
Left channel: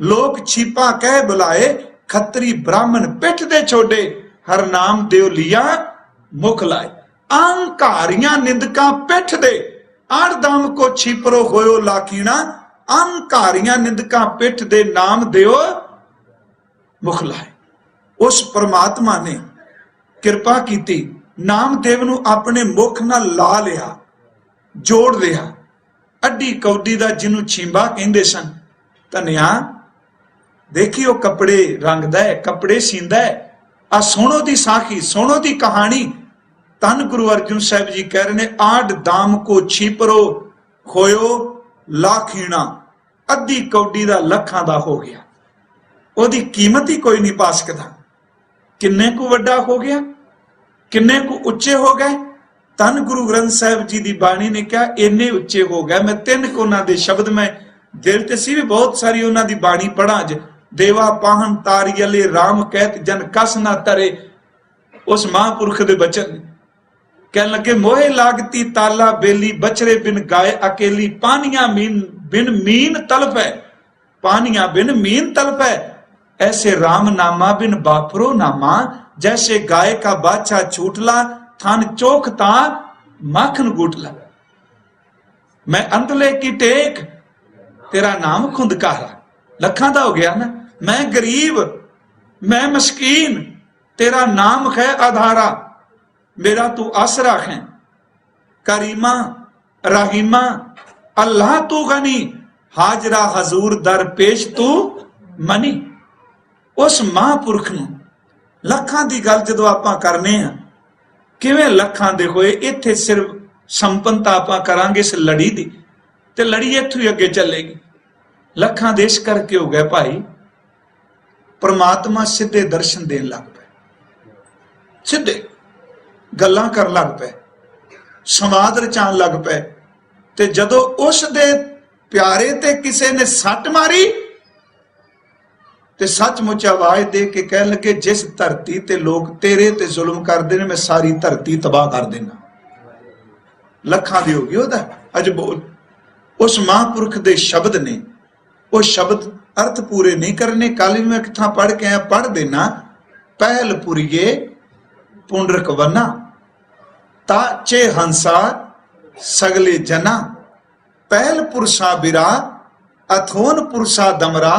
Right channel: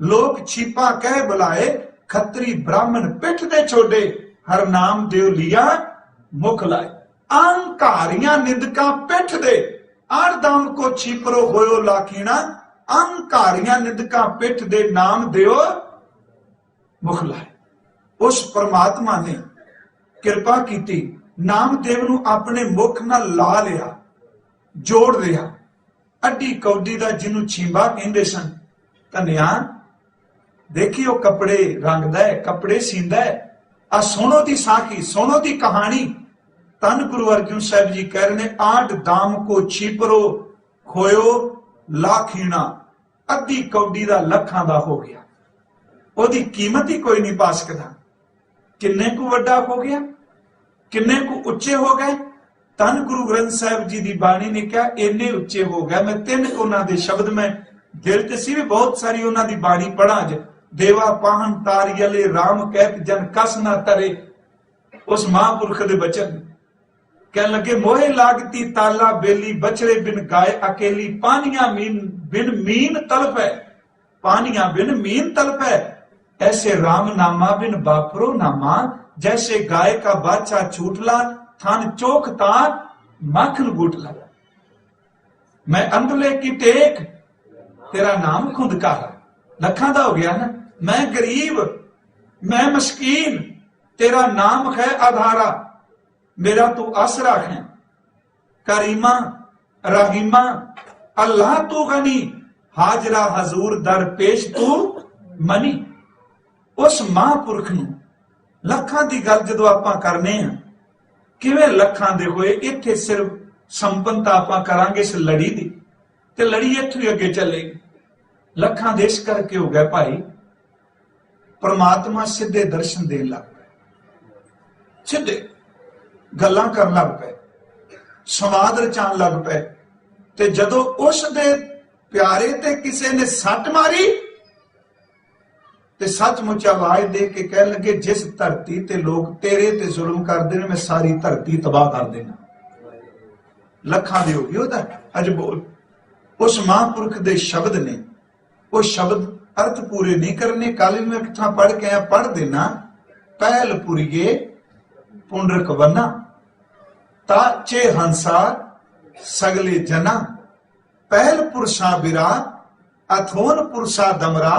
लोग छिपा कह बुलाए, खत्री ब्राह्मण पिठ दे छोड़े, हर नाम देव लिया मुख लाए। अहंकारियां निंदका पिठ दे, आठ दाम को छिपरो होयो लाखीना। अहंकारियां निंदका पिठ दे, नाम देव मुख लाए। उस परमात्मा ने किरपा की, नामदेव नूं अपने मुख नाल ला लिया, जोड़ लिया। अड्डी कौडी दा जिन्हों छींबा कहंदे सन, धनिया देखी वो कपड़े रंगदा है, कपड़े सींदा है। आ सोनो दी साखी, सोनो दी कहानी। धन गुरु अर्जुन साहब जी कह रहे ने, आठ दाम को छिपरो होयो लाखीना। अद्धी कौडी दा लखां दा हो गया, ओदी कीमत ही कोई नहीं पा सकता। किन्ने को वड्डा हो गया, किन्ने को उच्चे हो गए। धन गुरु ग्रंथ साहिब जी की बाणी ने कहा इन्ने उच्चे हो गए। मैं तीन उन्हां दे शब्द में दिल ते सी भी बहुत सारी उन्हां दी बाणी पढ़ा ज। देवा पाहन तारियले राम कहत जन कस ना तरे। उस महापुरख दे बचन कह लगे, मोहे लागती ताला बेली, बछरे बिन गाय अकेली। पानिया बिन मीन तलप है, पानिया बिन मीन तलप है। ऐसे राम नामा बिन बापरो नामा। जैसे गाय का बाछा छूटला, थान चोखता माखन गूटला। मैं अंधले की टेक, तेरा नाम खुंदकारा। लखा दा हो गया ना। मैं गरीब, मैं मस्कीन, तेरा नाम है आधारा। मेरा तू आसरा है। करीमा रहीमा अल्लाह तू गनी, हाजरा हजूर दर पेश तू मनी। उस महापुरख नूं लखां दी गल जदों आपां करने आ, किवें लखां दे होए। इत्थे सिर्फ संपन्नता आपां करांगे इस लड़ी दी, ते लड़ी इत्थों ही अगे चलेगी। लखां देश करके हो गया भाई, परमात्मा सीधे दर्शन देन लग पे, सीधे गल्लां करन लग पे, संवाद रचाण लग पे। ते जदों उस दे प्यारे ते किसे ने सट मारी, ते सचमुच आवाज दे के कह लगे, जिस धरती ते लोग तेरे ते जुल्म करते हैं, मैं सारी धरती तबाह कर देना। लखां दे हो गई ओदा अज बोल। उस महापुरख दे शब्द ने, वो शब्द अर्थ पूरे नहीं करने। काली में एक थां पढ़ के आया, पढ़ देना। पहल पुरिये पुंडरक वना, ताचे हंसा सगले जना। पहल पुरसा बिरा, अथोन पुरसा दमरा।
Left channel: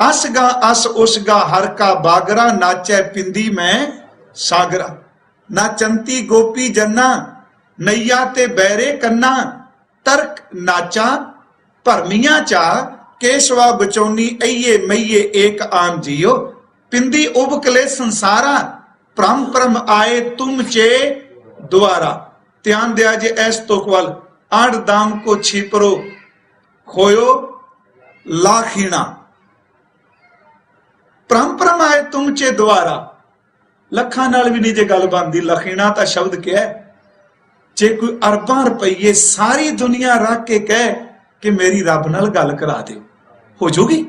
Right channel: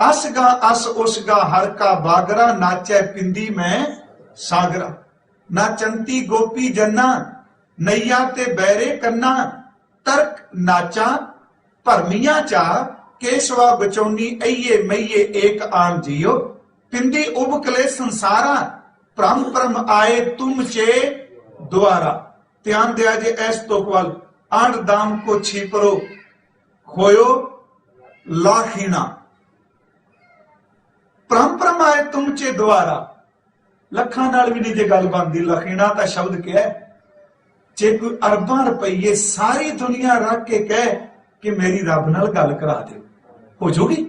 असगा अस उसगा हर का बागरा, नाचे पिंदी में सागरा। नाचंती गोपी जन्ना, नैया ते बैरे कन्ना। तर्क नाचा भरमिया चा, केशवा बचौनी अइये मैये एक आम जियो। पिंदी उबकले संसारा, परम परम आए तुम चे द्वारा। ध्यान दिया जे ऐस तो कवल, आठ दाम को छिपरो होयो लाखीना। परम आए तुम चे द्वारा। लखां नाल भी नहीं जे गल बनदी। लखीना ता शब्द क्या है? जे कोई अरबां रुपये सारी दुनिया रख के कहे कि मेरी रब नाल गल करा दे, हो जूगी।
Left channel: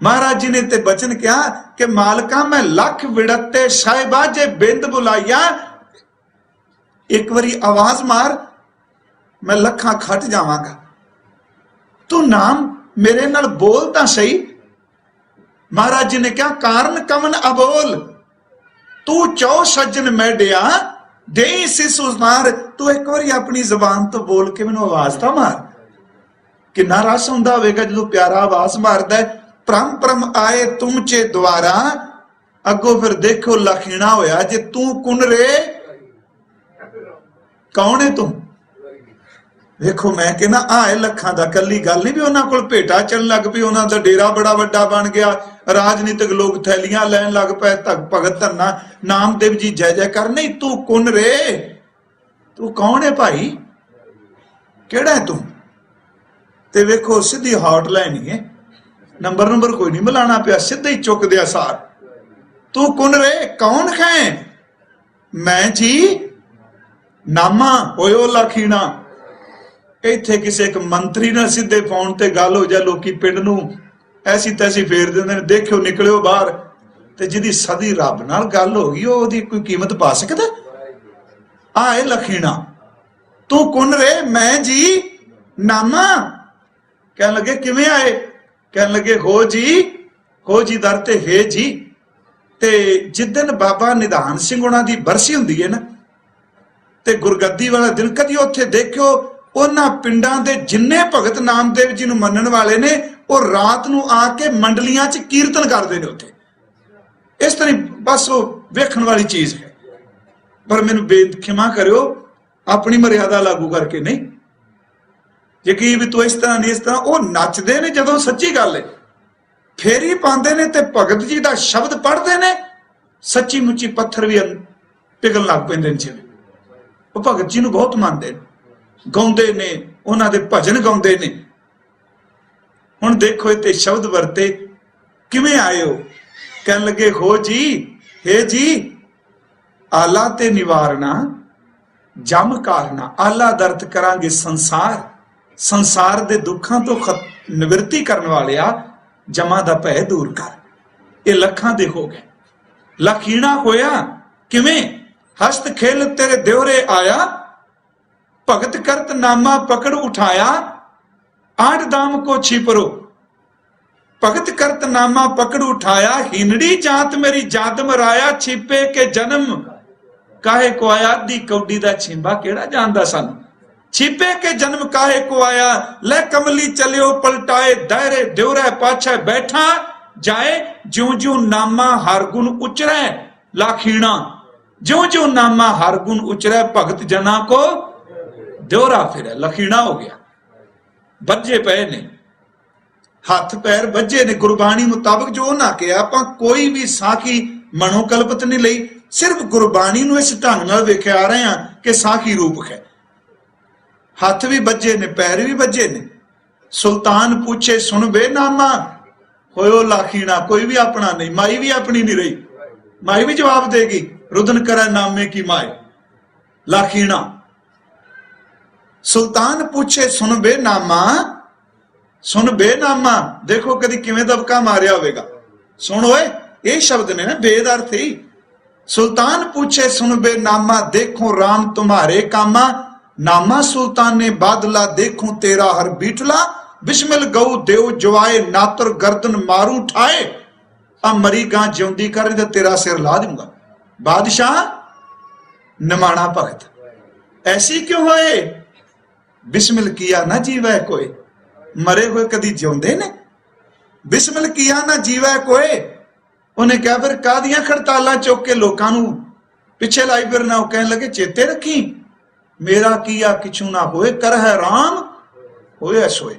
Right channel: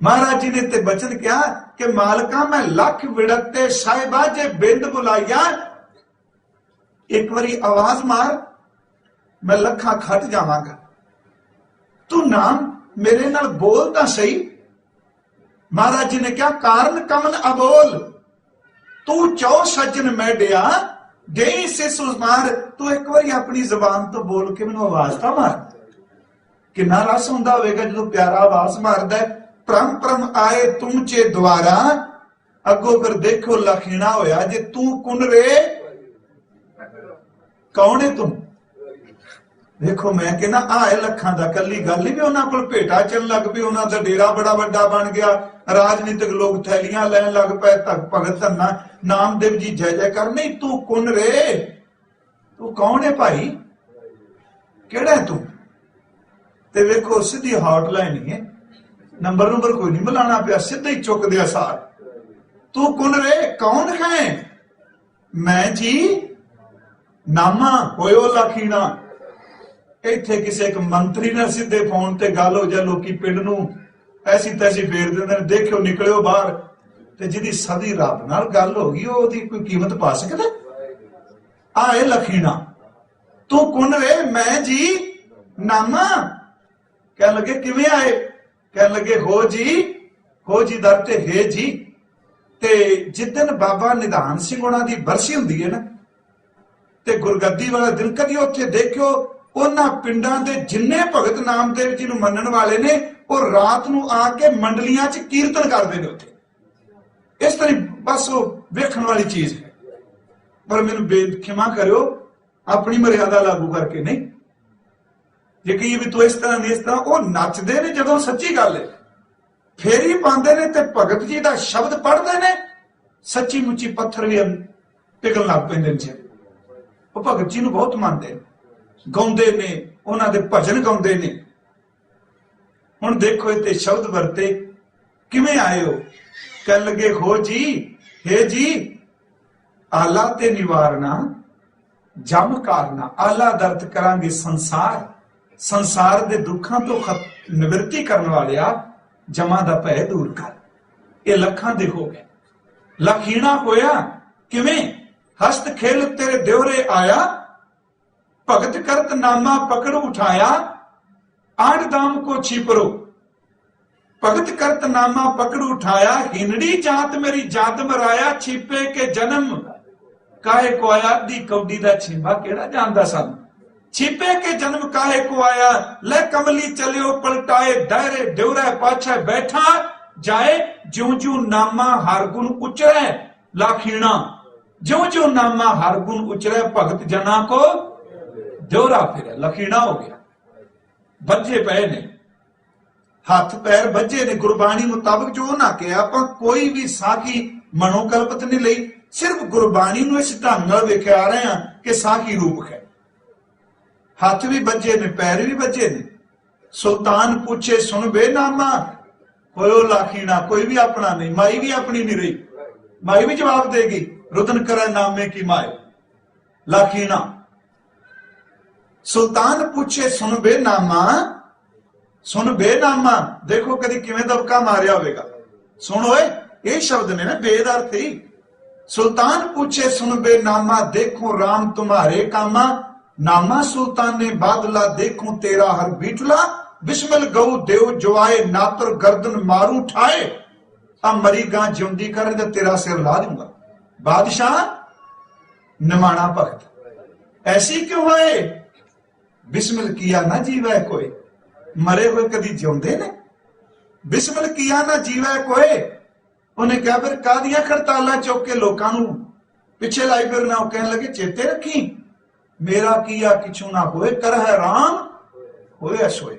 महाराज जी ने ते बचन कहा कि मालका मैं लख विड़ते साहिबा, जे बिंद बुलाइया एक बारी आवाज मार, मैं लखां खट जावांगा। तू नाम मेरे नाल बोल तां सही। महाराज जी ने कहा, कारण कमन अबोल, तू चौ सज्जन मैडिया दे सिस उमार। तू एक बार अपनी जबान तो बोल के मैनू आवाज तो मार। किन्ना रस हुंदा होवेगा जो प्यारा आवाज मारदा है। परम परम आए तुम चे द्वारा। अगो फिर देखो लखीना होया, जे तू कुन रे, कौन है तू? देखो मैं कहना आए लखां दा, कली गल नहीं भी उन्हां कोल भेटा चलण लग पई, उन्हां दा डेरा बड़ा वड्डा बन गया। राजनीतिक लोग थैलियां लैन लग पे, भगत धरना नामदेव जी जय जय कर। नहीं, तू कुन रे, तू कौन है भाई, केड़ा है तू? ते वेखो सीधी हॉटलाइन ही है, नंबर कोई नहीं मिलाना पिया, सीधे ही चुक दिया सार। तू कुन रे, कौन है? मैं जी नामा होयो लाखीना। ਇੱਥੇ ਕਿਸੇ ਇੱਕ ਮੰਤਰੀ ਨਾਲ ਸਿੱਧੇ ਫੋਨ ਤੇ ਗੱਲ ਹੋ ਜਾ, ਲੋਕੀ ਪਿੰਡ ਨੂੰ ਐਸੀ ਤੈਸੀ ਫੇਰ ਦਿੰਦੇ ਨੇ, ਦੇਖਿਓ ਨਿਕਲਿਓ ਬਾਹਰ। ਤੇ ਜਿਹਦੀ ਸਦੀ ਰੱਬ ਨਾਲ ਗੱਲ ਹੋ ਗਈ ਉਹਦੀ ਕੋਈ ਕੀਮਤ ਪਾ ਸਕਦਾ? ਆਏ ਲਖੀਣਾ ਤੂੰ ਕੁਨ ਰੇ, ਮੈਂ ਜੀ ਨਾਮਾ। ਕਹਿਣ ਲੱਗੇ ਕਿਵੇਂ ਆਏ? ਕਹਿਣ ਲੱਗੇ ਹੋ ਜੀ ਦਰ ਤੇ ਹੈ ਜੀ। ਤੇ ਜਿੱਦਣ ਬਾਬਾ ਨਿਧਾਨ ਸਿੰਘ ਉਹਨਾਂ ਦੀ ਬਰਸੀ ਹੁੰਦੀ ਹੈ ਨਾ, ਤੇ ਗੁਰਗੱਦੀ ਵਾਲਾ ਦਿਨ ਕਦੀ ਉੱਥੇ ਦੇਖਿਓ ਉਹਨਾਂ ਪਿੰਡਾਂ ਦੇ ਜਿੰਨੇ ਭਗਤ ਨਾਮਦੇਵ ਜੀ ਨੂੰ ਮੰਨਣ ਵਾਲੇ ਨੇ ਉਹ ਰਾਤ ਨੂੰ ਆ ਕੇ ਮੰਡਲੀਆਂ 'ਚ ਕੀਰਤਨ ਕਰਦੇ ਨੇ ਉੱਥੇ। ਇਸ ਤਰ੍ਹਾਂ ਬਸ ਉਹ ਵੇਖਣ ਵਾਲੀ ਚੀਜ਼ ਹੈ। ਪਰ ਮੈਨੂੰ ਖਿਮਾ ਕਰਿਓ, ਆਪਣੀ ਮਰਿਆਦਾ ਲਾਗੂ ਕਰਕੇ ਨਹੀਂ। ਯਕੀਨ ਵੀ ਤੂੰ ਇਸ ਤਰ੍ਹਾਂ ਨਹੀਂ ਇਸ ਤਰ੍ਹਾਂ। ਉਹ ਨੱਚਦੇ ਨੇ ਜਦੋਂ ਸੱਚੀ ਗੱਲ ਹੈ, ਫੇਰੀ ਪਾਉਂਦੇ ਨੇ ਤੇ ਭਗਤ ਜੀ ਦਾ ਸ਼ਬਦ ਪੜ੍ਹਦੇ ਨੇ, ਸੱਚੀ ਮੁੱਚੀ ਪੱਥਰ ਵੀ ਪਿਘਲਣ ਲੱਗ ਪੈਂਦੇ ਨੇ। ਜਿਵੇਂ ਉਹ ਭਗਤ ਜੀ ਨੂੰ ਬਹੁਤ ਮੰਨਦੇ ਨੇ, ਗਾਉਂਦੇ ਨੇ, ਉਹਨਾਂ ਦੇ ਭਜਨ ਗਾਉਂਦੇ ਨੇ। ਹੁਣ ਦੇਖੋ ਇੱਥੇ ਸ਼ਬਦ ਵਰਤੇ ਕਿਵੇਂ ਆਏ ਹੋ? ਕਹਿਣ ਲੱਗੇ ਹੋ ਜੀ ਹੈ ਜੀ ਆਲਾ ਤੇ ਨਿਵਾਰਨਾ ਜਮ ਕਾਰਨਾ। ਆਲਾ ਦਰਦ ਕਰਾਂਗੇ ਸੰਸਾਰ ਦੇ ਦੁੱਖਾਂ ਤੋਂ ਨਿਵਰਤੀ ਕਰਨ ਵਾਲਿਆ, ਜਮਾਂ ਦਾ ਭੈ ਦੂਰ ਕਰ। ਇਹ ਲੱਖਾਂ ਦੇ ਹੋ ਗਏ। ਲਖੀਣਾ ਹੋਇਆ ਕਿਵੇਂ? ਹਸਤ ਖੇਲ ਤੇਰੇ ਦਿਉਰੇ ਆਇਆ, ਭਗਤ ਕਰਤ ਨਾਮਾ ਪਕੜ ਉਠਾਇਆ, आठ दाम को छिपरो। भगत करत नामा पकड़ उठाया, हिनड़ी जात मेरी जात मराया, छिपे के जन्म काहे को आया। दी कौडी दा छिंबा केड़ा जानदा सन। छिपे के जन्म काहे को आया, ले कमली चलियो पलटाए, दायरे ड्योरे पाछे बैठा जाए। ज्यों ज्यों नामा हर गुण उचरे लाखीणा, ज्यों ज्यों नामा हर गुण उचरे, भगत जना को ड्योरा फिरे। लखीणा हो गया, बज्जे पे ने, हथ पैर बज्जे ने। गुरबाणी मुताबिक जो ना किया, आपां कोई भी साखी मनोकल्पित नहीं लई, सिर्फ गुरबाणी नूं इस ढंग नाल वेखे आ रहे हैं कि साखी रूप है। हथ भी बज्जे ने, पैर भी बज्जे ने। सुल्तान पूछे सुन बे नामा, होयो लाखीणा। कोई भी अपना नहीं, माई भी अपनी नहीं रही, माई भी जवाब देगी। रुदन करे नामे की माए लाखीणा। सुल्तान पूछे सुन बे नामा, सुन बे नामा। देखो कदी किवें दबका मारिया होवेगा। सुन ओए, ये शब्द ने ना बेद अर्थ ही। सुल्तान पूछे सुन बे नामा, देखो राम तुम्हारे कामा। नामा सुल्तान ने बादला, देखो तेरा हर बीटला। बिस्मिल गऊ देव जवाए, नातर गर्दन मारू ठाए। अब मरी गां ज्योंदी कर तो तेरा सिर ला दूंगा। बादशाह निमाणा भगत, ऐसी क्यों होए? बिस्मिल किया ना जीवै कोई। मरे हुए कदी जिउंदे ने? बिस्मिल किया ना जीवै कोई। उन्हें कहा फिर कादियां खड़तालां चुक के लोकां नूं पिछे लाई फिरना। वो कहने लगे चेते रखी, मेरा किया किछू ना होए, कर है राम होए सोए।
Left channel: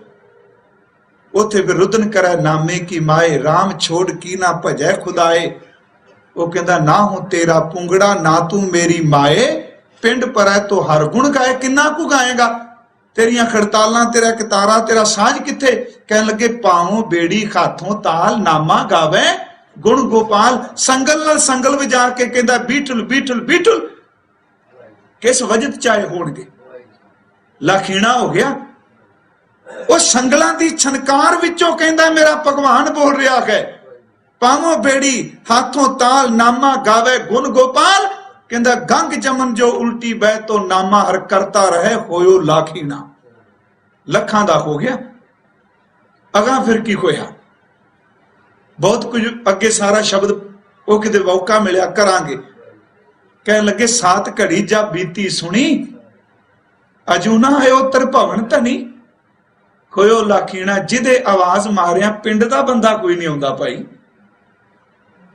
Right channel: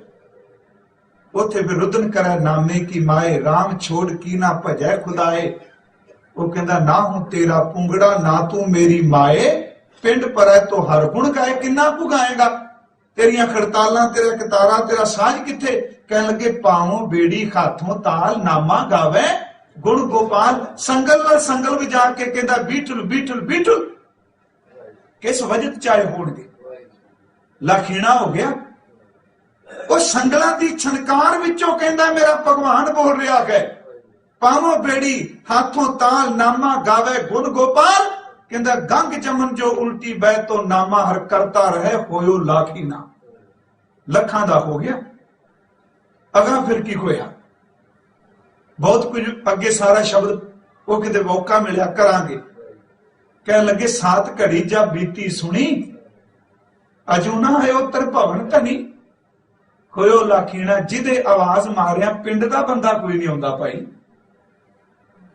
उथे फिर रुदन करे नामे की माए, राम छोड़ की ना भजै खुदाए। वो कहता ना हो तेरा पुंगड़ा, ना तू मेरी माए। पिंड पर तो हर गुण गाए, किन्ना कू गाएगा? तेरिया खड़तालां, तेरा कितारा, तेरा साज किथे? कहने लगे पावों बेड़ी खाथों ताल, नामा गावे गुण गोपाल। संगल नाल संगल वजा के कहंदा बीठल बीठल बीठल। किस वजह चाहे होणगे। लाखीणा हो गया। वो संगलां दी छनकार विचों कहंदा मेरा भगवान बोल रहा है। पावों बेड़ी हाथों ताल, नामा गावे गुण गोपाल। कहंदा गंग जमन जो उल्टी बह, तो नामा हर करता रहे, होयो लाखीणा। लखां दा हो गया। अगा फिर की होया? बहुत कुछ अगे सारा शब्द वो किते मौका मिलिया करांगे। कहने लगे सात घड़ी जा बीती सुनी, अजू ना है उत्तर भवन धनी। होयो लाखीणा, जिदे आवाज मारिया पिंड दा बंदा कोई नहीं आउंदा भाई।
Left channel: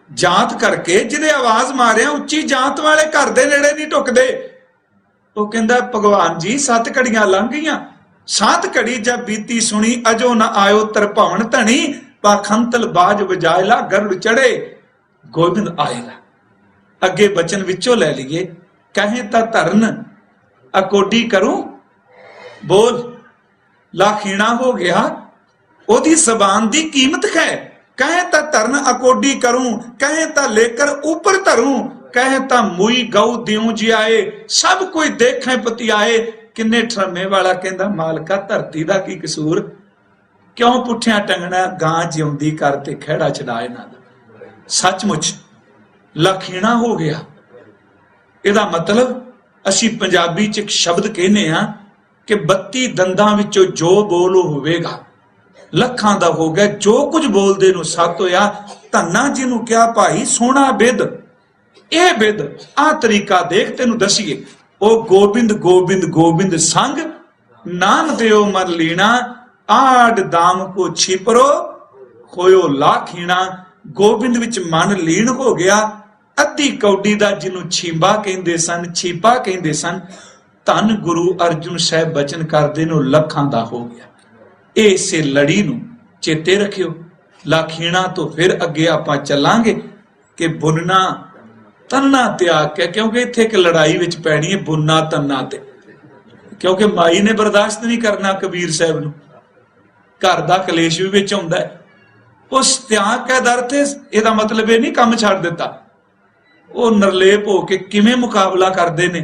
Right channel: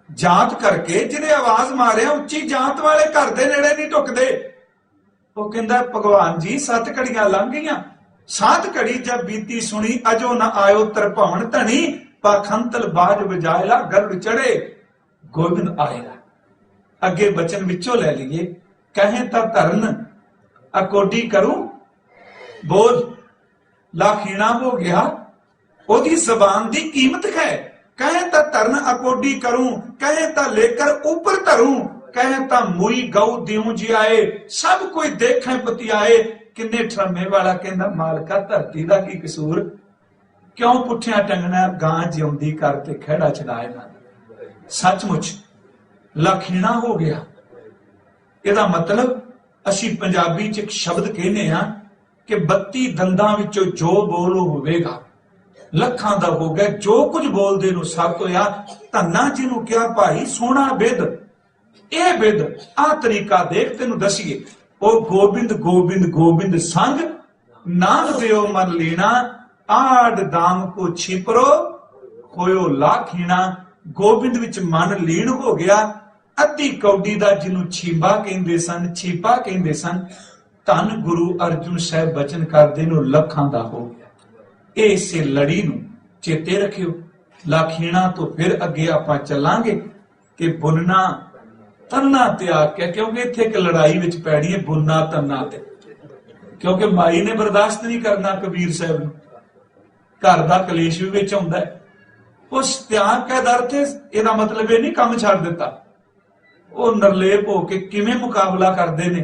जात करके जिहदे आवाज मारिया उच्ची जात वाले घर दे नेड़े नहीं टुकदे। वो कहंदा भगवान जी सत घड़ियां लंघ गईयां, सात घड़ी जब बीती सुनी, अजो न आयो तर भवन धनी। पाखंतल बाज बजायला, गरुड़ चढ़े गोबिंद आएगा। अगे बचन विचों ले लीए, कहें ता धरन अकोडी करूं। बोल लाखीणा हो गया। ओदी जबान दी कीमत है। कहे ता धरन अकोडी करूं, कहे ता लेकर ऊपर धरूं। कह ता मुई गऊ दिऊं जियाए, सब कोई देखे पतियाए। किन्ने ठरमे वाला कहंदा मालका धरती दा की कसूर, क्यों पुठिया टंगना गां जिउंदी कर ते खैड़ा छड़ा इन्हां दा। सचमुच लखीणा हो गया। इहदा मतलब असी पंजाबी च एक शब्द कहने आ कि 32 दंदां विचों जो बोल होवेगा लखां दा हो गया। जो कुछ बोलदे नूं सत होया। धन्ना जिन्हों क्या भाई सोना बिद, ए बिद आ तरीका देख तेनू दसीए। ओ गोबिंद गोबिंद गोबिंद संग, नाम दियो मन लीना, आड़ दाम को छिपरो होयो लाखीना। गोबिंद विच मन लीन हो गया। अद्धी कौडी दा जिन्हों छींबा कहंदे सन, छीपा कहंदे सन, धन गुरु अर्जुन साहब बचन करदे नूं लखां दा हो गया। इसे लड़ी नूं चेते रखियो। लाखीणा तो फिर अगे आपां चलांगे कि बुनना तन्ना त्याग के, क्योंकि इत्थे एक लड़ाई विच पैणी है बुनना तन्ना ते, क्योंकि माई ने बर्दाश्त नहीं करना कबीर साहब नूं। घर दा कलेश भी विच आउंदा है। उस त्याग का दर थे इहदा मतलब ये नहीं काम छड्ड दित्ता। वो निर्लेप हो के किवें मुकाबला करदे ने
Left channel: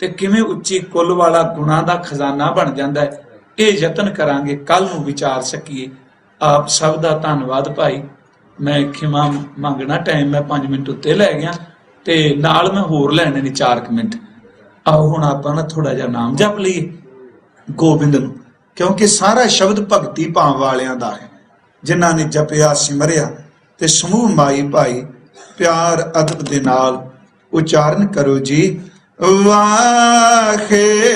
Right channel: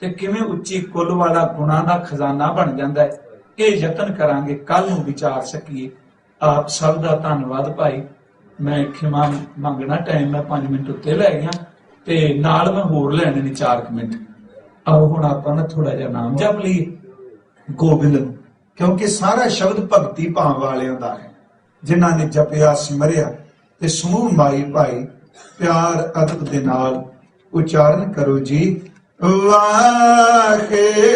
ते किवें उच्ची कुल वाला गुणां दा खजाना बन जांदा है। ਇਹ ਯਤਨ ਕਰਾਂਗੇ, ਕੱਲ ਨੂੰ ਵਿਚਾਰ ਸਕੀਏ। ਆਪ ਸਭ ਦਾ ਧੰਨਵਾਦ ਭਾਈ। ਮੈਂ ਖਿਮਾ ਮੰਗਣਾ, ਟਾਈਮ ਮੈਂ 5 ਮਿੰਟ ਉੱਤੇ ਲੈ ਗਿਆ ਤੇ ਨਾਲ ਮੈਂ ਹੋਰ ਲੈਣੇ ਨੇ 4 ਮਿੰਟ। ਆਓ ਹੁਣ ਆਪਾਂ ਨਾ ਥੋੜਾ ਜਿਹਾ ਨਾਮ ਜਪ ਲਈਏ ਗੋਬਿੰਦ ਨੂੰ, ਕਿਉਂਕਿ ਸਾਰਾ ਸ਼ਬਦ ਭਗਤੀ ਭਾਵ ਵਾਲਿਆਂ ਦਾ ਹੈ, ਜਿਨ੍ਹਾਂ ਨੇ ਜਪਿਆ ਸਿਮਰਿਆ। ਤੇ ਸਮੂਹ ਮਾਈ ਭਾਈ ਪਿਆਰ ਅਦਬ ਦੇ ਨਾਲ ਉਚਾਰਨ ਕਰੋ ਜੀ। ਵਾਹਿਗੁਰੂ